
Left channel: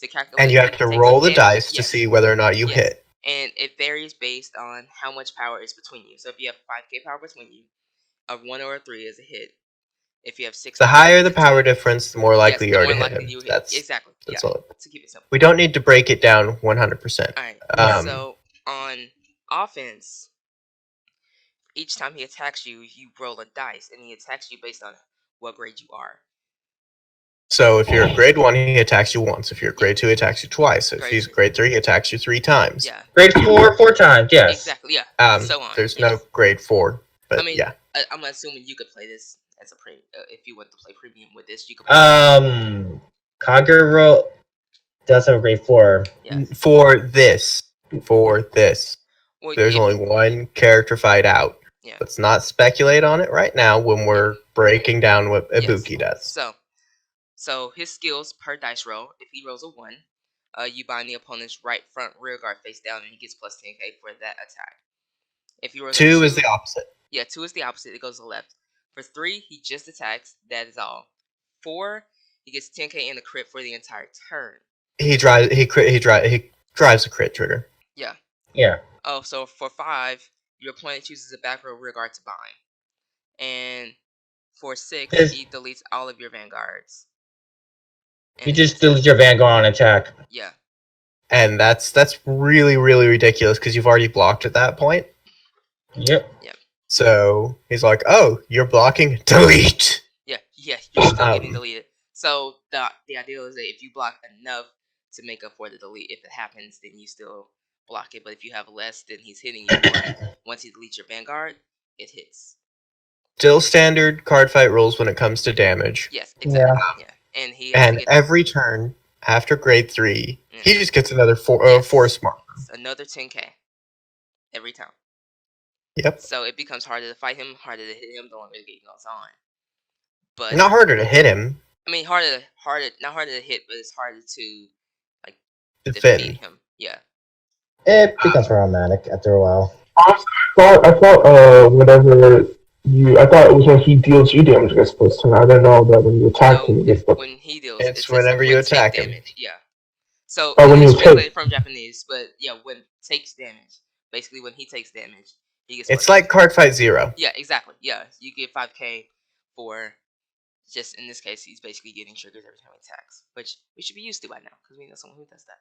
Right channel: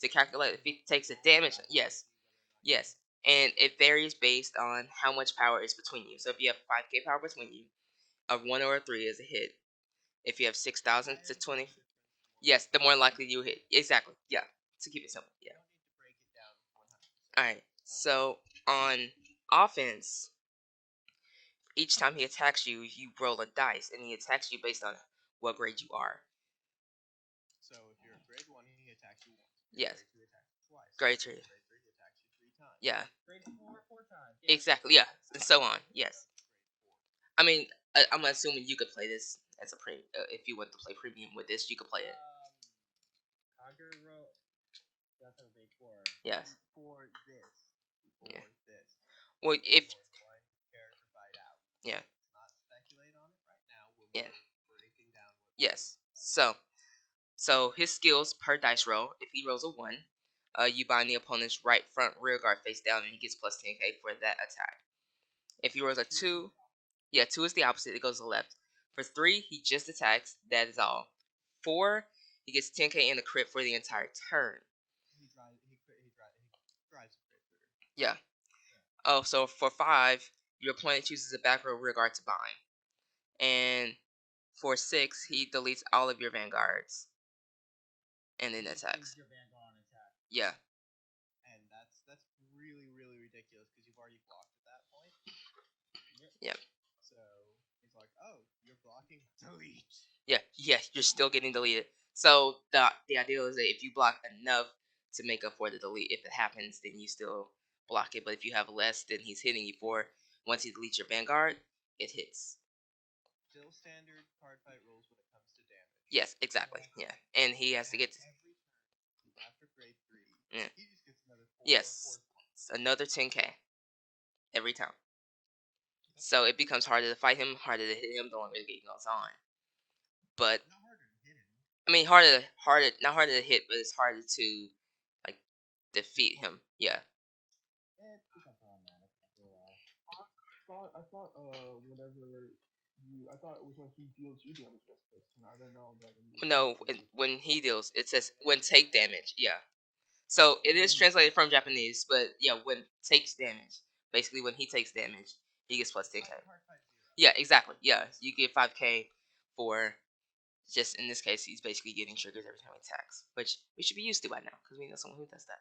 To calculate, And you have if to he takes roll a the damage- dice to yes. see whether or not you Yes. hit. And it varies based on how much power is between you. So if you have 5k power between you, a 1 or a 3 is a hit. If you have 6, The power higher the between power you, difference, the more likely yes, you the are more to hit likely him. you hit. That's Exactly. that's Yeah. all. To keep it simple. We don't need to break it down 100%. All right. Um, So on offense, each time he attacks you, you roll a dice, and he attacks you based on what grade you are. So if you're a grade 1, he attacks you once. If you're a grade 2, he attacks you twice. If Grade he's 3. grade 3, he attacks you 3 times. Yeah. Grade 4, 4 times. Yes. Exactly. Yeah. And so on. There's yes. no grade 4, but I mean, yeah. I'm assuming you could play this as a if you want to play premium with this, you could. Kagero does have a grade 4. Yeah. For this, Well, there's only one character fight out. Yeah. Let's not speculate on it right now when we're breaking down what Ibuki does. So his skills per dice roll. If he rolls a 1, you bind the opponent's right front rear guard face down, and he gets plus 10k for that attack. If he rolls 2 a is the opposite. Yeah, 2 is the opposite. It goes to the left. For 3, he just attacks. That is all. 4, he gets 10k in a crit for the entire turn. He drives a crit trigger. Yeah. Yeah. Oh, so for 5, your opponent chooses a back row rear guard to bind. And for 6, he deletes all of your vanguards. You just delete your Vanguard on attack. Yeah. And that's really, really ridiculous because you've already blocked at that point. Yep. So he's like, "Oh, you're blocking? Delete." Yeah, you're still getting deleted. So the idea is that if you block enough to make up for the delete, if it happens, then you still block it. But if you have less, then he's hitting you more. Once he deletes your Vanguard, it hits. still standard card fight rules when it comes to damage. Yes, exactly. Yeah. And he has And to get every turn after grade 3, Yeah. he just gets another Yes. force marker. another 10k every time. Yep. So it becomes harder to fight him, harder to hit him the longer the game goes on. But Not harder to hit him. I mean, not harder to hit, but it's harder to like Defend. defeat him. Yeah. It becomes problematic after a while. I thought whenever I thought it was when he deals you damage against first turn. I didn't know that when you attack him. When he deals, It's whenever you attack him. damage. Yeah. So when it's you translated from Japanese, but yeah, when takes damage. Basically, when he takes damage, he gets. It's like card fight 0. Yeah, exactly. Yeah, you get 5k for. Just in this case, he's basically getting triggers every time he attacks, which we should be used to by now because we know someone who does that.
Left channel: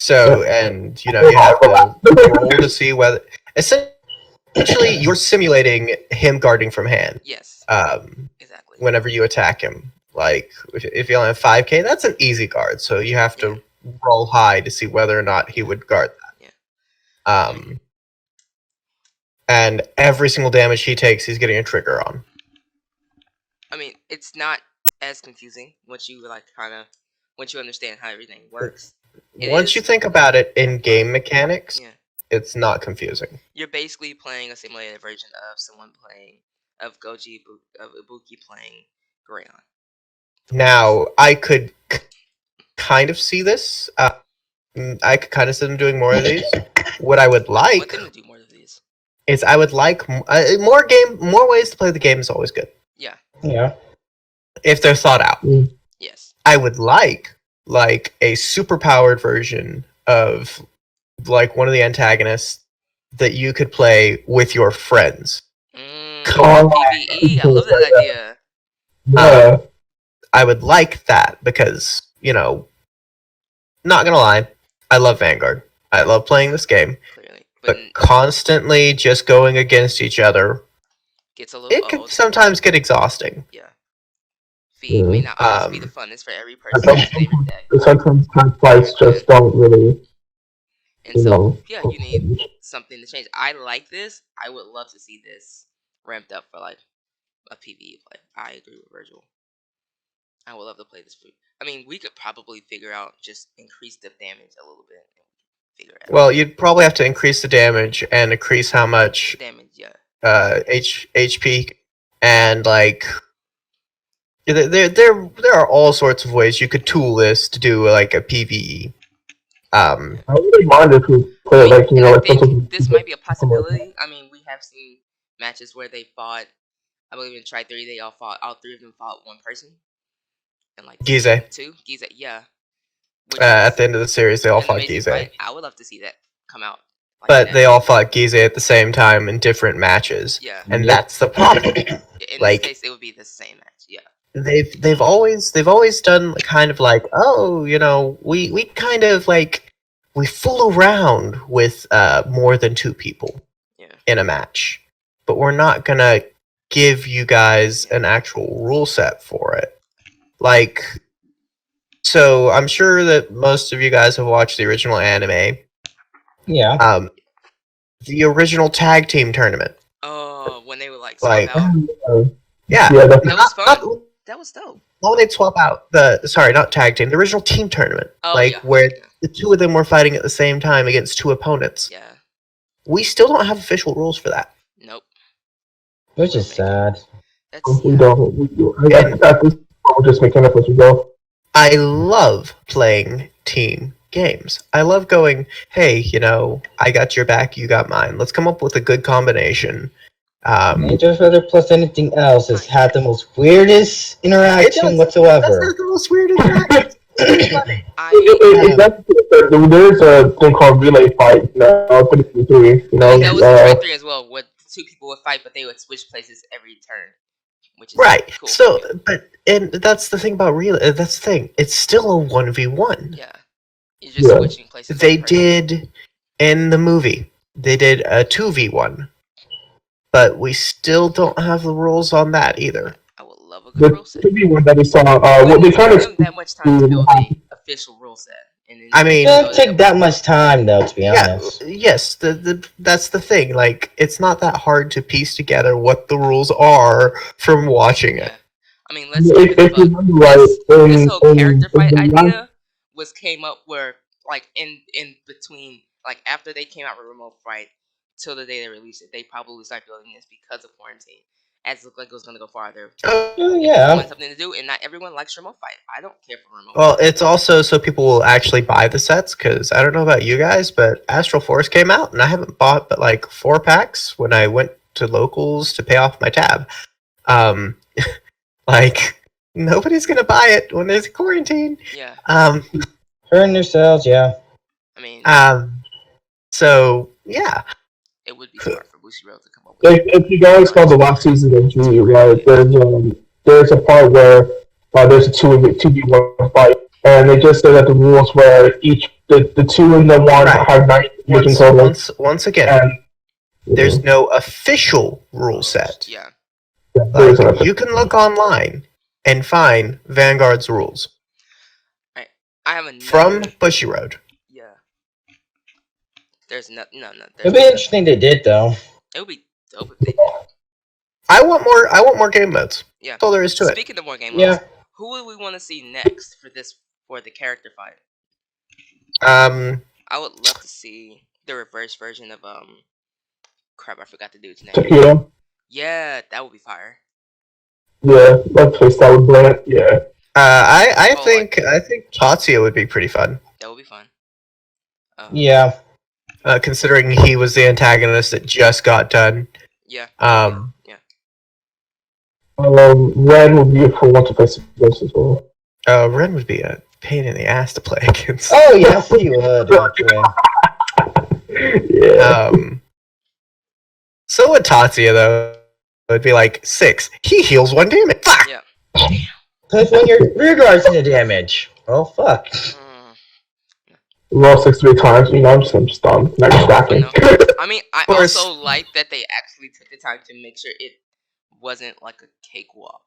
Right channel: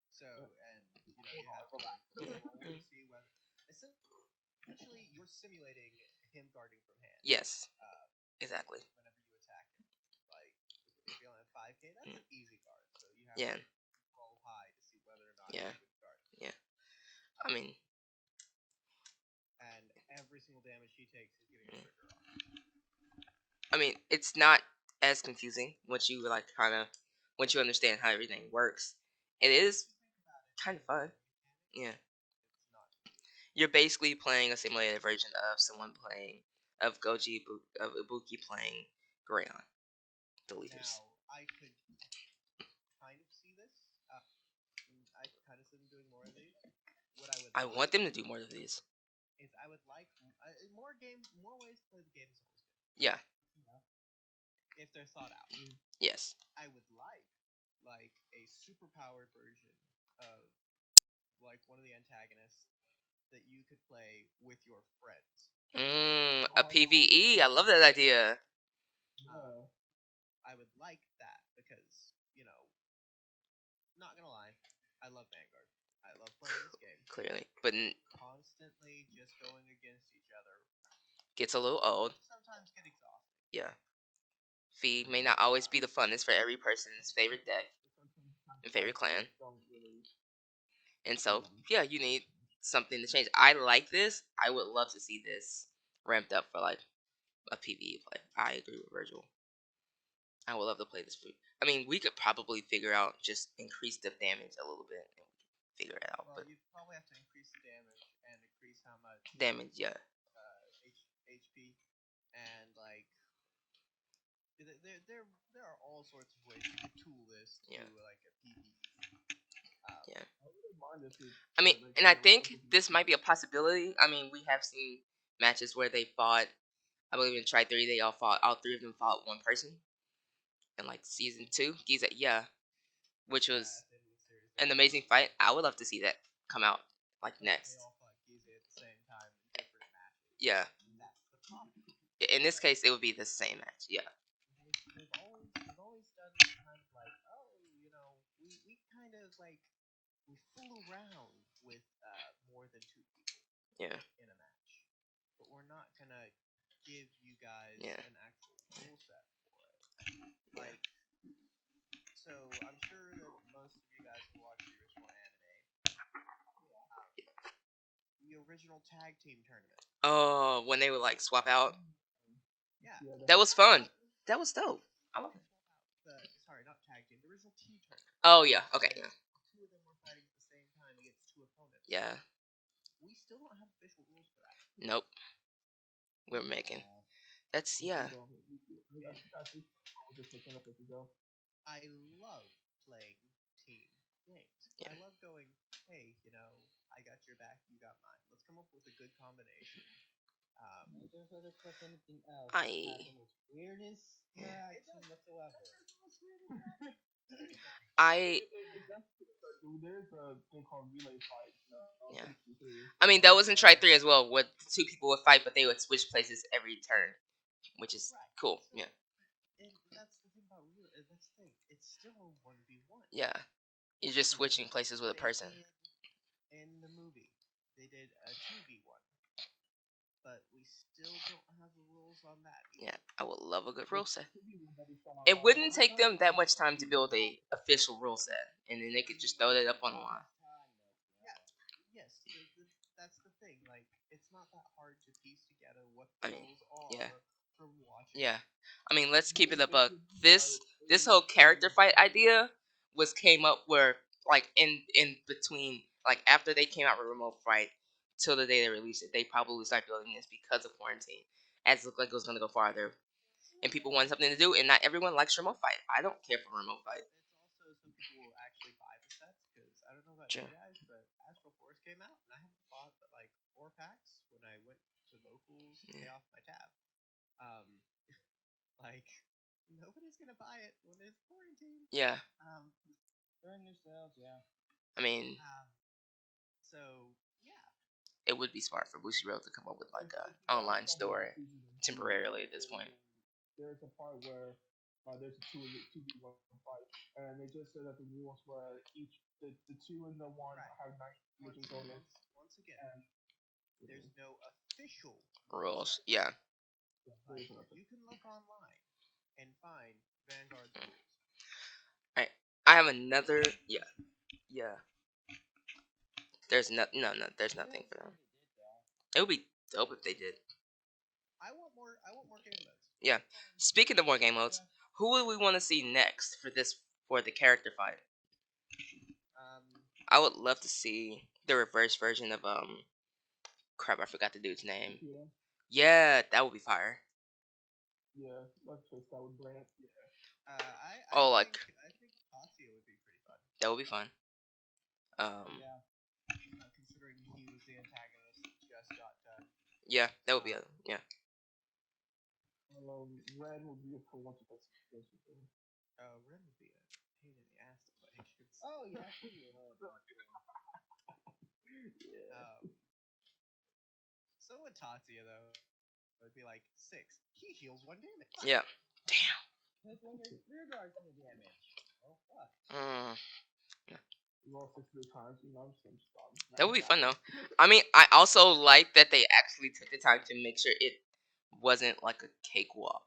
So, and you have to roll to see whether. Essentially, you're simulating him guarding from hand. Yes. Exactly. Whenever you attack him, like if you only have 5k, that's an easy guard. So you have to roll high to see whether or not he would guard that. Yeah. And every single damage he takes, he's getting a trigger on. I mean, it's not as confusing once you once you understand how everything works. Once you think about it in game mechanics, Yeah. it's not confusing. You're basically playing a simulated version of Ibuki playing Grayon. Now, I could kind of see this. I could kind of see them doing more of these. What I would Want like them to do more of these. is I would like more ways to play the game is always good. Yeah. Yeah. If they're thought out. Yes. I would like a super powered version of like one of the antagonists that you could play with your friends. PvE. I love that idea. Yeah. I would like that because, not gonna lie, I love Vanguard. I love playing this game. Clearly. But constantly just going against each other, Gets a little it can sometimes get exhausting. Yeah. Feed may not always be the funnest for every person every day. Sometimes time fights just don't really. And so, yeah, you need something to change. I like this. I would love to see this ramped up for like a PvE play. I agree with Virgil. I would love to play this. I mean, we could probably figure out just increase the damage a little bit. And figure it out. Well, you'd probably have to increase the damage and increase how much damage. Yeah. HP and like there are all sorts of ways you could tool this to do like a PvE. I wouldn't mind if we play like I think this might be a possibility. I mean, we have seen matches where they fought. I believe in Try 3, all three of them fought one person. And like Gize. Gize, yeah. At the end of the series, they all fought Gize. Gize. I would love to see that come out. Like but they all fought Gize at the same time in different matches. Yeah. And that's the problem. In this case, it would be the same match. Yeah. They've always done kind of like, we kind of like we fool around with more than 2 people in a match, but we're not gonna give you guys an actual rule set for it. Like, so I'm sure that most of you guys have watched the original anime. Yeah. The original tag team tournament. Oh, when they would like swap out. Yeah, that was fun. That was dope. Why would they swap out not tag team, the original team tournament? Where the 2 of them were fighting at the same time against 2 opponents. Yeah. We still don't have official rules for that. Nope. Which is sad. We don't. We're just making up as we go. I love playing team games. I love going, hey, I got your back, you got mine. Let's come up with a good combination. Major Feather plus anything else has had the most weirdest interaction whatsoever. That's not the most weird interaction. There's a thing called relay fight now. That was in Try 3 as well, where 2 people would fight, but they would switch places every turn. Which is right. Cool. So, and that's the thing about relay. That's the thing. It's still a 1v1. Yeah. You're just switching places. They did in the movie. They did a 2v1. But we still don't have the rules on that either. I would love a good rule set. The 2v1 that we saw, we kind of that much time to build a official rule set And then I mean- It doesn't take that much time, though, to be honest. Yes, that's the thing. Like, it's not that hard to piece together what the rules are from watching Yeah. it. I mean, let's keep it a If you buck. remember right, This whole character in fight the idea came up where like in between, like after they came out with Remote Fight till the day they released it, they probably started building this because of quarantine. As it looked like it was gonna go farther. Oh, If you yeah. want something to do, and not everyone likes Remote Fight. I don't care for Remote Well, Fight. it's also so people will actually buy the sets, because I don't know about you guys, but Astral Force came out, and I haven't bought but like 4 packs when I went to locals to pay off my tab. Like, nobody's gonna buy it when there's quarantine. Yeah. Hurting themselves, yeah. I mean, So yeah. it would be smart for Bushiroad to come up with. if you guys saw the last season of G, right, there's a part where there's a 2v1 fight, and they just said that the rules were the 2 and the 1 Right. have 9 in total. Once again, And there's no official rule set. Yeah. Like, you can look online and find Vanguard's rules I have another. from Bushiroad. Yeah. There's no. It'd be interesting they did, though. It would be dope if they did. I want more game modes. Yeah. That's all there is to it. Speaking of more game Yeah. modes, who would we want to see next for the character fight? I would love to see the reverse version of crap, I forgot the dude's name. Takeda? Yeah, that would be fire. Yeah, let's face that with Brant, yeah. I Oh, think Tatsuya would be pretty fun. That would be fun. Yeah. Considering he was the antagonist that just got done. Yeah. Yeah. Ren would be a full one to face against as well. Ren would be a pain in the ass to play against. Oh, yes, he would, actually. Yeah. So would Tatsuya, though. It would be like 6. He heals 1 damage. Fuck! Yeah. Because when your rear guard's in the damage. Oh, fuck. Roll 6 times, I'm just done. Not stacking. I mean, I course. also like that they actually took the time to make sure it wasn't like a cakewalk.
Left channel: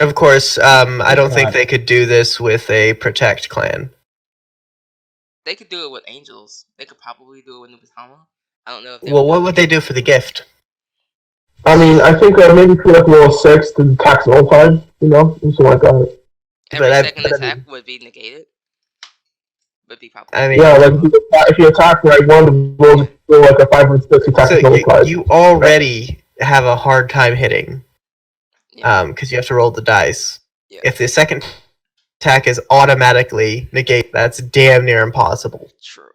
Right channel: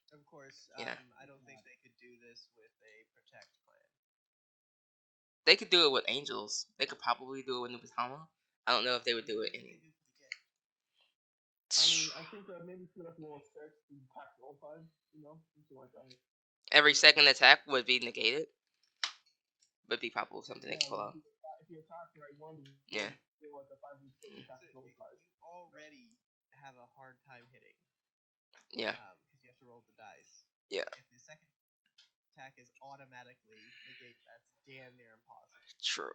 Of course, I don't think God. they could do this with a Protect clan. They could do it with Angels. They could probably do it with Nubitama. I don't know if they Well, what would they do for the gift? I mean, I think maybe for like roll 6 to tax all time, something like that. Every But second attack would be negated. Would be probably. I mean, Yeah, like if you attack like one of the rolls, do like a 5 and 6 attack so multiplied. you already have a hard time hitting, Yeah. because you have to roll the dice. Yeah. If the second attack is automatically negate, that's damn near impossible. True.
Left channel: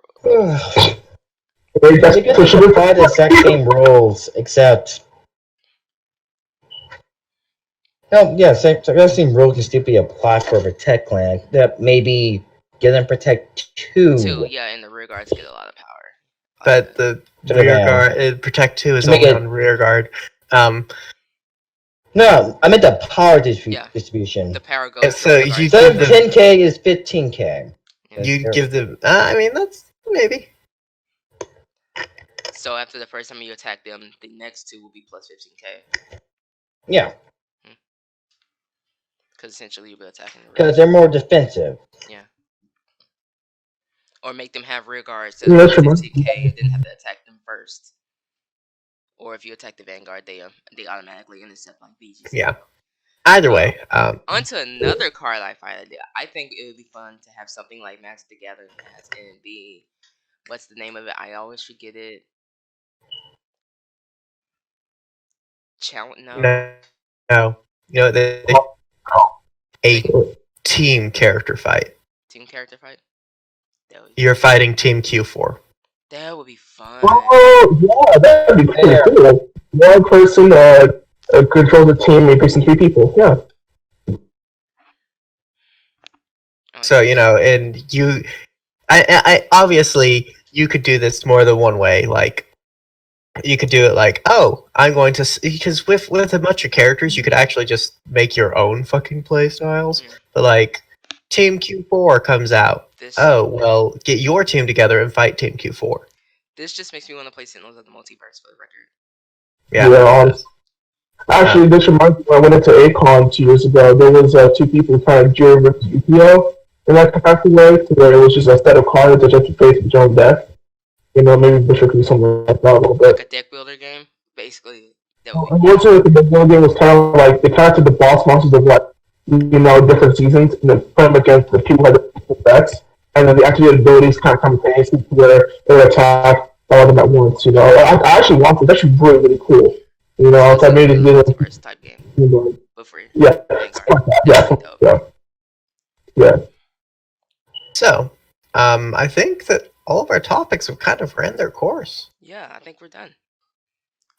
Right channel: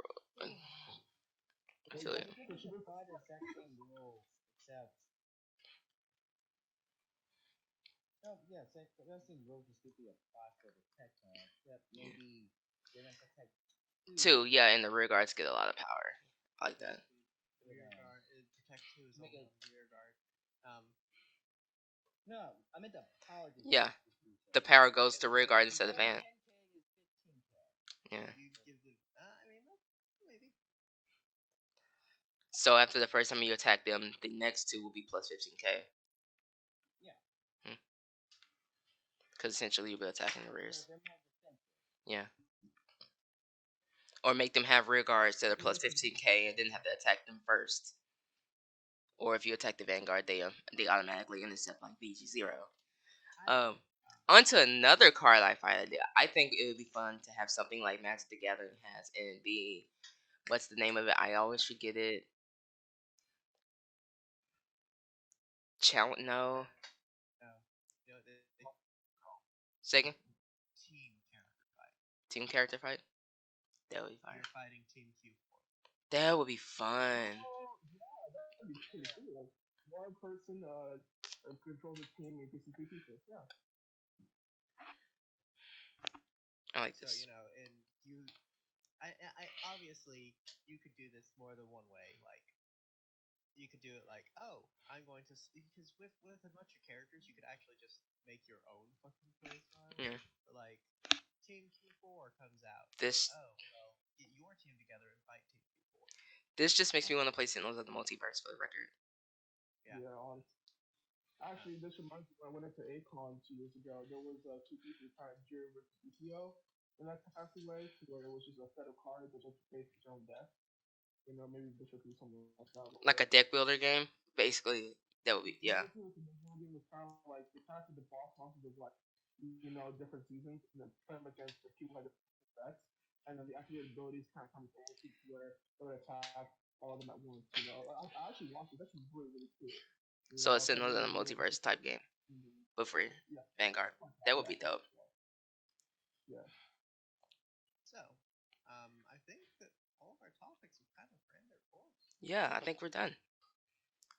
They just You push could it apply the exact same rules, except... No, yeah, the same rule can still be applied for a Protect clan. That maybe give them Protect 2. 2, yeah, and the rear guards get a lot of power. But the To rear the guard, Protect 2 is To make only it- on rear guard. No, I meant the power Yeah. distribution. The power goes. So to the you guards. Instead of the- 10k is 15k. You give them. I mean, that's maybe. So after the first time you attack them, the next 2 will be plus 15k. Yeah, Because essentially you'll be attacking the rear. because they're more defensive. Or make them have rear guards Yeah, that that's plus true. 15k, then have to attack them first. Or if you attack the Vanguard, they automatically intercept like BGC. Yeah. Either way, On to another card I find idea. I think it would be fun to have something like Master Together as and be what's the name of it? I always forget it. no. You know, a team character fight. Team character fight. You're fighting Team Q4. That would be fun. Oh, yeah, that'd be pretty Yeah. cool. One person controls the team, you're facing 3 people, yeah. So and I obviously you could do this more than one way. Like, you could do it like, oh, I'm going to, because with a bunch of characters, you could actually just make your own fucking play styles. Yeah. But like, Team Q4 comes out. This, Oh, well, get your team together and fight Team Q4. This just makes me want to play Sentinels of the Multiverse for the record. Yeah. honestly. Actually, this reminds me, when I went into Acon 2 years ago, there was 2 people trying to Jiro versus UPO, in that capacity way, to where it was just a set of cards that just face each own death. Maybe Bishop could do something like that a little bit. Like a deck builder game, basically. That would be Unfortunately, the game was kind of like they kind of took the boss monsters of different seasons and then put them against the people who had the bets, and then the activated abilities kind of simultaneously to where they would attack all of them at once. I actually want it. It's actually really really cool. So I made it multiverse type game, but free. Yeah, yeah. So, I think that all of our topics have kind of ran their course. Yeah, I think we're done.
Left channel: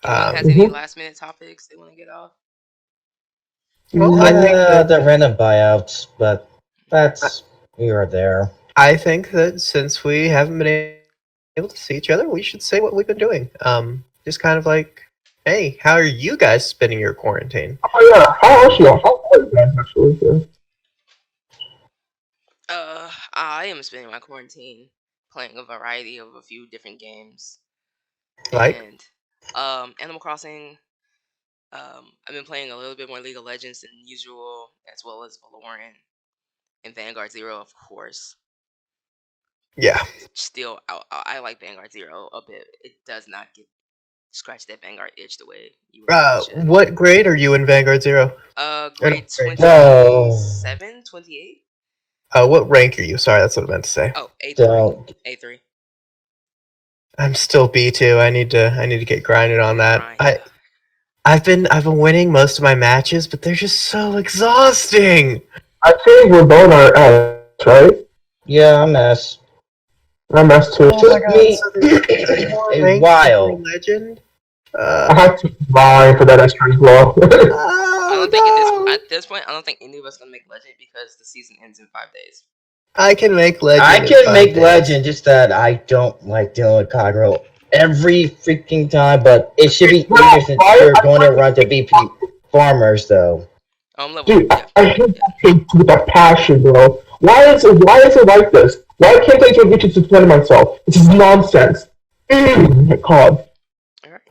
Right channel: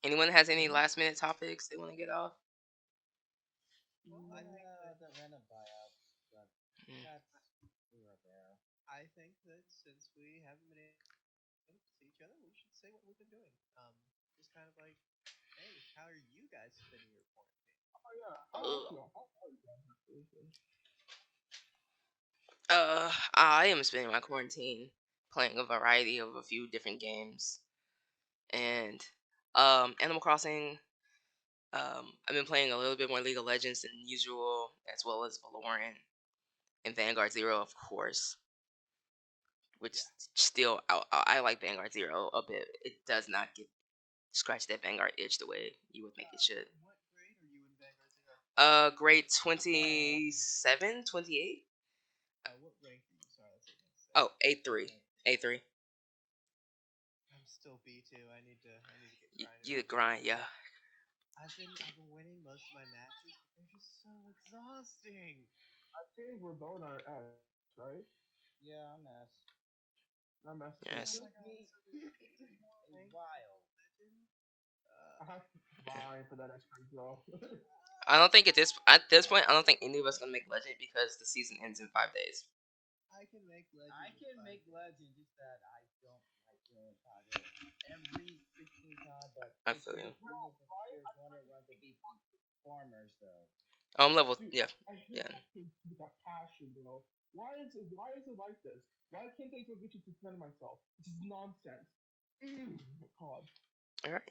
Anyone has any last minute topics they want to get off? Well, I think the random buyouts, but we are there. I think that since we haven't been able to see each other, we should say what we've been doing. Just kind of like, hey, how are you guys spending your quarantine? Oh yeah, how are you guys actually? Yeah. I am spending my quarantine playing a variety of a few different games. Like? And Animal Crossing. I've been playing a little bit more League of Legends than usual, as well as Valorant and Vanguard Zero, of course. Yeah. Still, I like Vanguard Zero a bit. It does not scratch that Vanguard itch the way you should. What grade are you in Vanguard Zero? Grade 27, 28. What rank are you? Sorry, that's what I meant to say. Oh, A3. A3. I'm still B2. I need to get grinded on that. I've been winning most of my matches, but they're just so exhausting. I think we're both are S, right? Yeah, I'm S. I'm S too. It's just me a while. Legend. I have to buy for that extra as well. I don't think at this point, I don't think any of us gonna make Legend because the season ends in 5 days. I can make Legend. I can make Legend, just that I don't like dealing with Kagero every freaking time, but it should be easier since you're going to run to BP farmers, though. Dude, I hate that thing with that passion, bro. Why is it like this? Why can't I just get to defend myself? This is nonsense. My God.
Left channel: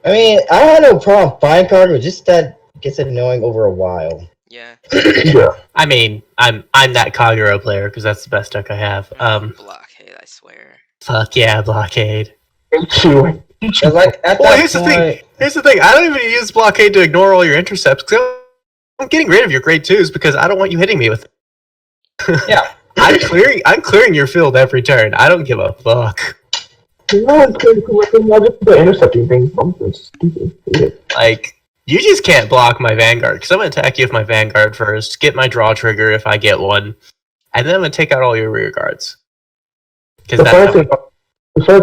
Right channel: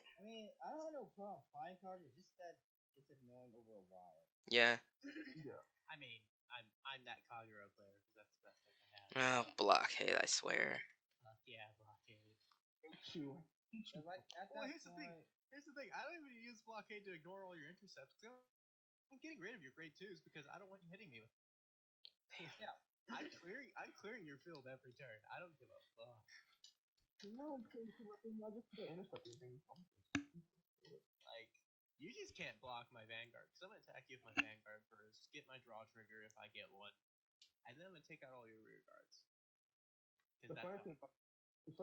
I mean, I had no problem buying Kagero, just that it gets annoying over a while. Yeah. Yeah. I mean, I'm that Kagero player because that's the best deck I have. Blockade, I swear. Fuck yeah, Blockade. Like at Well, that here's point, the thing. I don't even use Blockade to ignore all your intercepts. Cause I'm getting rid of your grade 2s because I don't want you hitting me with. yeah. I'm clearing your field every turn. I don't give a fuck. No, it's just the intercepting thing. It's stupid. Like, you just can't block my Vanguard because I'm gonna attack you with my Vanguard first, get my draw trigger if I get one, and then I'm gonna take out all your rear guards. The funny thing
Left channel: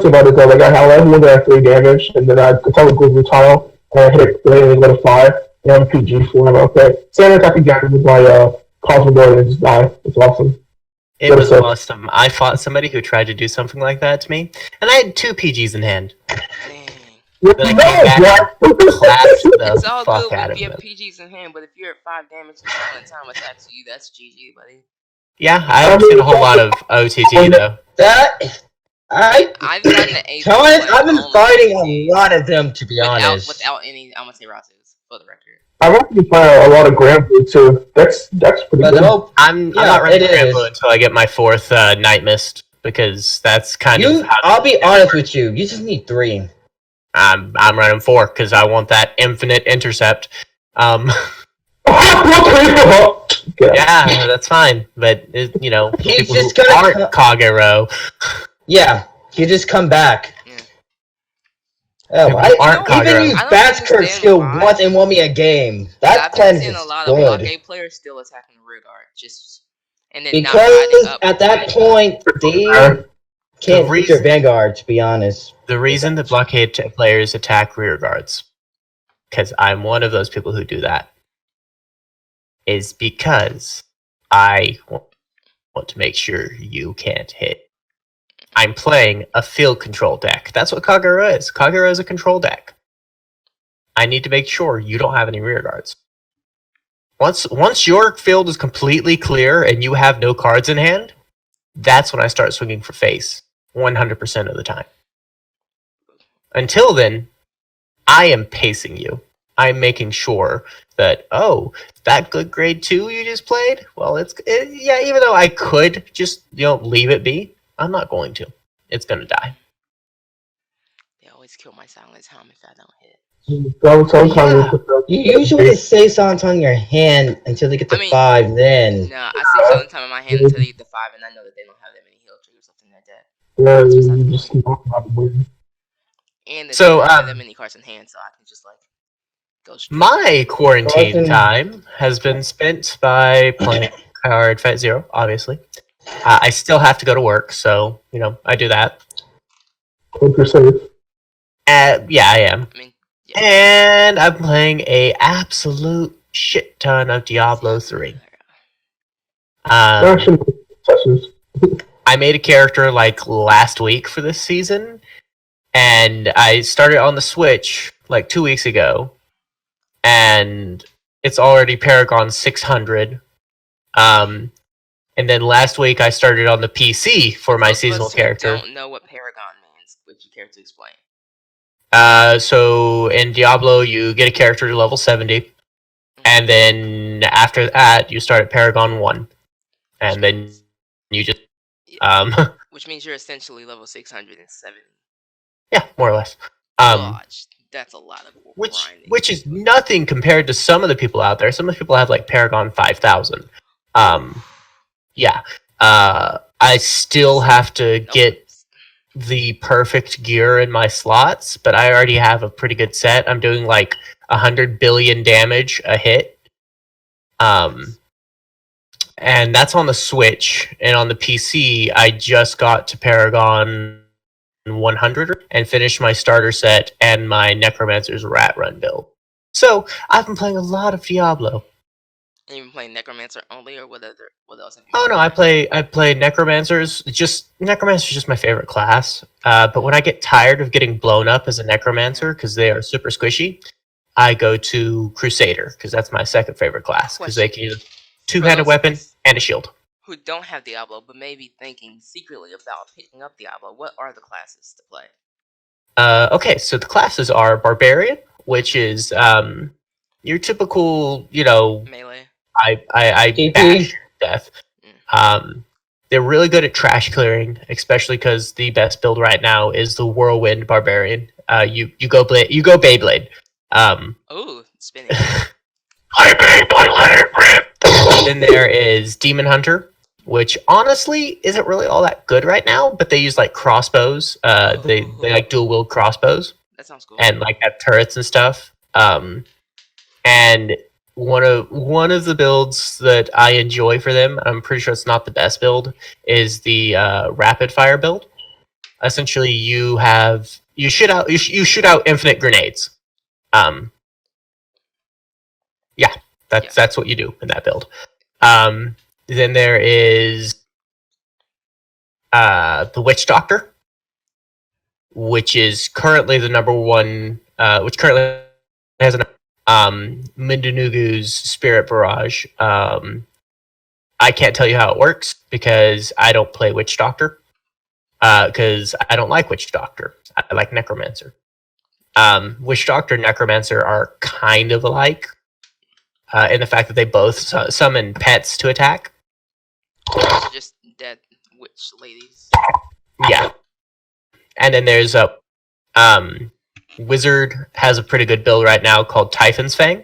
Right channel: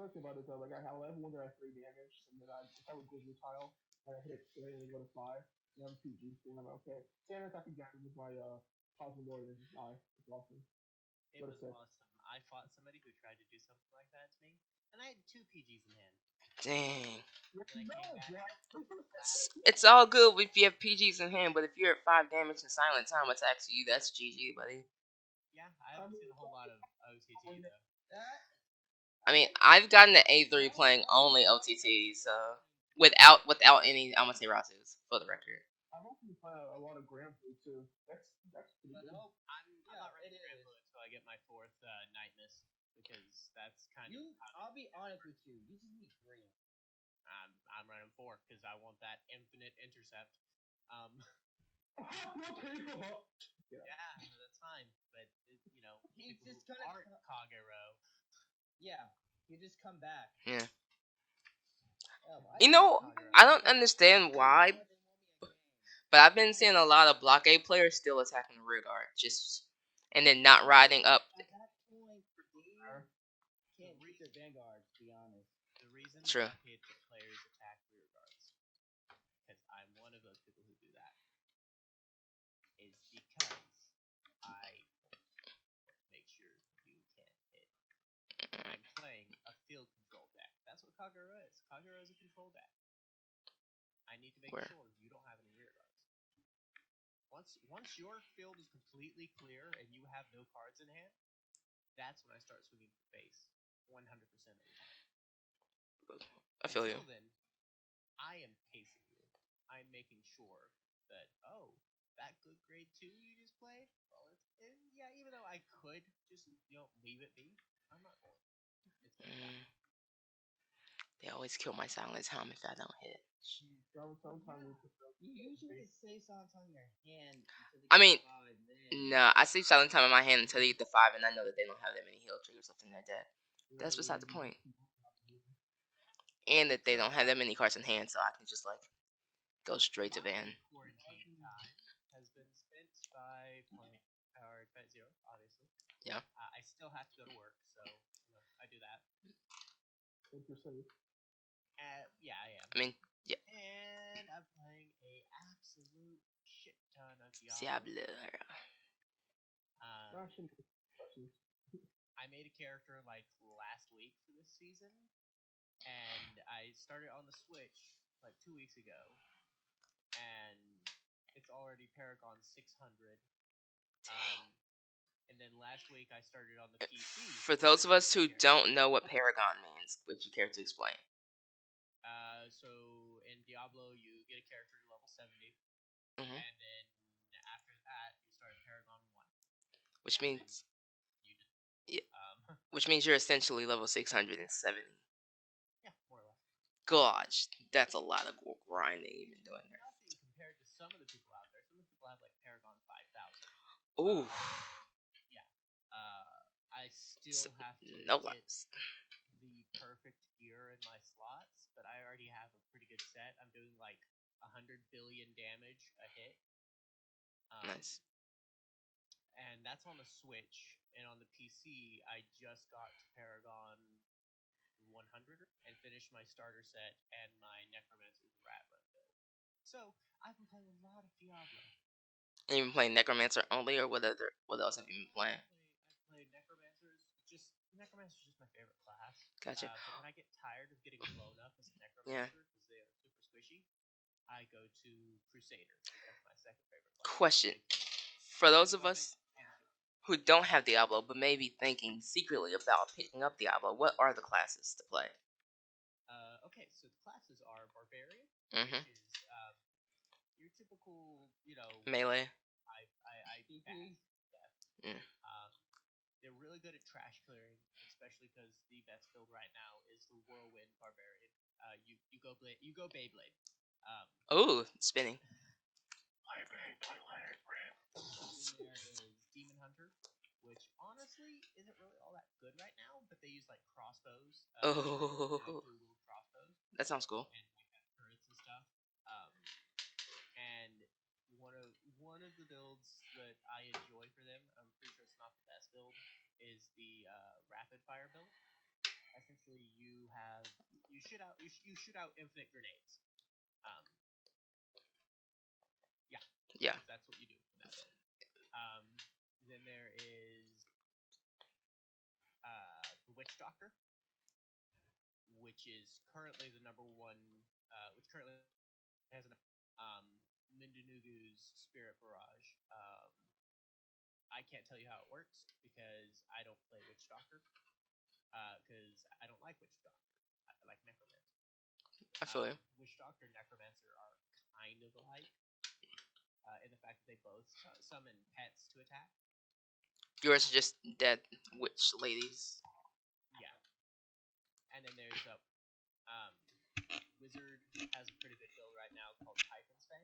about it is that like I have one that has 3 damage, and then I tell it goes to tile, and I hit it and go to 5, and I'm PG for him. Okay, same attack again with my Cosmic Guard and just die. It's awesome. It was awesome. I fought somebody who tried to do something like that to me, and I had 2 PGs in hand. Dang. Then I came back and clapped the It's all fuck good out if of you have them. PGs in hand, but if you're at 5 damage and someone at time attacks you, that's GG, buddy. Yeah, I haven't seen a whole lot of OTT though. I've gotten an A3 I've been fighting a lot of them, to be honest. Without any Amaterasus, for the record. I've actually played a lot of Grand Blue too. That's pretty good. I'm not running Grand Blue until I get my 4th Night Mist because that's kind of. I'll be honest with you. You just need 3. I'm running 4 because I want that infinite intercept. Yeah, that's fine. But people who aren't Kagero. Yeah, you just come back. Oh, even use Batskirk skill once and won me a game. That plan is good. I've been seeing a lot of blockade players still attacking the rear guard, because at that point they can't reach your Vanguard. To be honest, the reason the blockade players attack rear guards, because I'm one of those people who do that, is because I want to make sure you can't hit. I'm playing a field control deck. That's what Kagero is. Kagero is a control deck. I need to make sure you don't have any rear guards. Once your field is completely clear and you have no cards in hand, that's when I start swinging for face 100% of the time. Until then, I am pacing you. I'm making sure that, oh, that good grade 2 you just played, well, yeah, even though I could just, leave it be, I'm not going to. It's going to die. They always kill my silent time if I don't hit. You usually save silent on your hand until they get to 5, then. No, I save silent time in my hand until they get to 5, and I know that they don't have that many heal triggers left in their deck. That's besides the point. And they don't have that many cards in hand, so I can just go straight. My quarantine time has been spent by playing card Fight Zero, obviously. I still have to go to work, so, I do that. Hope you're safe. Yeah, I am. Yeah. And I'm playing a absolute shit ton of Diablo 3. I made a character last week for this season, and I started on the Switch 2 weeks ago, and it's already Paragon 600. And then last week I started on the PC for my seasonal character. I don't know what Paragon means. Would you care to explain? So in Diablo, you get a character to level 70, and then after that, you start at Paragon 1, and then you just which means you're essentially level 670. Yeah, more or less. That's a lot of grinding. Which is nothing compared to some of the people out there. Some of the people have Paragon 5000. Yeah. I still have to get the perfect gear in my slots, but I already have a pretty good set. I'm doing 100 billion damage a hit. And that's on the Switch. And on the PC, I just got to Paragon 100 and finished my starter set and my Necromancer's Rat Run build. So I've been playing a lot of Diablo. And you've been playing Necromancer only, or what else have you? Oh no, I play Necromancers. Necromancer's just my favorite class. But when I get tired of getting blown up as a Necromancer because they are super squishy, I go to Crusader because that's my second favorite class because they can use a two-handed weapon and a shield. Who don't have Diablo but may be thinking secretly about picking up Diablo, what are the classes to play? Okay, so the classes are Barbarian, which is your typical, melee. I bash death. They're really good at trash clearing, especially because the best build right now is the Whirlwind Barbarian. You go Beyblade. Oh, spinning. I Beyblade, let it rip. Then there is Demon Hunter, which honestly isn't really all that good right now, but they use crossbows. They dual wield crossbows. That sounds cool. And have turrets and stuff. And one of the builds that I enjoy for them, I'm pretty sure it's not the best build, is the rapid fire build. Essentially, you shoot out infinite grenades. That's what you do in that build. Then there is the Witch Doctor, which is currently the number one. Which currently has an Mindanugu's Spirit Barrage. I can't tell you how it works because I don't play Witch Doctor. Because I don't like Witch Doctor. I like Necromancer. Witch Doctor and Necromancer are kind of alike in the fact that they both summon pets to attack. Just dead witch ladies. Yeah. And then there's a Wizard has a pretty good build right now called Typhon's Fang.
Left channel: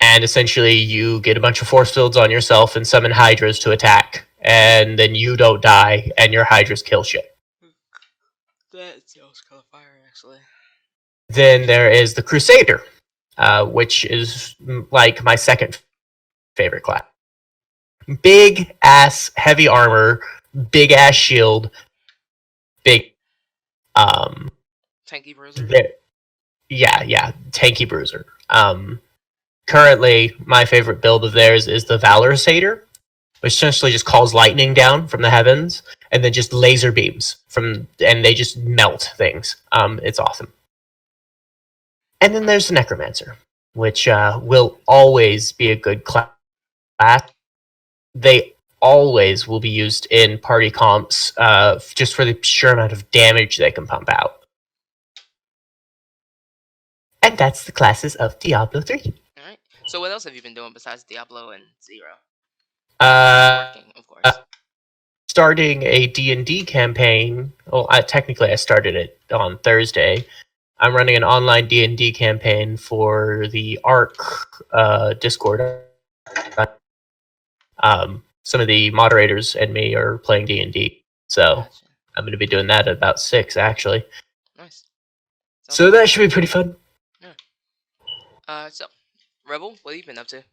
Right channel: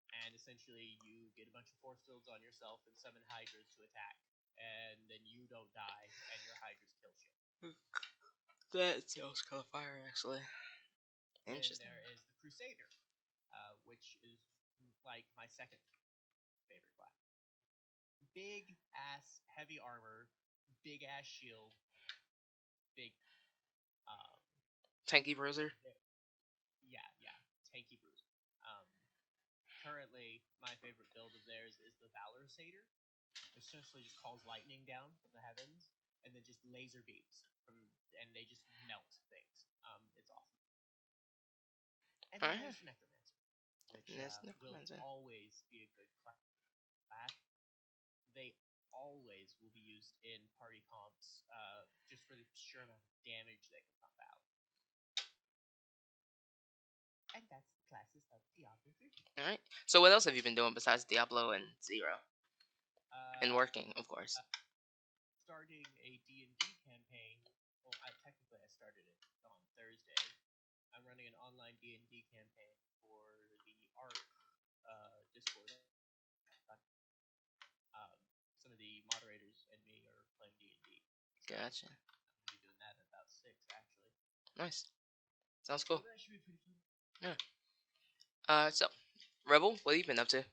And essentially you get a bunch of force fields on yourself and summon Hydras to attack. And then you don't die and your Hydras kill shit. That sounds kind of fire, actually. Then there is the Crusader, which is my second favorite class. Big ass heavy armor, big ass shield, big tanky bruiser. Yeah, tanky bruiser. Currently my favorite build of theirs is the Valor Satyr, which essentially just calls lightning down from the heavens and then just laser beams and they just melt things. It's awesome. And then there's the Necromancer, which will always be a good class. They always will be used in party comps just for the sheer amount of damage they can pump out. And that's the classes of Diablo 3. All right. So what else have you been doing besides Diablo and Zero? Working, of course. Starting a D&D campaign. Well, technically I started it on Thursday. I'm running an online D&D campaign for the ARC Discord. Some of the moderators and me are playing D&D, so Gotcha. I'm going to be doing that at about 6, actually. Nice. So that should be pretty fun. So, Rebel, what have you been up to?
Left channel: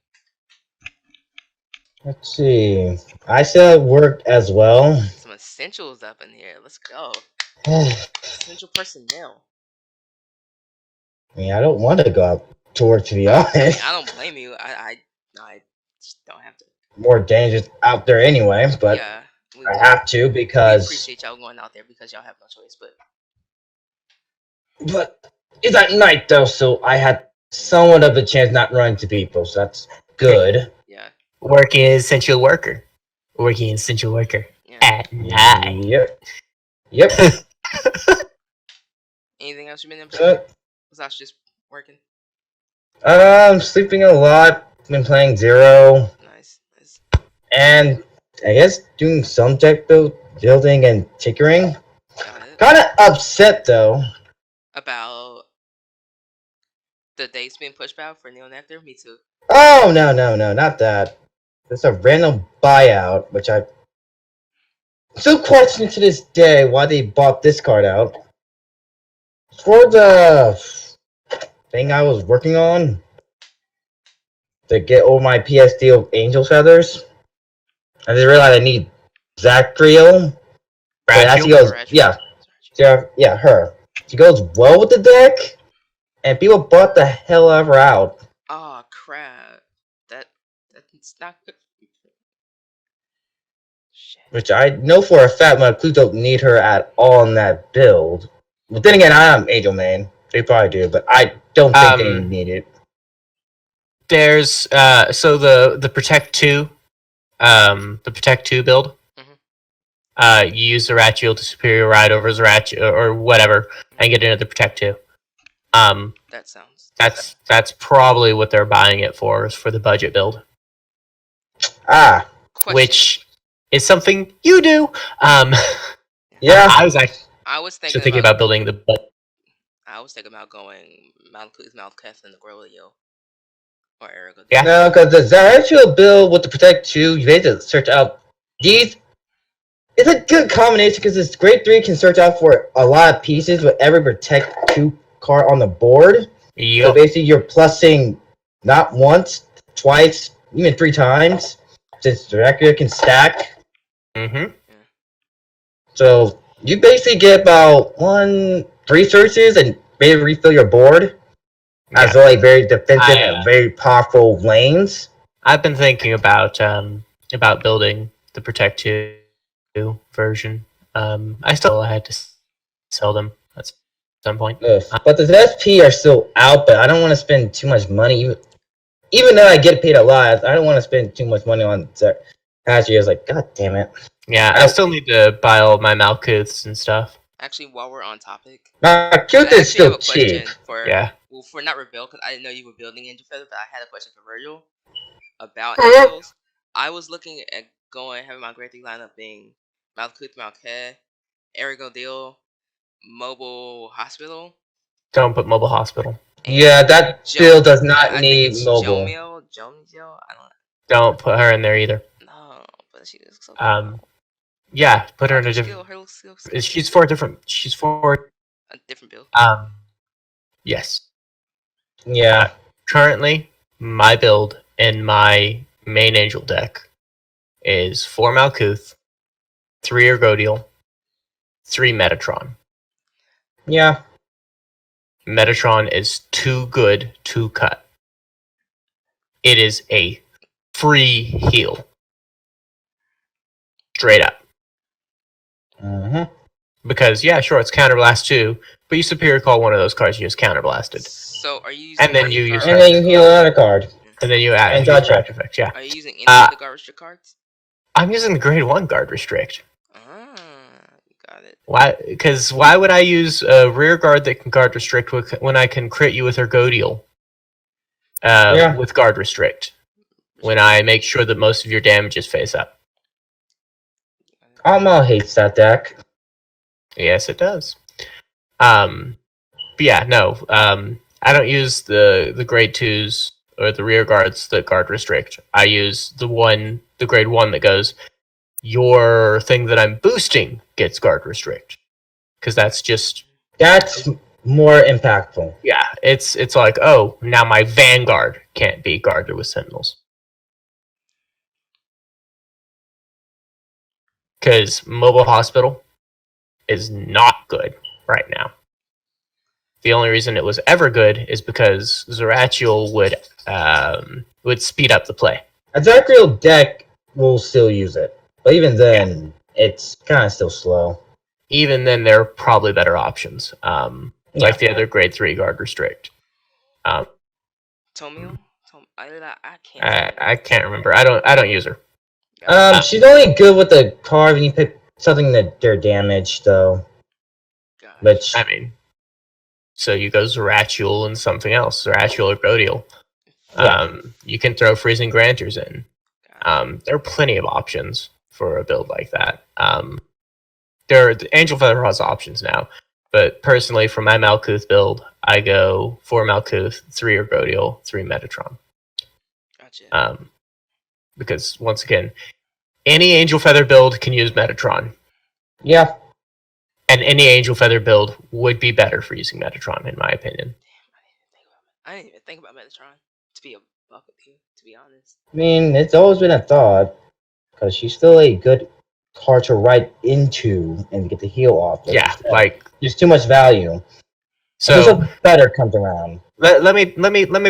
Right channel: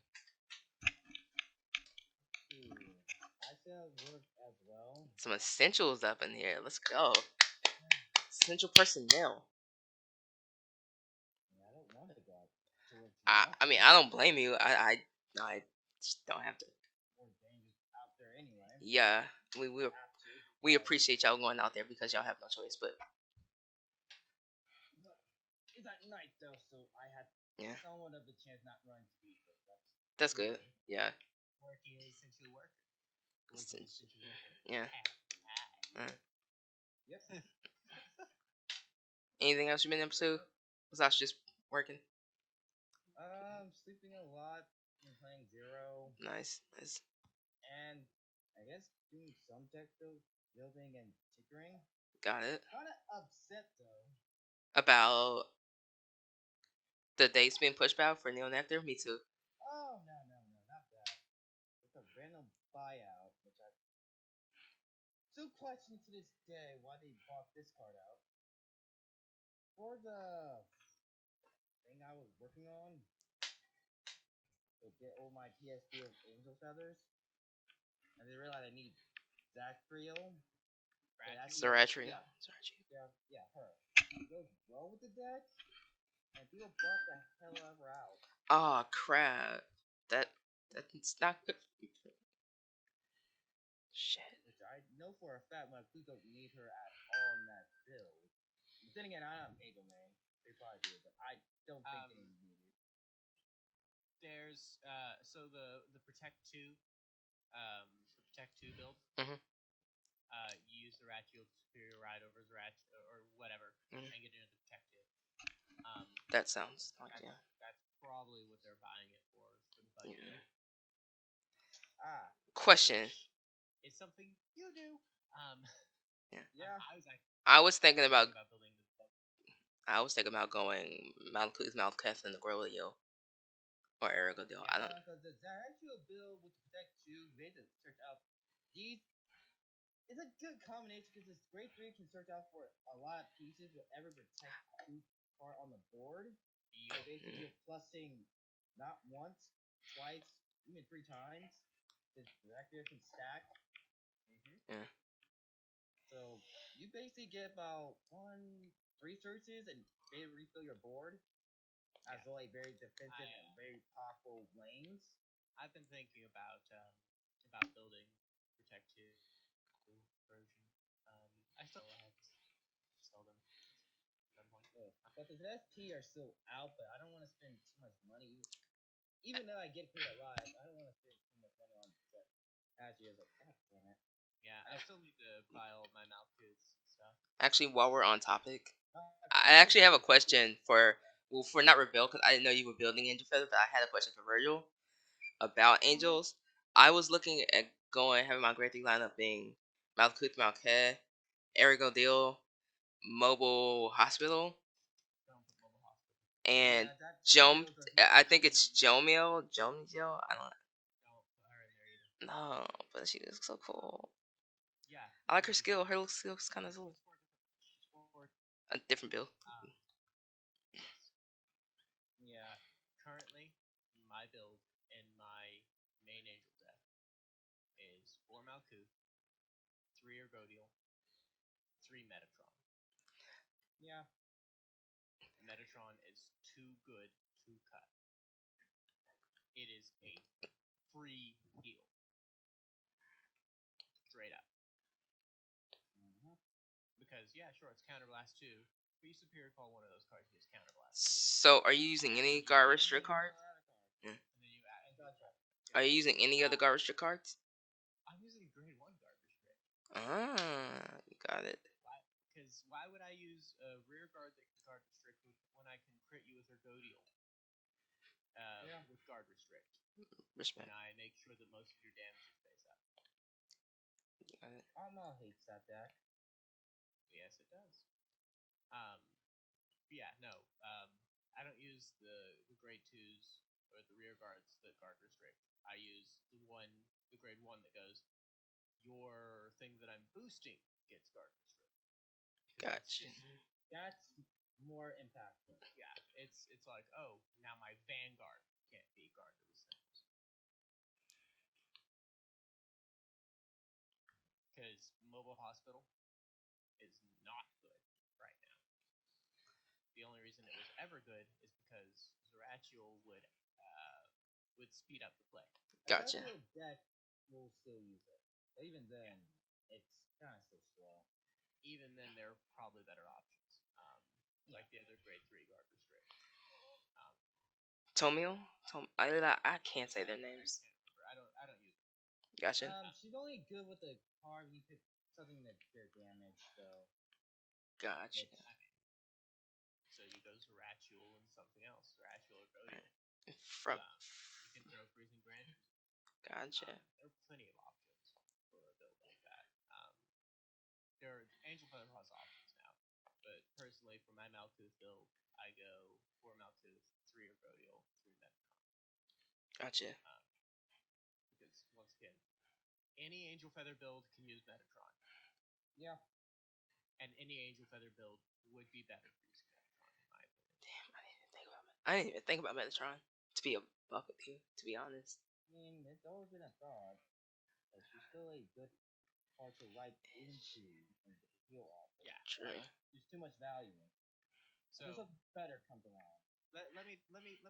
Let's see. I still at work as well. Some essentials up in here. Let's go. I Essential personnel. mean, I don't want to go out to work, to be honest. I mean, I don't blame you. I just don't have to. More dangerous out there anyway, but Yeah, I have to we because. appreciate y'all going out there because y'all have no choice. But it's at night though, so I had somewhat of a chance not running to people, so that's good. Yeah. Working as essential worker. Working as essential worker. Yeah. At night. Yep. Anything else you been into? Besides just working. Sleeping a lot. Been playing Zero, Nice. and I guess doing some tech building and tinkering. Got it. Kind of upset though. About the dates being pushed back for Neil Nectar? Me too. Oh no, not that. It's a random buyout, which I still question to this day why they bought this card out. For the thing I was working on to get over my PSD of Angel Feathers, I just realized I need Zachriel. Yeah, her. She goes well with the deck, and people bought the hell out of her out. Oh crap! That's not good. Shit. Which I know for a fact my Clues don't need her at all in that build. But then again, I am Angel Main. They probably do, but I don't think they need it. There's so the Protect 2 build. Mhm. You use Zerachiel to superior ride over Zerachiel or whatever and get into the Protect 2. That sounds. That's probably what they're buying it for, is for the budget build. Ah, Question. Which is something you do. yeah. I was actually I was thinking, thinking about building the. I was thinking about going Malkuth and the Grolio. Or Erigo. Yeah. No, because the Zerachiel build with the Protect 2, you need to search out these. It's a good combination because this Grade 3 can search out for a lot of pieces with every Protect 2 card on the board. Yep. So basically, you're plussing not once, twice, even 3 times, since Zerachiel can stack. Mm-hmm. So you basically get about 3 searches and maybe refill your board. As well, like very defensive and very powerful lanes. I've been thinking about building the Protect 2 version. I still had to sell them at some point. But the SP are still out, but I don't want to spend too much money. Even though I get paid a lot, I don't want to spend too much money on past years. Like, god damn it. Yeah, I still need to buy all my Malkuths and stuff. Actually, while we're on topic, Malkuth is still cheap. For not Reveal, because I didn't know you were building Angel Feather, but I had a question for Virgil about Angels. I was looking at having my Grade 3 lineup being Malkuth, Malkeh, Erigodil, Mobile Hospital. Don't put Mobile Hospital. Yeah, that build does not need mobile. Jomio? Don't put her in there either. No, but she looks so cool. Yeah, put her in a different. She's for a different build. Yes. Yeah. Currently, my build in my main Angel deck is 4 Malkuth, 3 Ergodiel, 3 Metatron. Yeah. Metatron is too good to cut. It is a free heal. Straight up. Because, yeah, sure, it's Counterblast too, but you superior call one of those cards you just counterblasted. So, are you using and then you heal another card. And then you add and dodge effects, yeah. Are you using any of the guard restrict cards? I'm using the Grade 1 guard restrict. Got it. Why? Because why would I use a rear guard that can guard restrict when I can crit you with Ergodial? Yeah. With guard restrict. When I make sure that most of your damage is face up. Alma hates that deck. Yes, it does. But yeah, no. I don't use the grade 2s or the rear guards that guard restrict. I use the grade 1 that goes, your thing that I'm boosting gets guard restrict. Because that's more impactful. Yeah, it's like, oh, now my Vanguard can't be guarded with Sentinels. Because Mobile Hospital is not good right now. The only reason it was ever good is because Zeratul would speed up the play. A Zeratul deck will still use it, but even then, it's kind of still slow. Even then, there are probably better options, like the other grade 3 guard restrict. Tomio? I can't. I can't remember. I don't use her. She's only good with the card when you pick something that they're damaged, though. Which I mean, so you go Zeratul and something else, Zeratul or Godiel. You can throw Freezing Granters in. There are plenty of options for a build like that. The Angel Feather has options now, but personally, for my Malkuth build, I go 4 Malkuth, 3 Ergodiel, 3 Metatron. Gotcha. Because once again, any Angel Feather build can use Metatron. Yeah. And any Angel Feather build would be better for using Metatron, in my opinion. I didn't even think about Metatron, to be a buck with you, to be honest. I mean, it's always been a thought, because she's still a good card to write into and get the heal off. Yeah, like there's too much value. So something better comes around. Let me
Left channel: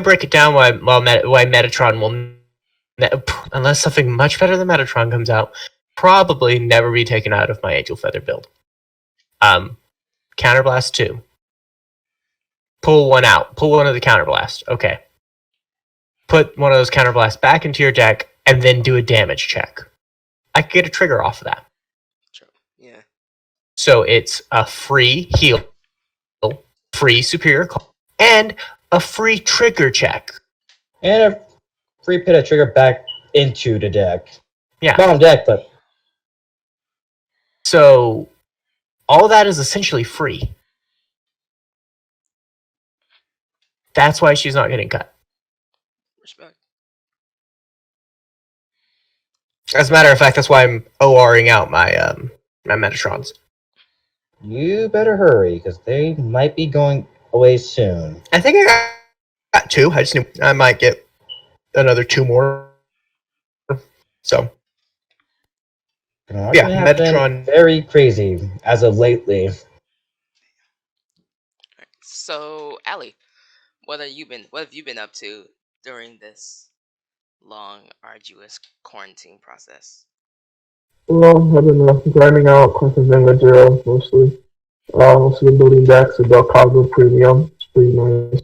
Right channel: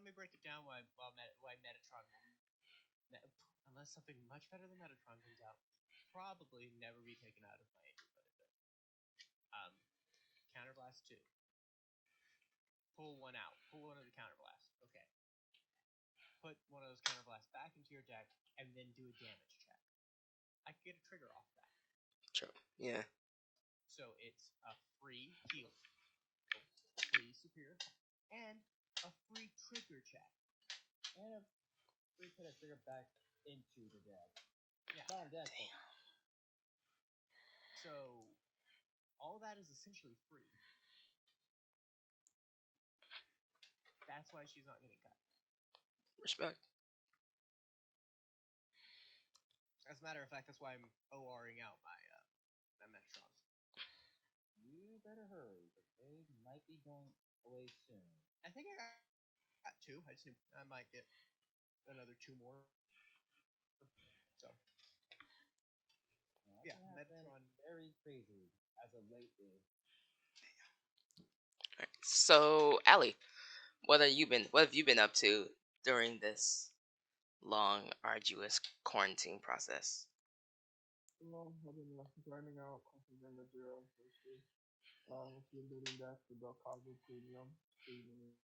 break it down why Metatron will, unless something much better than Metatron comes out, probably never be taken out of my Angel Feather build. Counterblast 2. Pull one out. Pull one of the Counterblast. Okay. Put one of those Counterblasts back into your deck, and then do a damage check. I could get a trigger off of that. Sure. Yeah. So it's a free heal, free superior call, and a free trigger check. And a free pit a trigger back into the deck. Yeah. Bottom deck, but so all that is essentially free. That's why she's not getting cut. Respect. As a matter of fact, that's why I'm ORing out my my Metatrons. You better hurry, because they might be going away soon. I think I got 2. I just knew I might get another 2 more. So yeah, Metatron very crazy as of lately. So, Allie, what have you been up to during this long, arduous quarantine process? Well, I've been grinding out Crimson Vanguard Zero mostly. Also been building decks with Belcago Premium. It's pretty nice.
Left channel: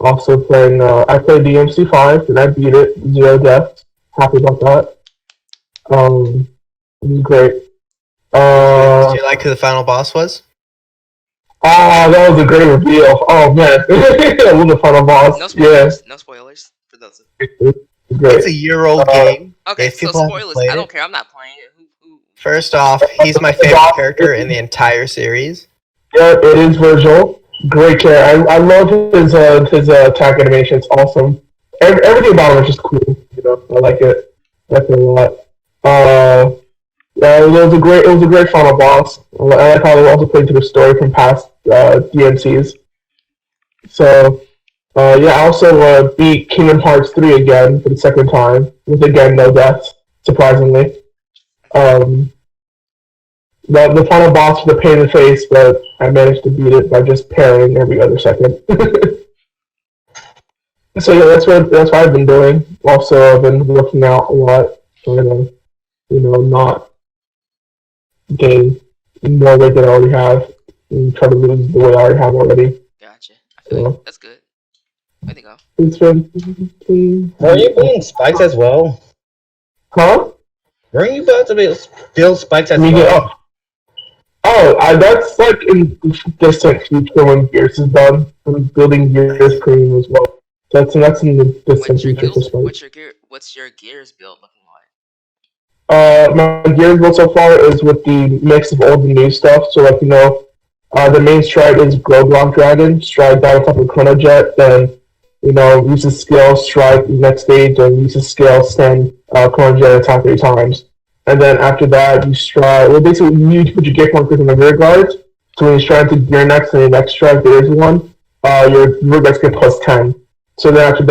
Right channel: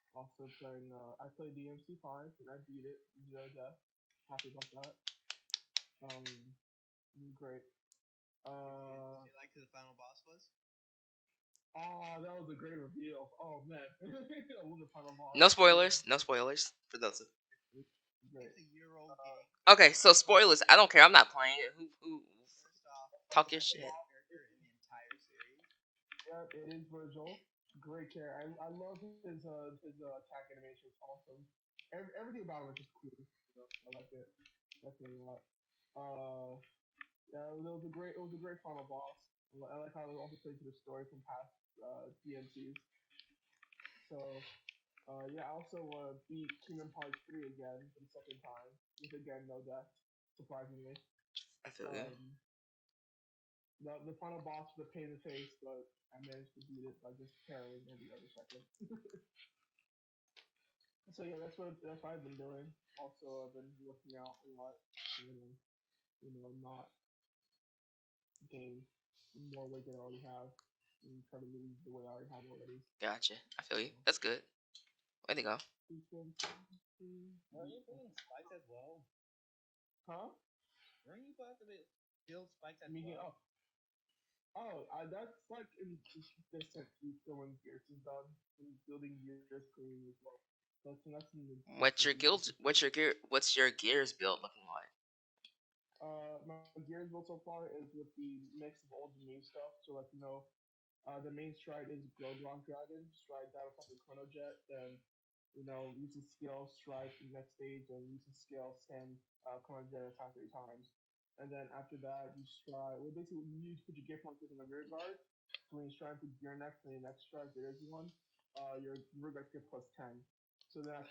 Also playing, I played DMC5 and I beat it, 0 deaths. Happy about that. It was great. Did you like who the final boss was? That was a great reveal. Oh man, I love the final boss. No spoilers. Yeah. No spoilers for those. Great. It's a year-old game. Okay, so spoilers. I don't care. I'm not playing it. First off, he's my favorite character in the entire series. Yeah, it is Virgil. Great character. I love his attack animation. It's awesome. Everything about him is just cool. You know, I like it. I like it a lot. Yeah, it was a great final boss. I like how they also played to the story from past DMCs. So, yeah, I also beat Kingdom Hearts 3 again for the second time, with again no deaths, surprisingly. The final boss was a pain in the face, but I managed to beat it by just parrying every other second. So yeah, that's what I've been doing. Also, I've been working out a lot, trying to, not gain more weight than I already have, and try to lose the weight I already have already. Gotcha. I feel you. That's good. Way to go. It's been. Are you building spikes as well? Huh? Weren't you about to build spikes as well? Oh, that's like in distant future when Gears is done. I'm building Gears Premium as well. That's in the distant future for Spike. What's your gears build looking like? My Gears build so far is with the mix of old and new stuff. So like the main stride is Glowblock Dragon, stride down on top of Chrono Jet, then uses skill strike next stage and uses skill stand Chrono Jet attack 3 times. And then after that you stride basically you put your gear pointers in the rear guards. So when you stride to gear next and your next stride there is one, your rear guards get +10. So then after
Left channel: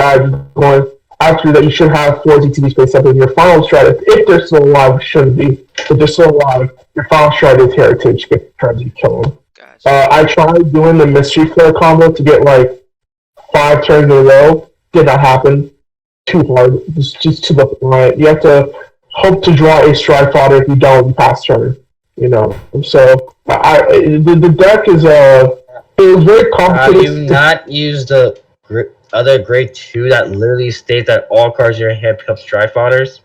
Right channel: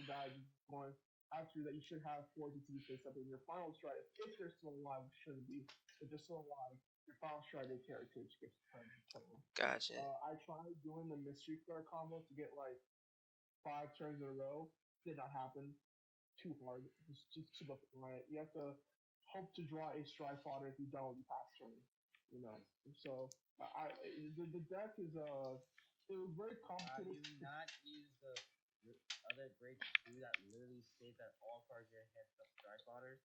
that you should have 4 ZTB space up in your final stride. If they're still alive, which shouldn't be. If they're still alive, your final stride is Heritage, trying to kill them. Gotcha. I tried doing the Mystery Flare combo to get like 5 turns in a row. Did not happen. Too hard. It's just too much reliant. You have to hope to draw a stride fodder. If you don't, you pass turn. So the deck is it was very complicated. Have you not used the other grade 2 that literally states that all cards in your hand become stride fodders?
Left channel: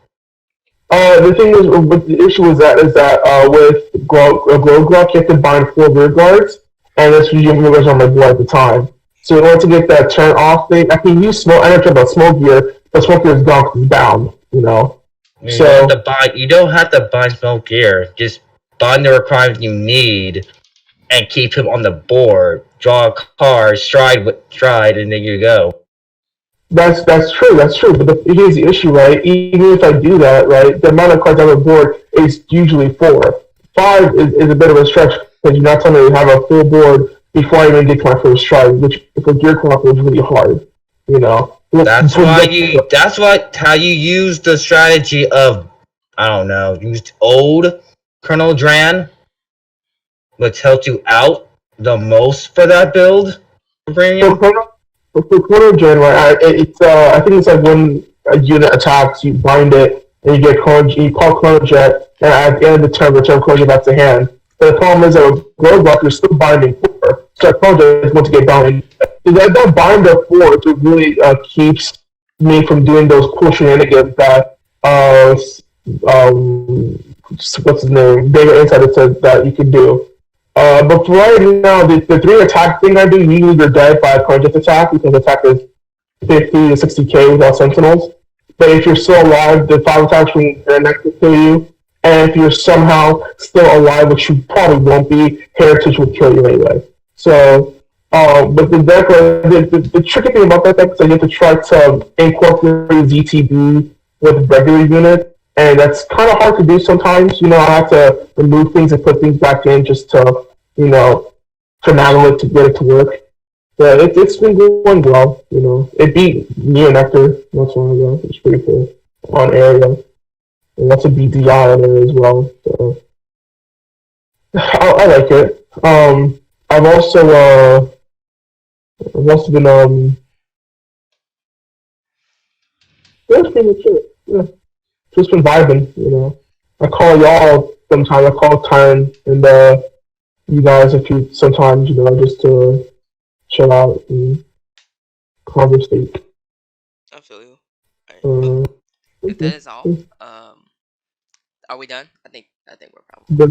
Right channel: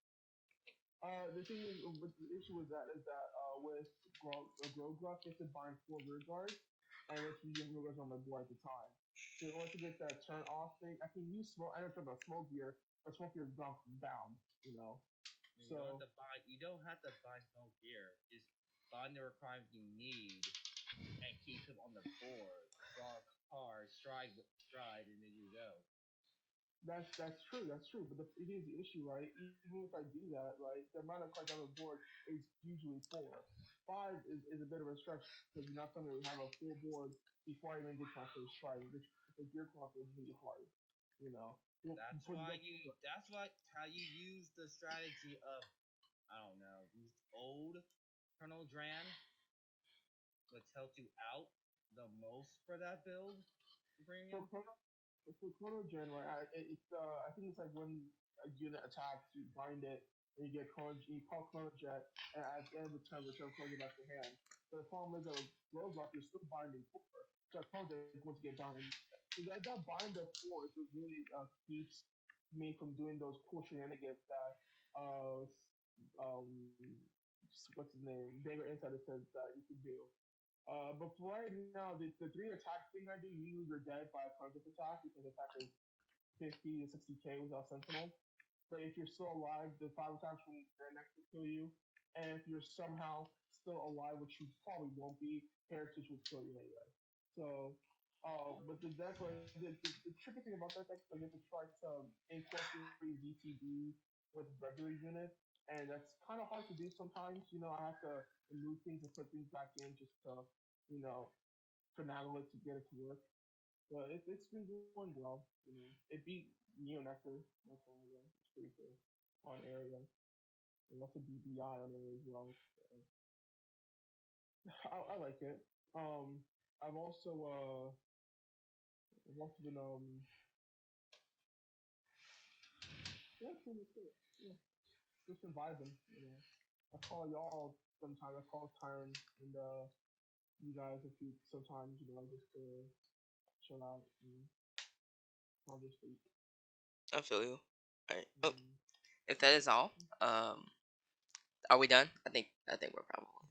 The thing is, what the issue is that with Glowblock, you have to bind 4 rear guards, and that's usually rear guards on my board at the time. So in order to get that turn off thing, I can use smoke. I don't care about smoke gear, but smoke gear is gone because it's bound. You don't have to bind smoke gear. Just bind the requirements you need, and keep him on the board. Draw a card, stride, and there you go. That's true. But here's the issue, right? Even if I do that, right, the amount of cards on the board is usually 4. 5 is a bit of a stretch because you're not telling me to have a full board before I even get to my first stride, which for gear co-op is really hard. That's how you use the strategy of used old Colonel Dran, which helped you out the most for that build. For Chrono Gen, right? I think it's like when a unit attacks, you bind it, and you call Chrono Jet, and at the end of the turn, return Chrono Jet back to hand. But the problem is that with Glowblock, you're still binding 4, so Chrono Jet is going to get bound. That bind of 4 it really keeps me from doing those cool shenanigans that what's his name? Vega Insider said that you can do. But for right now, the 3 attack thing I do, usually they're dead by a Conject attack, because attack is 50 to 60k without sentinels. But if you're still alive, the 5 attacks from their next will kill you. And if you're somehow still alive, which you probably won't be, Heritage will kill you anyway. So, but the deck, the tricky thing about that deck is that you have to try to incorporate ZTB with regular units. And that's kind of hard to do sometimes. I have to remove things and put things back in just to, finagle it to get it to work. But it's been going well. It beat Neo Nectar not so long ago. It's pretty cool on area, and that's a BDI on there as well. So I like it. I've also been that's pretty much it. Yeah. Just been vibing. I call y'all sometimes. I call Tyron and you guys sometimes, just to chill out and conversate. I feel you. If that is all, are we done? I think we're probably. But